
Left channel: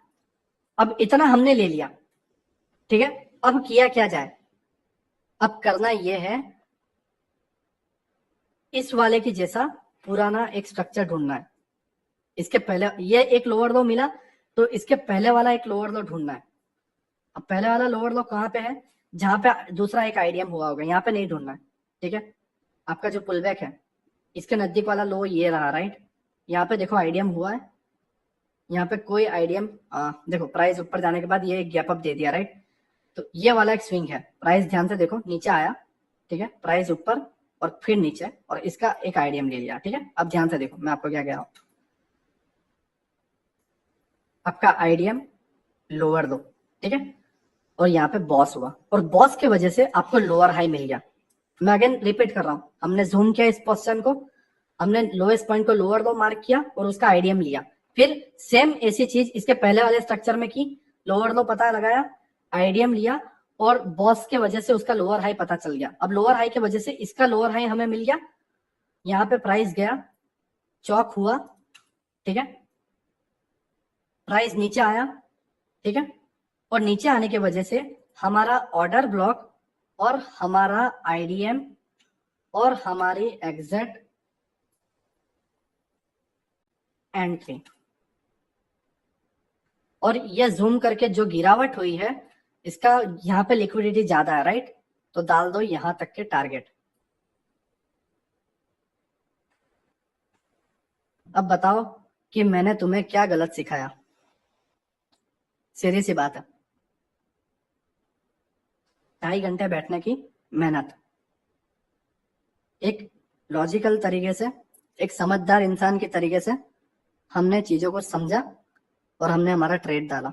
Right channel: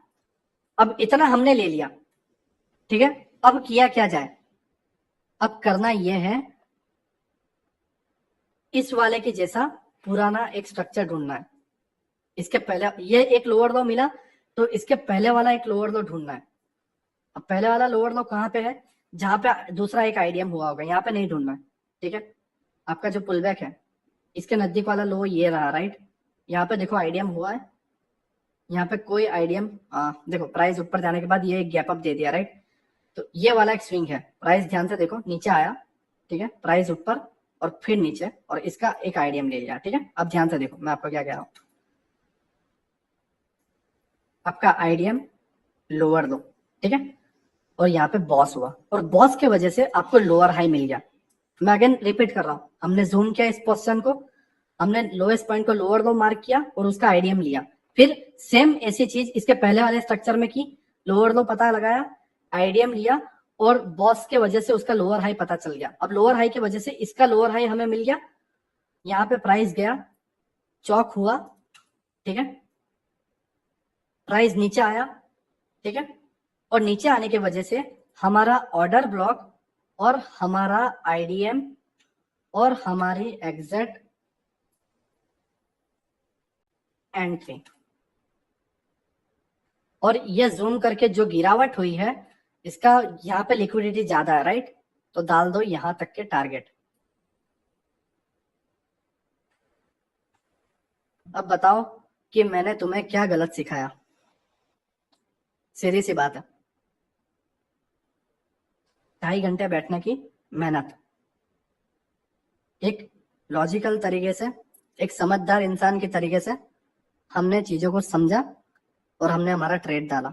अब इतना हमने ले लिया, ठीक है, अब किया क्या जाए, अब करना ये है, इस वाले के जैसा पुराना एक स्ट्रक्चर ढूंढना है। इसके पहले ये एक लोअर लो मिला, तो इसके पहले वाला एक लोअर लो ढूंढना है। अब पहले वाला लोअर लो कहाँ पे है, जहां पे दूसरा एक आईडीएम हुआ होगा, यहाँ पे नहीं ढूंढना है। ठीक है, आपका जो पुलबैक है इसके नजदीक वाला लो ये रहा, राइट। यहाँ पे देखो आईडीएम हुआ है, यहाँ पे कोई आईडीएम, देखो प्राइस ऊपर जाने के बाद ये एक गैप अप दे दिया, राइट। तो ये वाला एक स्विंग है, प्राइस ध्यान से देखो नीचे आया, ठीक है, प्राइस ऊपर और फिर नीचे, और इसका एक आईडीएम ले लिया। ठीक है, अब ध्यान से देखो मैं आपको क्या कह रहा हूँ, आपका आईडीएम लोअर लो, ठीक है, और यहाँ पे बॉस हुआ, और बॉस की वजह से आपको लोअर हाई मिल गया। मैं अगेन रिपीट कर रहा हूँ, हमने जूम किया इस पोजीशन को, हमने लोएस्ट पॉइंट को लोअर लो मार्क किया और उसका आईडीएम लिया, फिर सेम ऐसी चीज इसके पहले वाले स्ट्रक्चर में की, लोअर लो पता लगाया, आईडीएम लिया, और बॉस के वजह से उसका लोअर हाई पता चल गया। अब लोअर हाई की वजह से इसका लोअर हाई हमें मिल गया, यहाँ पे प्राइस गया, चौक हुआ, ठीक है, प्राइस नीचे आया, ठीक है, और नीचे आने की वजह से हमारा ऑर्डर ब्लॉक और हमारा आईडीएम और हमारी एग्जैक्ट एंट्री, और ये जूम करके जो गिरावट हुई है इसका यहाँ पे लिक्विडिटी ज्यादा है, राइट, तो डाल दो यहां तक के टारगेट। अब बताओ कि मैंने तुम्हें क्या गलत सिखाया, सीधी सी बात है। 2.5 घंटे बैठने की मेहनत, एक लॉजिकल तरीके से, एक समझदार इंसान के तरीके से हमने चीजों को समझा और हमने हमारा ट्रेड डाला।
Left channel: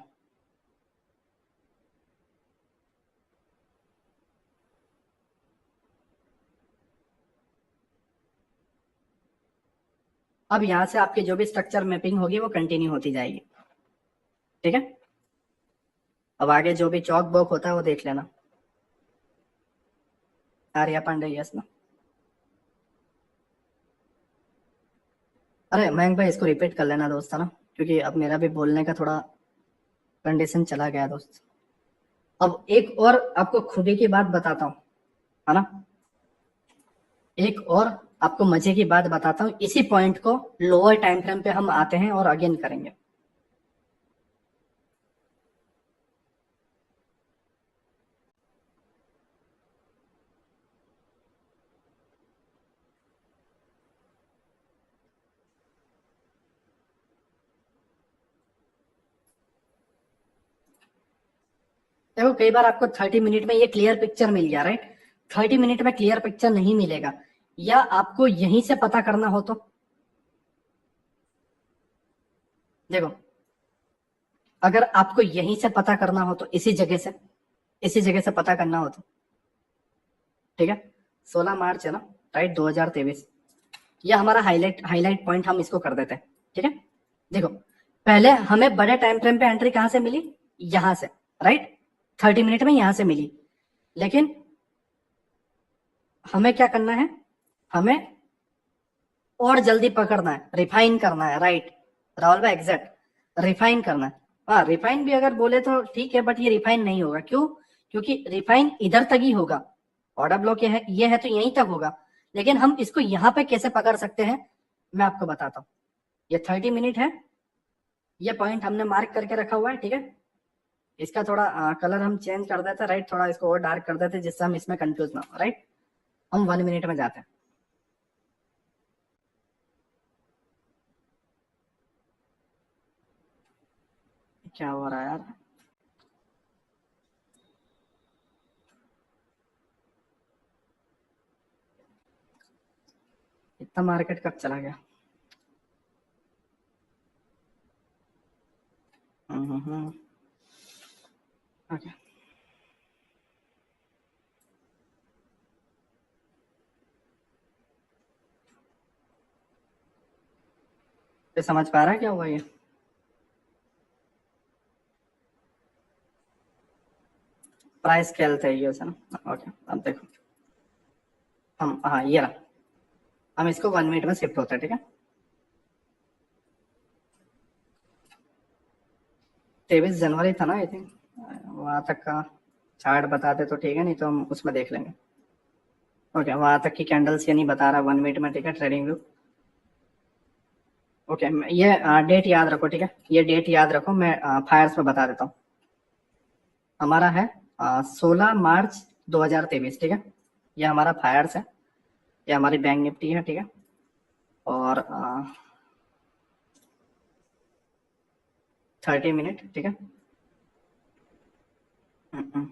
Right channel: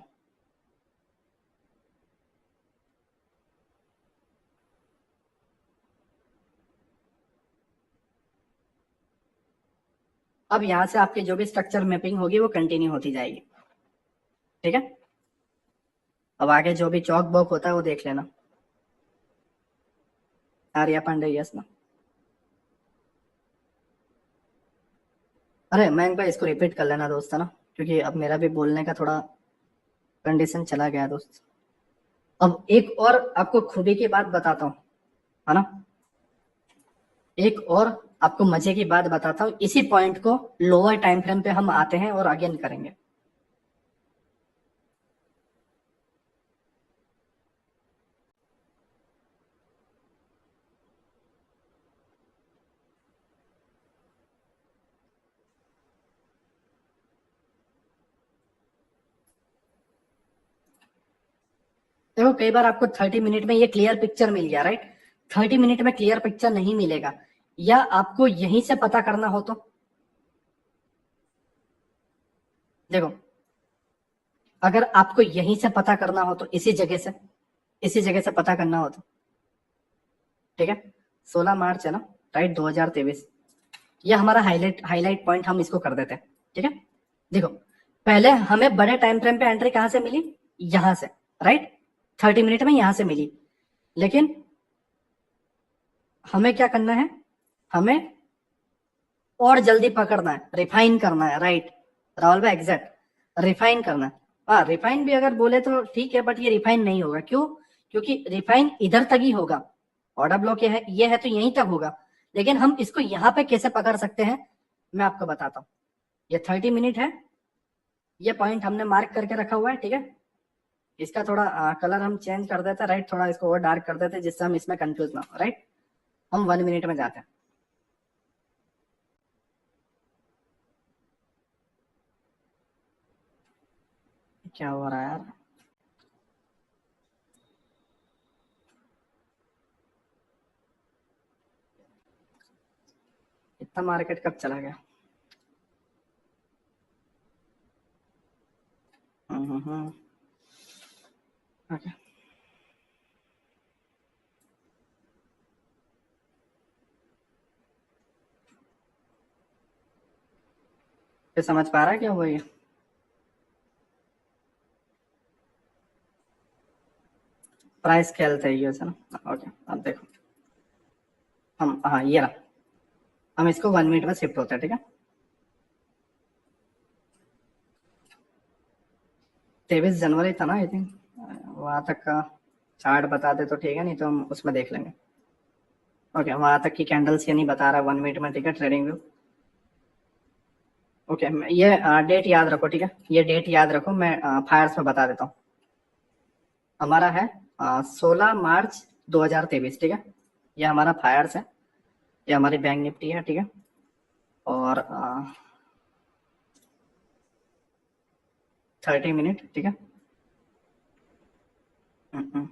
अब यहां से आपकी जो भी स्ट्रक्चर मैपिंग होगी वो कंटिन्यू होती जाएगी, ठीक है। अब आगे जो भी चौक बॉक होता है वो देख लेना। आर्या पांडे, यस ना। अरे मयंक भाई इसको रिपीट कर लेना दोस्त, है ना, क्योंकि अब मेरा भी बोलने का थोड़ा कंडीशन चला गया दोस्त। अब एक और आपको खूबी की बात बताता हूँ, है ना, एक और आपको मजे की बात बताता हूँ, इसी पॉइंट को लोअर टाइम फ्रेम पे हम आते हैं और अगेन करेंगे। देखो कई बार आपको 30 मिनट में ये क्लियर पिक्चर मिल गया, राइट, 30 मिनट में क्लियर पिक्चर नहीं मिलेगा, या आपको यहीं से पता करना हो तो देखो, अगर आपको यहीं से पता करना हो तो इसी जगह से पता करना हो तो, ठीक है, 16 मार्च है ना, राइट, 2023, ये हमारा हाईलाइट पॉइंट हम इसको कर देते हैं, ठीक है। देखो पहले हमें बड़े टाइम फ्रेम पे एंट्री कहां से मिली, यहां से, राइट, 30 मिनट में यहां से मिली, लेकिन हमें क्या करना है, हमें और जल्दी पकड़ना है, रिफाइन करना है, राइट, राहुल भाई एग्जैक्ट रिफाइन करना है। हाँ रिफाइन भी अगर बोले तो ठीक है, बट ये रिफाइन नहीं होगा, क्यों, क्योंकि रिफाइन इधर तक ही होगा, ऑर्डर ब्लॉक ये है तो यहीं तक होगा, लेकिन हम इसको यहाँ पे कैसे पकड़ सकते हैं मैं आपको बताता हूँ। ये 30 मिनट है, ये पॉइंट हमने मार्क करके रखा हुआ है, ठीक है, इसका थोड़ा कलर हम चेंज कर देते हैं, राइट, थोड़ा इसको और डार्क कर देते हैं जिससे हम इसमें कंफ्यूज ना हो, राइट। हम 1 मिनट में जाते हैं। क्या हो रहा है यार, इतना मार्केट कब चला गया। ओके, फिर समझ पा रहा है क्या हुआ ये, प्राइस खेलते है ना, ओके। अब देखो हम, हाँ ये रहा, हम इसको 1 मिनट में शिफ्ट होते हैं, ठीक है, 23 जनवरी था ना आई थिंक, वहां तक का चार्ट बता दे तो ठीक है, नहीं तो हम उसमें देख लेंगे। ओके, वहां तक की कैंडल्स ये नहीं बता रहा 1 मिनट में, ठीक है, ट्रेडिंग व्यू। ओके, ये डेट याद रखो, ठीक है, ये डेट याद रखो, मैं फायर्स में बता देता हूँ। हमारा है 16 मार्च 2023, ठीक है, ये हमारा फायर्स है, ये हमारी बैंक निफ्टी है, ठीक है। और 30 मिनट, ठीक है। हम्म, हम्म,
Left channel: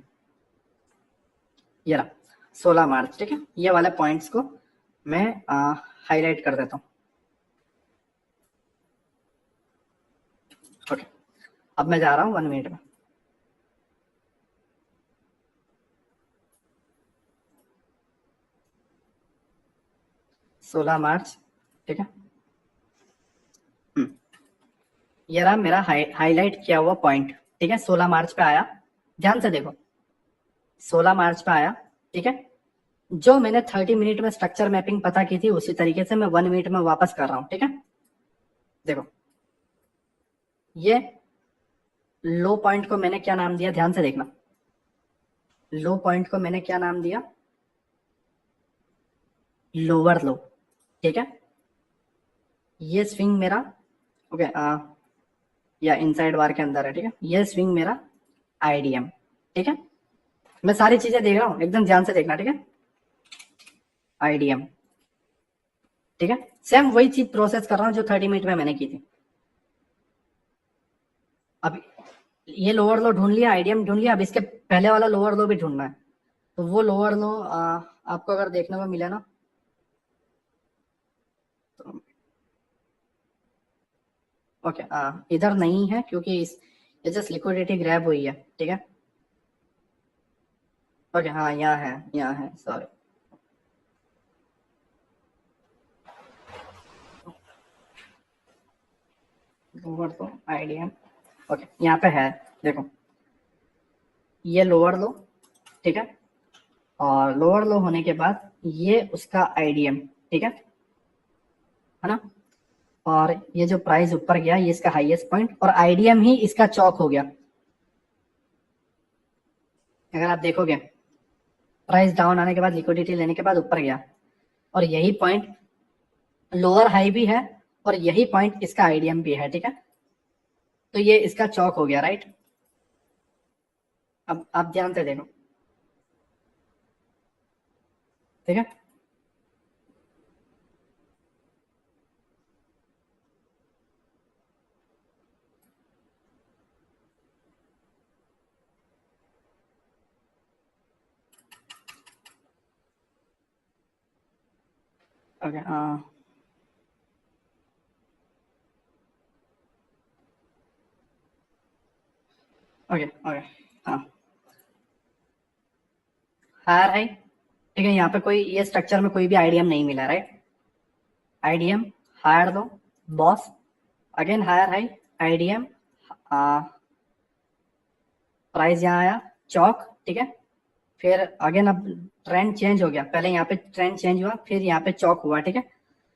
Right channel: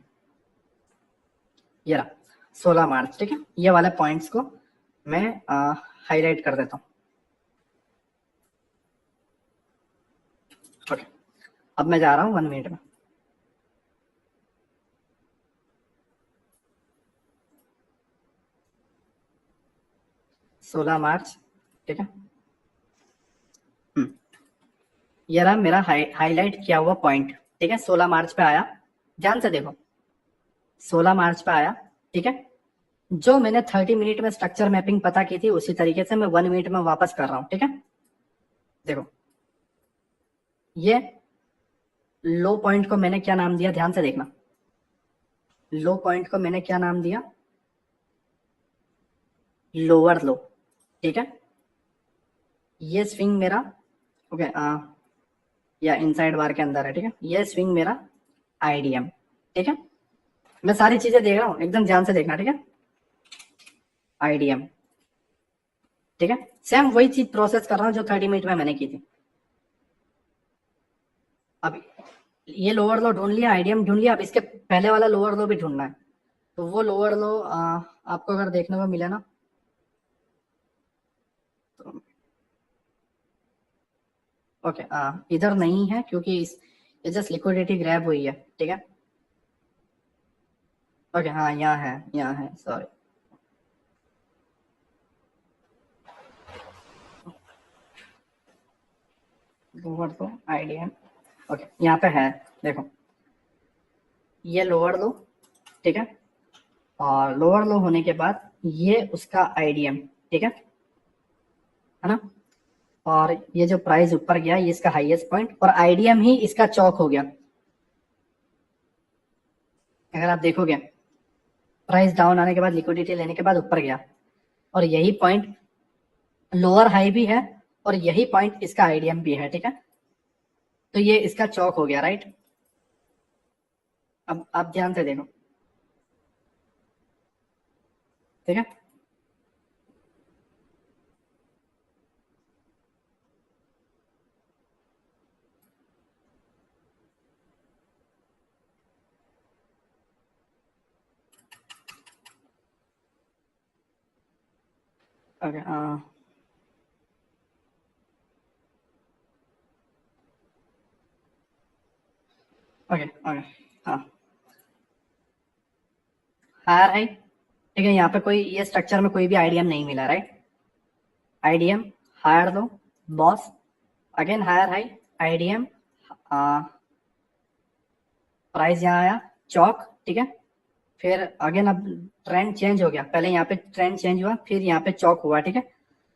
ये रहा 16 मार्च, ठीक है, ये वाले पॉइंट्स को मैं हाईलाइट कर देता हूँ। ओके, अब मैं जा रहा हूँ 1 मिनट में। 16 मार्च, ठीक है। हम्म, ये रहा मेरा हाईलाइट किया हुआ पॉइंट, ठीक है, 16 मार्च पे आया, ध्यान से देखो, 16 मार्च पे आया, ठीक है। जो मैंने 30 मिनट में स्ट्रक्चर मैपिंग पता की थी उसी तरीके से मैं 1 मिनट में वापस कर रहा हूँ, ठीक है। देखो, ये लो पॉइंट को मैंने क्या नाम दिया, ध्यान से देखना। लो पॉइंट को मैंने क्या नाम दिया, लोअर लो, ठीक है। ये स्विंग मेरा, ओके, या इनसाइड बार के अंदर है, ठीक है, ये स्विंग मेरा आईडीएम, ठीक है। मैं सारी चीजें देख रहा हूँ, एकदम ध्यान से देखना, ठीक है। आईडीएम, ठीक है, सेम वही चीज प्रोसेस कर रहा हूँ जो 30 मिनट में मैंने की थी। अब ये लोअर लो ढूंढ लिया, आईडीएम ढूंढ लिया, अब इसके पहले वाला लोअर लो भी ढूंढना है। तो वो लोअर लो आपको अगर देखने को मिले ना, तो ओके, इधर नहीं है क्योंकि ये जस्ट लिक्विडिटी ग्रैब हुई है, ठीक है। ओके, हाँ, यहाँ है, यहाँ है, सॉरी। लोअर लो आईडीएम, ओके, यहाँ पे है, देखो, ये लोअर लो, ठीक है। और लोअर लो होने के बाद ये उसका आईडीएम, ठीक है ना। और ये जो प्राइस ऊपर गया ये इसका हाईएस्ट पॉइंट, और आईडीएम ही इसका चौक हो गया। अगर आप देखोगे, प्राइस डाउन आने के बाद लिक्विडिटी लेने के बाद ऊपर गया, और यही पॉइंट लोअर हाई भी है, और यही पॉइंट इसका आईडीएम भी है, ठीक है। तो ये इसका चौक हो गया, राइट। अब आप ध्यान से देखो, ठीक है। ओके, ओके, ओके, हाँ, हायर हाई, ठीक है, यहाँ पे कोई ये स्ट्रक्चर में कोई भी आईडीएम नहीं मिला, right. IDM, higher low, boss, again higher high, IDM, price यहाँ आया, चौक, ठीक है। फिर अगेन अब ट्रेंड चेंज हो गया, पहले यहाँ पे ट्रेंड चेंज हुआ, फिर यहाँ पे चौक हुआ, ठीक है।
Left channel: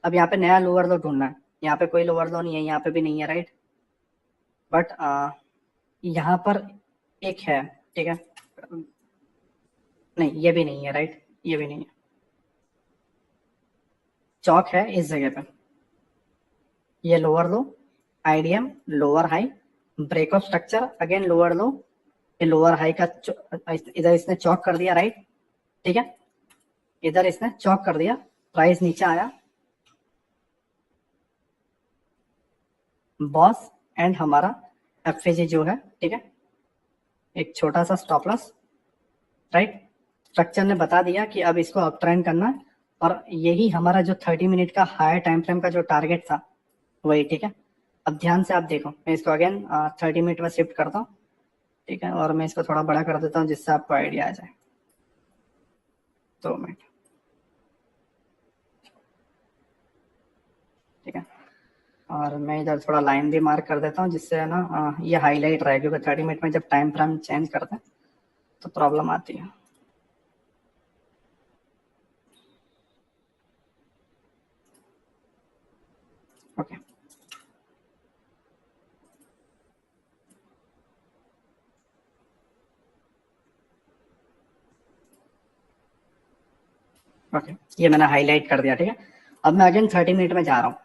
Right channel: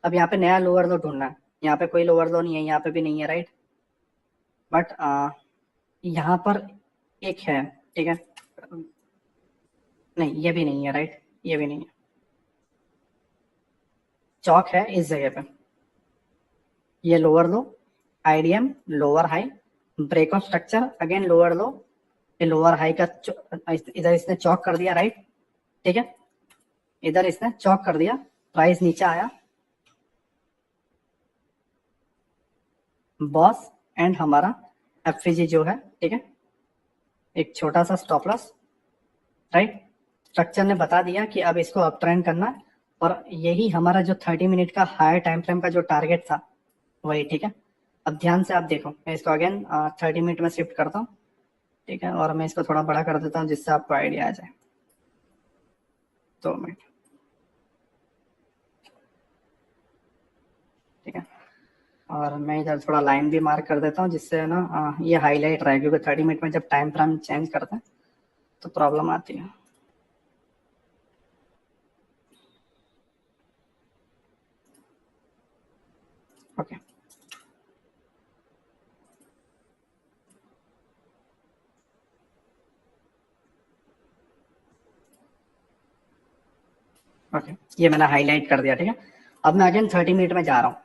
अब यहाँ पे नया लोअर लो ढूंढना है, यहाँ पे कोई लोअर लो नहीं है, यहाँ पे भी नहीं है, राइट। बट यहाँ पर एक है, ठीक है, नहीं ये भी नहीं है, राइट, ये भी नहीं है, चौक है इस जगह पे। ये लोअर लो, IDM, lower high, breakout structure, again lower लो, ये लोअर हाई का इधर इसने चौक कर दिया, राइट, ठीक है। इधर इसने चौक कर दिया, प्राइस नीचे आया, बॉस एंड हमारा एफजी जो है, ठीक है, एक छोटा सा स्टॉप लॉस, राइट। स्ट्रक्चर ने बता दिया कि अब इसको अप ट्रेंड करना है, और यही हमारा जो 30 मिनट का हायर टाइम फ्रेम का जो टारगेट था वही, ठीक है। अब ध्यान से आप देखो, मैं इसको अगेन 30 मिनट में शिफ्ट करता हूँ, ठीक है, और मैं इसको थोड़ा बड़ा कर देता हूँ जिससे आपको आइडिया आ जाए। 2 मिनट, ठीक है, और मैं इधर थोड़ा लाइन भी मार्क कर देता हूँ जिससे है ना ये हाईलाइट रहे, क्योंकि 30 मिनट में जब टाइम फ्रेम चेंज करते हैं तो प्रॉब्लम आती है। ओके, ओके, ये मैंने हाईलाइट कर दिया, ठीक है। अब मैं अगेन 30 मिनट में जा रहा हूँ,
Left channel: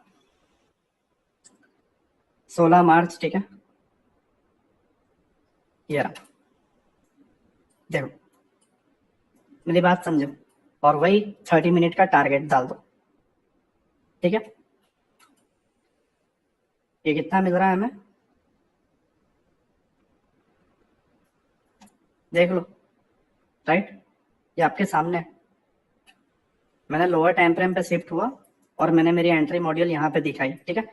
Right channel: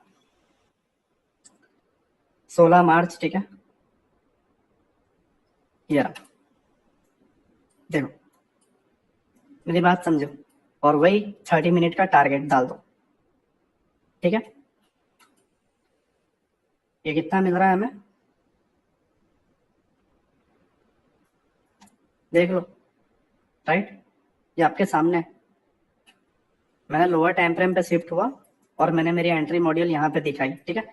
16 मार्च, ठीक है। ये रहा, देखो मेरी बात समझो, और वही 30 मिनट का टारगेट डाल दो, ठीक है। ये कितना मिल रहा है हमें, देख लो, राइट, ये आपके सामने है। मैं लोअर टाइम फ्रेम पे शिफ्ट हुआ और मैंने मेरी एंट्री मॉड्यूल यहाँ पे दिखाई, ठीक है।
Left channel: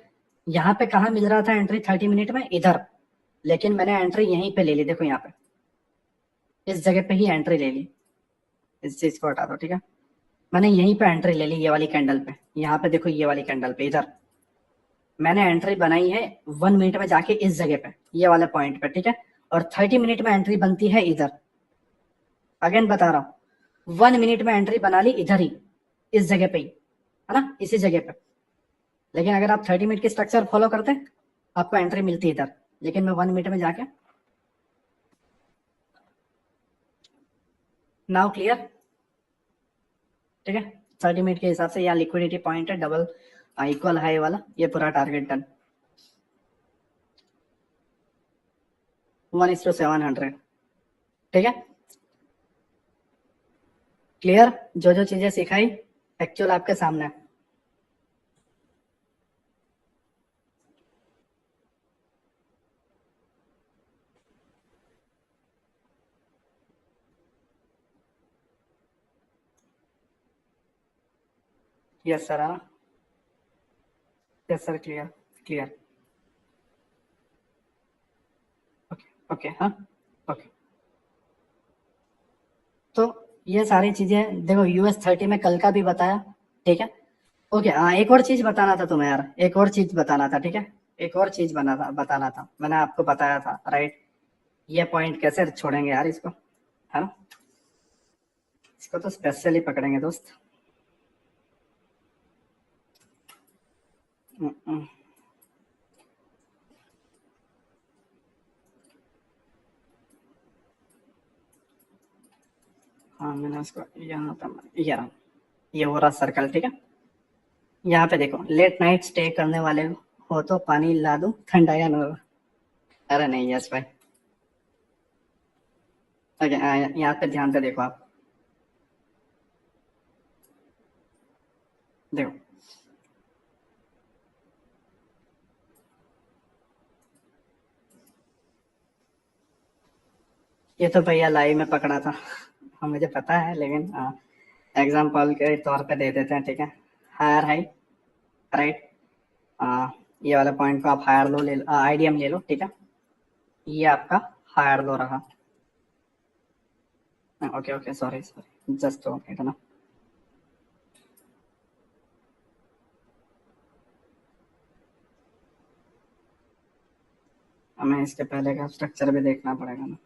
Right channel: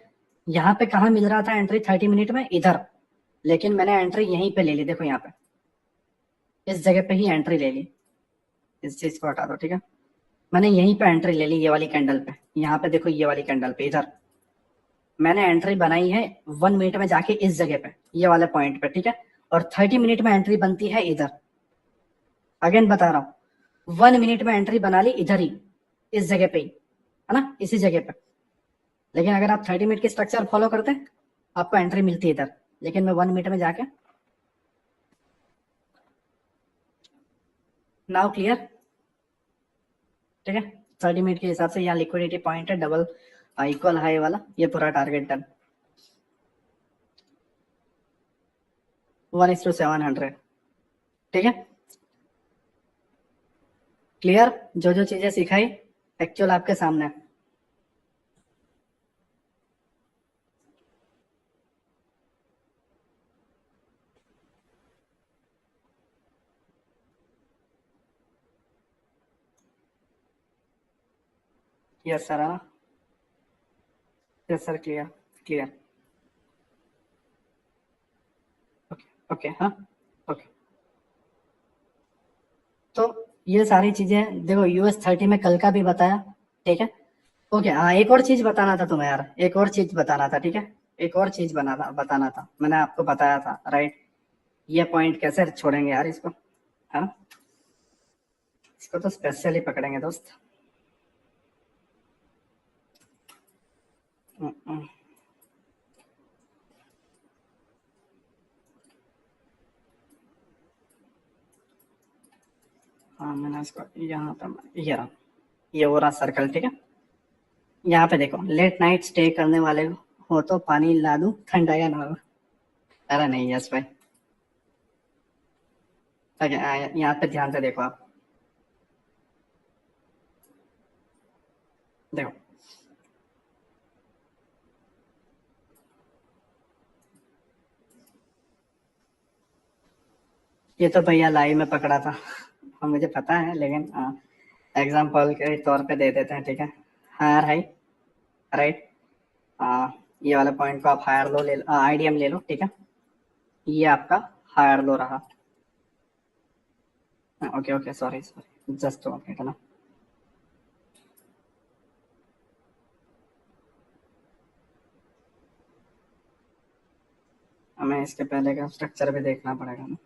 यहाँ पे कहाँ मिल रहा था एंट्री 30 मिनट में, इधर, लेकिन मैंने एंट्री यहीं पे ले ली, देखो यहाँ पे इस जगह पे ही एंट्री ले ली। इस चीज को हटा दो, ठीक है। मैंने यहीं पे एंट्री ले ली, ये वाली कैंडल पे, यहाँ पे देखो, ये वाली कैंडल पे, इधर मैंने एंट्री बनाई है 1 मिनट में जाके इस जगह पे, ये वाले पॉइंट पे, ठीक है। और 30 मिनट में एंट्री बनती है इधर, अगेन बता रहा हूँ, 1 मिनट में एंट्री बना ली इधर ही, इस जगह पे ही, है ना, इसी जगह पे। लेकिन अगर आप 30 मिनट की स्ट्रक्चर फॉलो करते हैं, आपको एंट्री मिलती है इधर, लेकिन मैं 1 मिनट में जाके, नाउ क्लियर, ठीक है। 30 मिनट के हिसाब से यहाँ लिक्विडिटी पॉइंट है, डबल इक्वल हाई वाला, ये पूरा टारगेट डन, 1:700, ठीक है। क्लियर, जो जो चीजें सिखाई एक्चुअल आपके सामने है। यस सर, हाँ, yes sir, clear, clear, okay, okay, हाँ, ओके। तो ये सारी चीजें देखो, US 30 में कल का भी बताया, ठीक है। ओके, हाँ, एक और चीज बताना था तुम्हें यार, एक और चीज बताना था, ठीक है। एक और चीज बताना था, मैंने आपको बताया था, राइट। ये पॉइंट कैसे छोड़ेंगे यार इसको, है ना, इसको तो स्पेशली पकड़ेंगे दोस्त। हम्म, हम्म। हाँ, मैंने इसको यहाँ पे, ये हो रहा सर्कल, ठीक है। यहाँ पे देखो, लेट नाइट स्टे करने वाले हो तो पानी ला दूं ठंडा या नॉर्मल। अरे नहीं, यस भाई, ओके, यहाँ पे ध्यान से देखो आप, देखो ये तो भैया लाइव में पकड़ा था। हाँ, मुझे पता है, लेकिन एग्जाम्पल के तौर पे दे देते हैं, ठीक है। हायर हाई, राइट, ये वाले पॉइंट को आप हायर दो, ले लो, आईडीएम ले लो, ठीक है। ये आपका हायर दो रहा, okay, okay, sorry sorry, just okay, है ना। हमें इसके पहले का स्ट्रक्चर भी देखना पड़ेगा ना,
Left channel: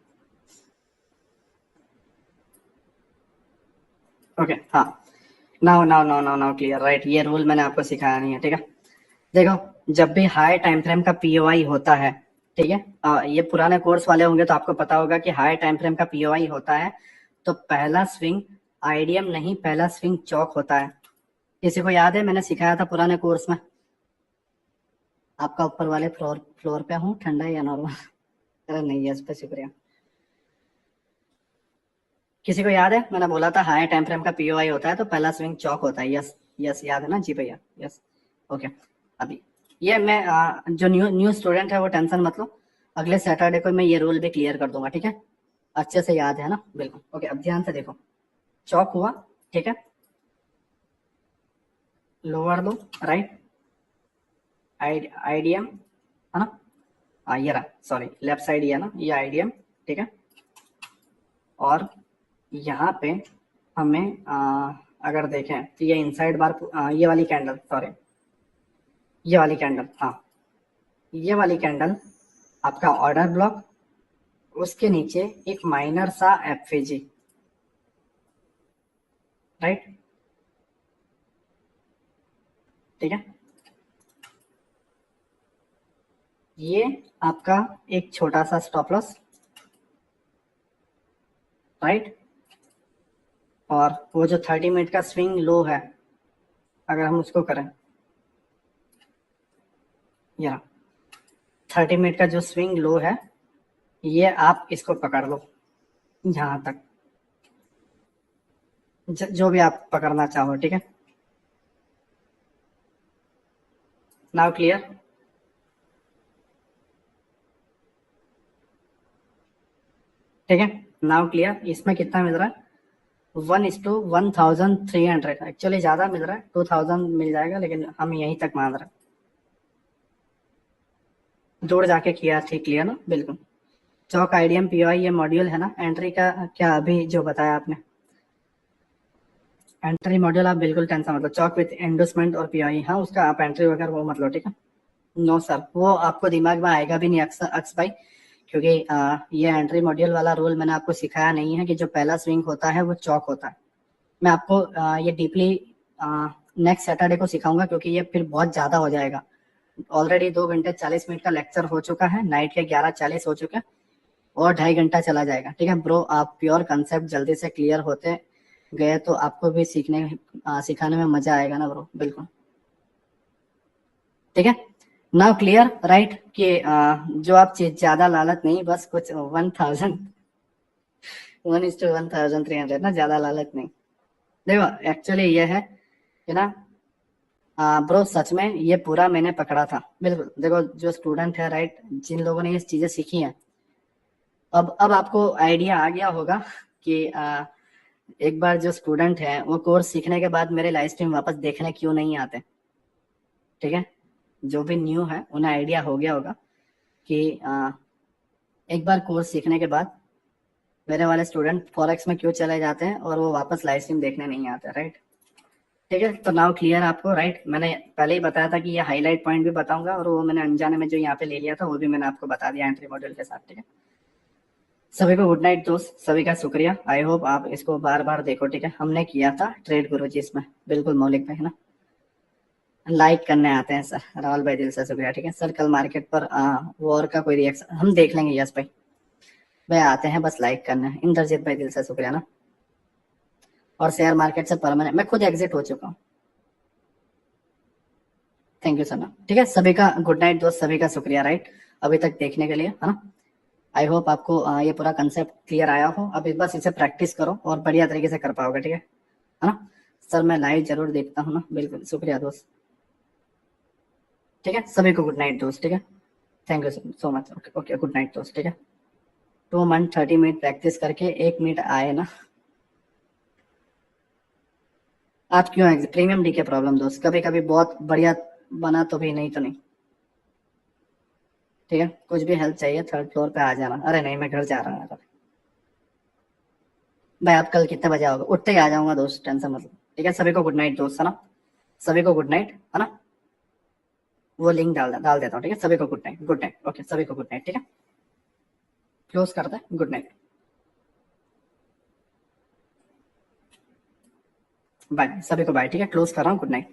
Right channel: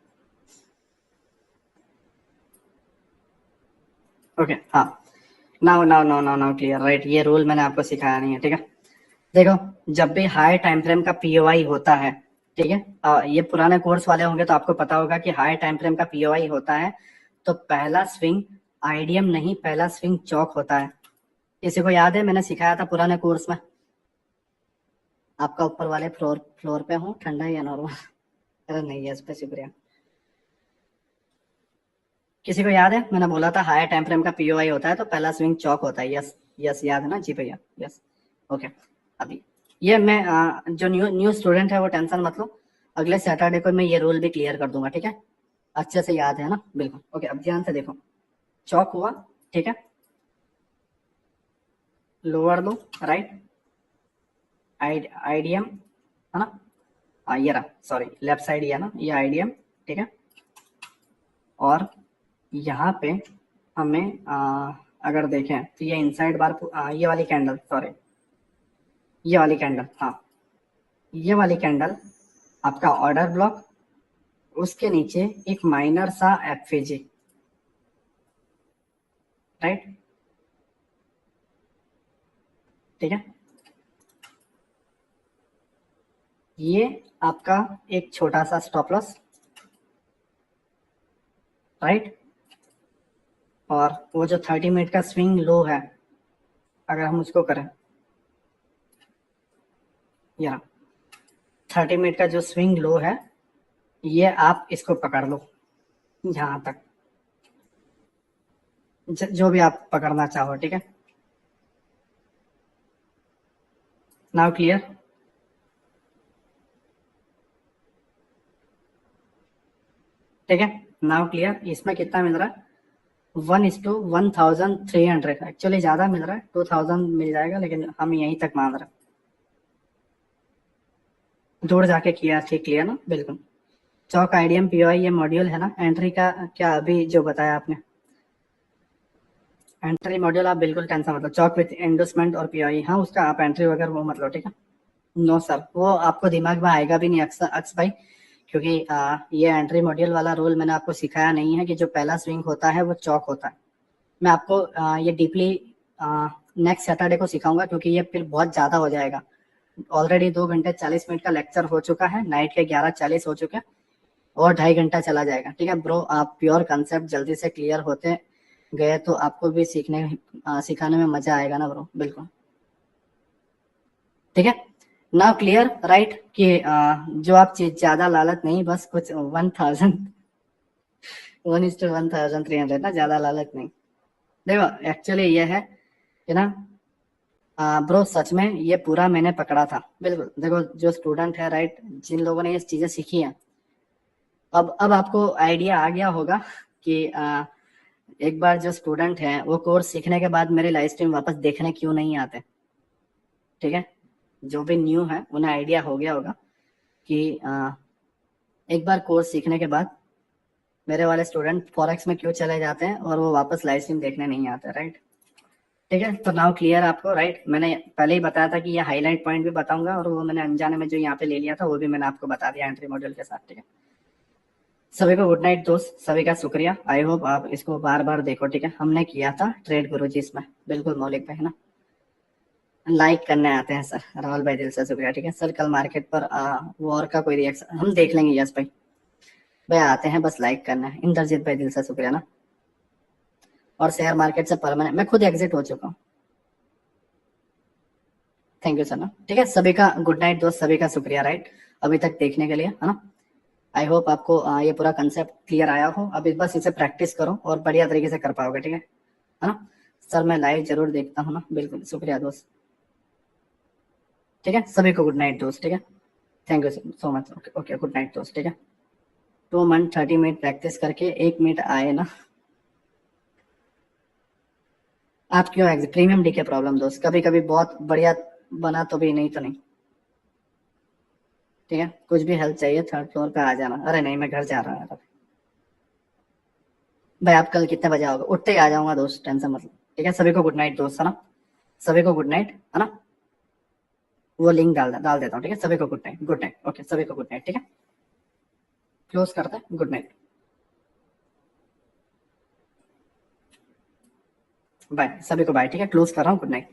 ओके, हाँ। Now now now now now clear, right, ये रूल मैंने आपको सिखाया नहीं है, ठीक है। देखो, जब भी हाई टाइम फ्रेम का पीओआई होता है, ठीक है, ये पुराने कोर्स वाले होंगे तो आपको पता होगा कि हाई टाइम फ्रेम का पीओआई होता है तो पहला स्विंग आईडीएम नहीं, पहला स्विंग चौक होता है। किसी को याद है, मैंने सिखाया था पुराने कोर्स में। आपका ऊपर वाले फ्लोर फ्लोर पे हूँ, ठंडा या नॉर्मल? अरे नहीं, यस पे शुक्रिया। किसी को याद है, मैंने बोला था हाई टाइम फ्रेम का पीओआई होता है तो पहला स्विंग चौक होता है, यस, यस, याद है ना जी भैया, यस, ओके। अभी ये मैं जो न्यू न्यू स्टूडेंट है वो टेंशन मत लो, अगले सैटरडे को मैं ये रूल भी क्लियर कर दूंगा, ठीक है। अच्छे से याद है ना, बिल्कुल, ओके। अब ध्यान से देखो, चौक हुआ, ठीक है, लोअर दो, राइट, आईडीएम, है ना, ये रहा, सॉरी, लेफ्ट साइड ये है ना, ये आईडीएम, ठीक है। और यहाँ पे हमें अगर देखें तो ये इनसाइड बार, ये वाली कैंडल, सॉरी, ये वाली कैंडल, हाँ, ये वाली कैंडल आपका ऑर्डर ब्लॉक, उसके नीचे एक माइनर सा एफएजी, राइट, ठीक है। ये आपका एक छोटा सा स्टॉप लॉस, राइट, और वो जो 30 मिनट का स्विंग लो है, अगर हम उसको करें, या 30 मिनट का जो स्विंग लो है, ये आप इसको पकड़ लो यहां तक, जो भी आप पकड़ना चाहो, ठीक है। Now clear? ठीक है, नाउ क्लियर। इसमें कितना मिल रहा है? 1:1300। एक्चुअली ज्यादा मिल रहा है, 2000 मिल जाएगा, लेकिन हम यहीं तक मान रहे हैं। दूर जाके किया ठीक क्लियर ना, बिल्कुल। चौक आईडीएम पीओआई ये मॉड्यूल है ना, एंट्री का क्या अभी जो बताया आपने, एंट्री मॉड्यूल आप बिल्कुल टेंशन मतलब चौक विथ एंडोसमेंट और पीओआई, हाँ उसका आप एंट्री वगैरह वो मतलब, ठीक है। नो सर, वो आपको दिमाग में आएगा भी नहीं अक्सर अक्स भाई, क्योंकि ये एंट्री मॉड्यूल वाला रूल मैंने आपको सिखाया नहीं है कि जो पहला स्विंग होता है वो चौक होता है। मैं आपको ये डीपली नेक्स्ट सैटरडे को सिखाऊंगा, क्योंकि ये फिर बहुत ज्यादा हो जाएगा। ऑलरेडी 2 घंटे 40 मिनट का लेक्चर हो चुका है, नाइट के 11:40 हो चुके हैं, और 2.5 घंटा चला जाएगा, ठीक है ब्रो। आप प्योर कंसेप्ट जल्दी से क्लियर होते गए तो आपको भी सिखाने में मजा आएगा ना ब्रो, बिल्कुल। ठीक है, नाउ क्लियर राइट कि जो आप चीज ज्यादा लालच नहीं, बस कुछ 1:1300 ना, ज्यादा लालच नहीं। देखो एक्चुअली ये है कि ना ब्रो, सच में ये पूरा मैंने पकड़ा था बिल्कुल। देखो जो स्टूडेंट है राइट, जिन लोगों ने ये चीजें सीखी हैं, अब आपको आइडिया आ गया होगा कि एक बार जो स्टूडेंट है वो कोर्स सीखने के बाद मेरे लाइव स्ट्रीम वापस देखने क्यों नहीं आते, ठीक है। जो भी न्यू है उन्हें आइडिया हो गया होगा कि एक बार कोर्स सीखने के बाद मेरे वाले स्टूडेंट फॉरेक्स में क्यों चले जाते हैं और वो वापस लाइव स्ट्रीम देखने नहीं आते, राइट। ठीक है, तो नाउ क्लियर आपको, राइट। मैंने पहले ही बताया था कि ये हाईलाइट पॉइंट भी बताऊंगा, और वो मैंने अनजाने में जो यहाँ पे ले लिया था वो भी मैंने आपको बता दिया एंट्री मॉड्यूल के साथ, ठीक है। सभी को गुड नाइट दोस्त, सभी का शुक्रिया। आई होप आप इसको बार बार देखो, ठीक है। हमने किया था ट्रेड गुरु जी इसमें, बिल्कुल मौलिक भाई है ना। लाइक करने आते हैं सर, राहुल भाई दिल से शुक्रिया, ठीक है सर। कल मार्केट पर वॉर का कोई रिएक्शन हम देख लेंगे, यस भाई। भाई आते हैं बस लाइक करना है। इंद्रजीत भाई दिल से शुक्रिया ना। और शेयर मार्केट से परमानेंट मैं खुद एग्जिट हो चुका हूँ, थैंक यू सर ना। ठीक है, सभी का गुड नाइट दोस्त, सभी का शुक्रिया राइट, अभी तक देखने के लिए, है ना। आई होप आपको ये पूरा कंसेप्ट क्लियर आया हो। अब बस इसे प्रैक्टिस करो और बढ़िया तरीके से कर पाओगे, ठीक है ना। सर मैं लाइव जरूर देखता हूँ ना, बिल्कुल शुक्रिया दोस्त। ठीक है, सभी को गुड नाइट दोस्त, ठीक है। Thank you so much, okay okay, good night दोस्त, ठीक है। 2 मंथ 30 मिनट प्रैक्टिस करके 1 मिनट आए ना। आप क्यों एग्जिट? प्रीमियम डी के प्रॉब्लम दोस्त, कभी कभी बहुत बढ़िया बना तो भी, नहीं तो नहीं, ठीक है। कुछ भी हेल्प चाहिए 3rd फ्लोर पे आ जाना। अरे नहीं, मैं घर जा रहा हूँ भाई। आप कल कितने बजे आओगे? उठते ही आ जाऊंगा दोस्त, टेंशन मतलब। ठीक है, सभी को गुड नाइट दोस्त, है ना। सभी को गुड नाइट, है ना। वो लिंक डाल देता हूँ, ठीक है। सभी को good night, good night, okay, सभी को गुड नाइट, ठीक है। क्लोज करते हैं, गुड नाइट, बाय, सभी को बाय, ठीक है। क्लोज कर रहा हूँ, गुड नाइट।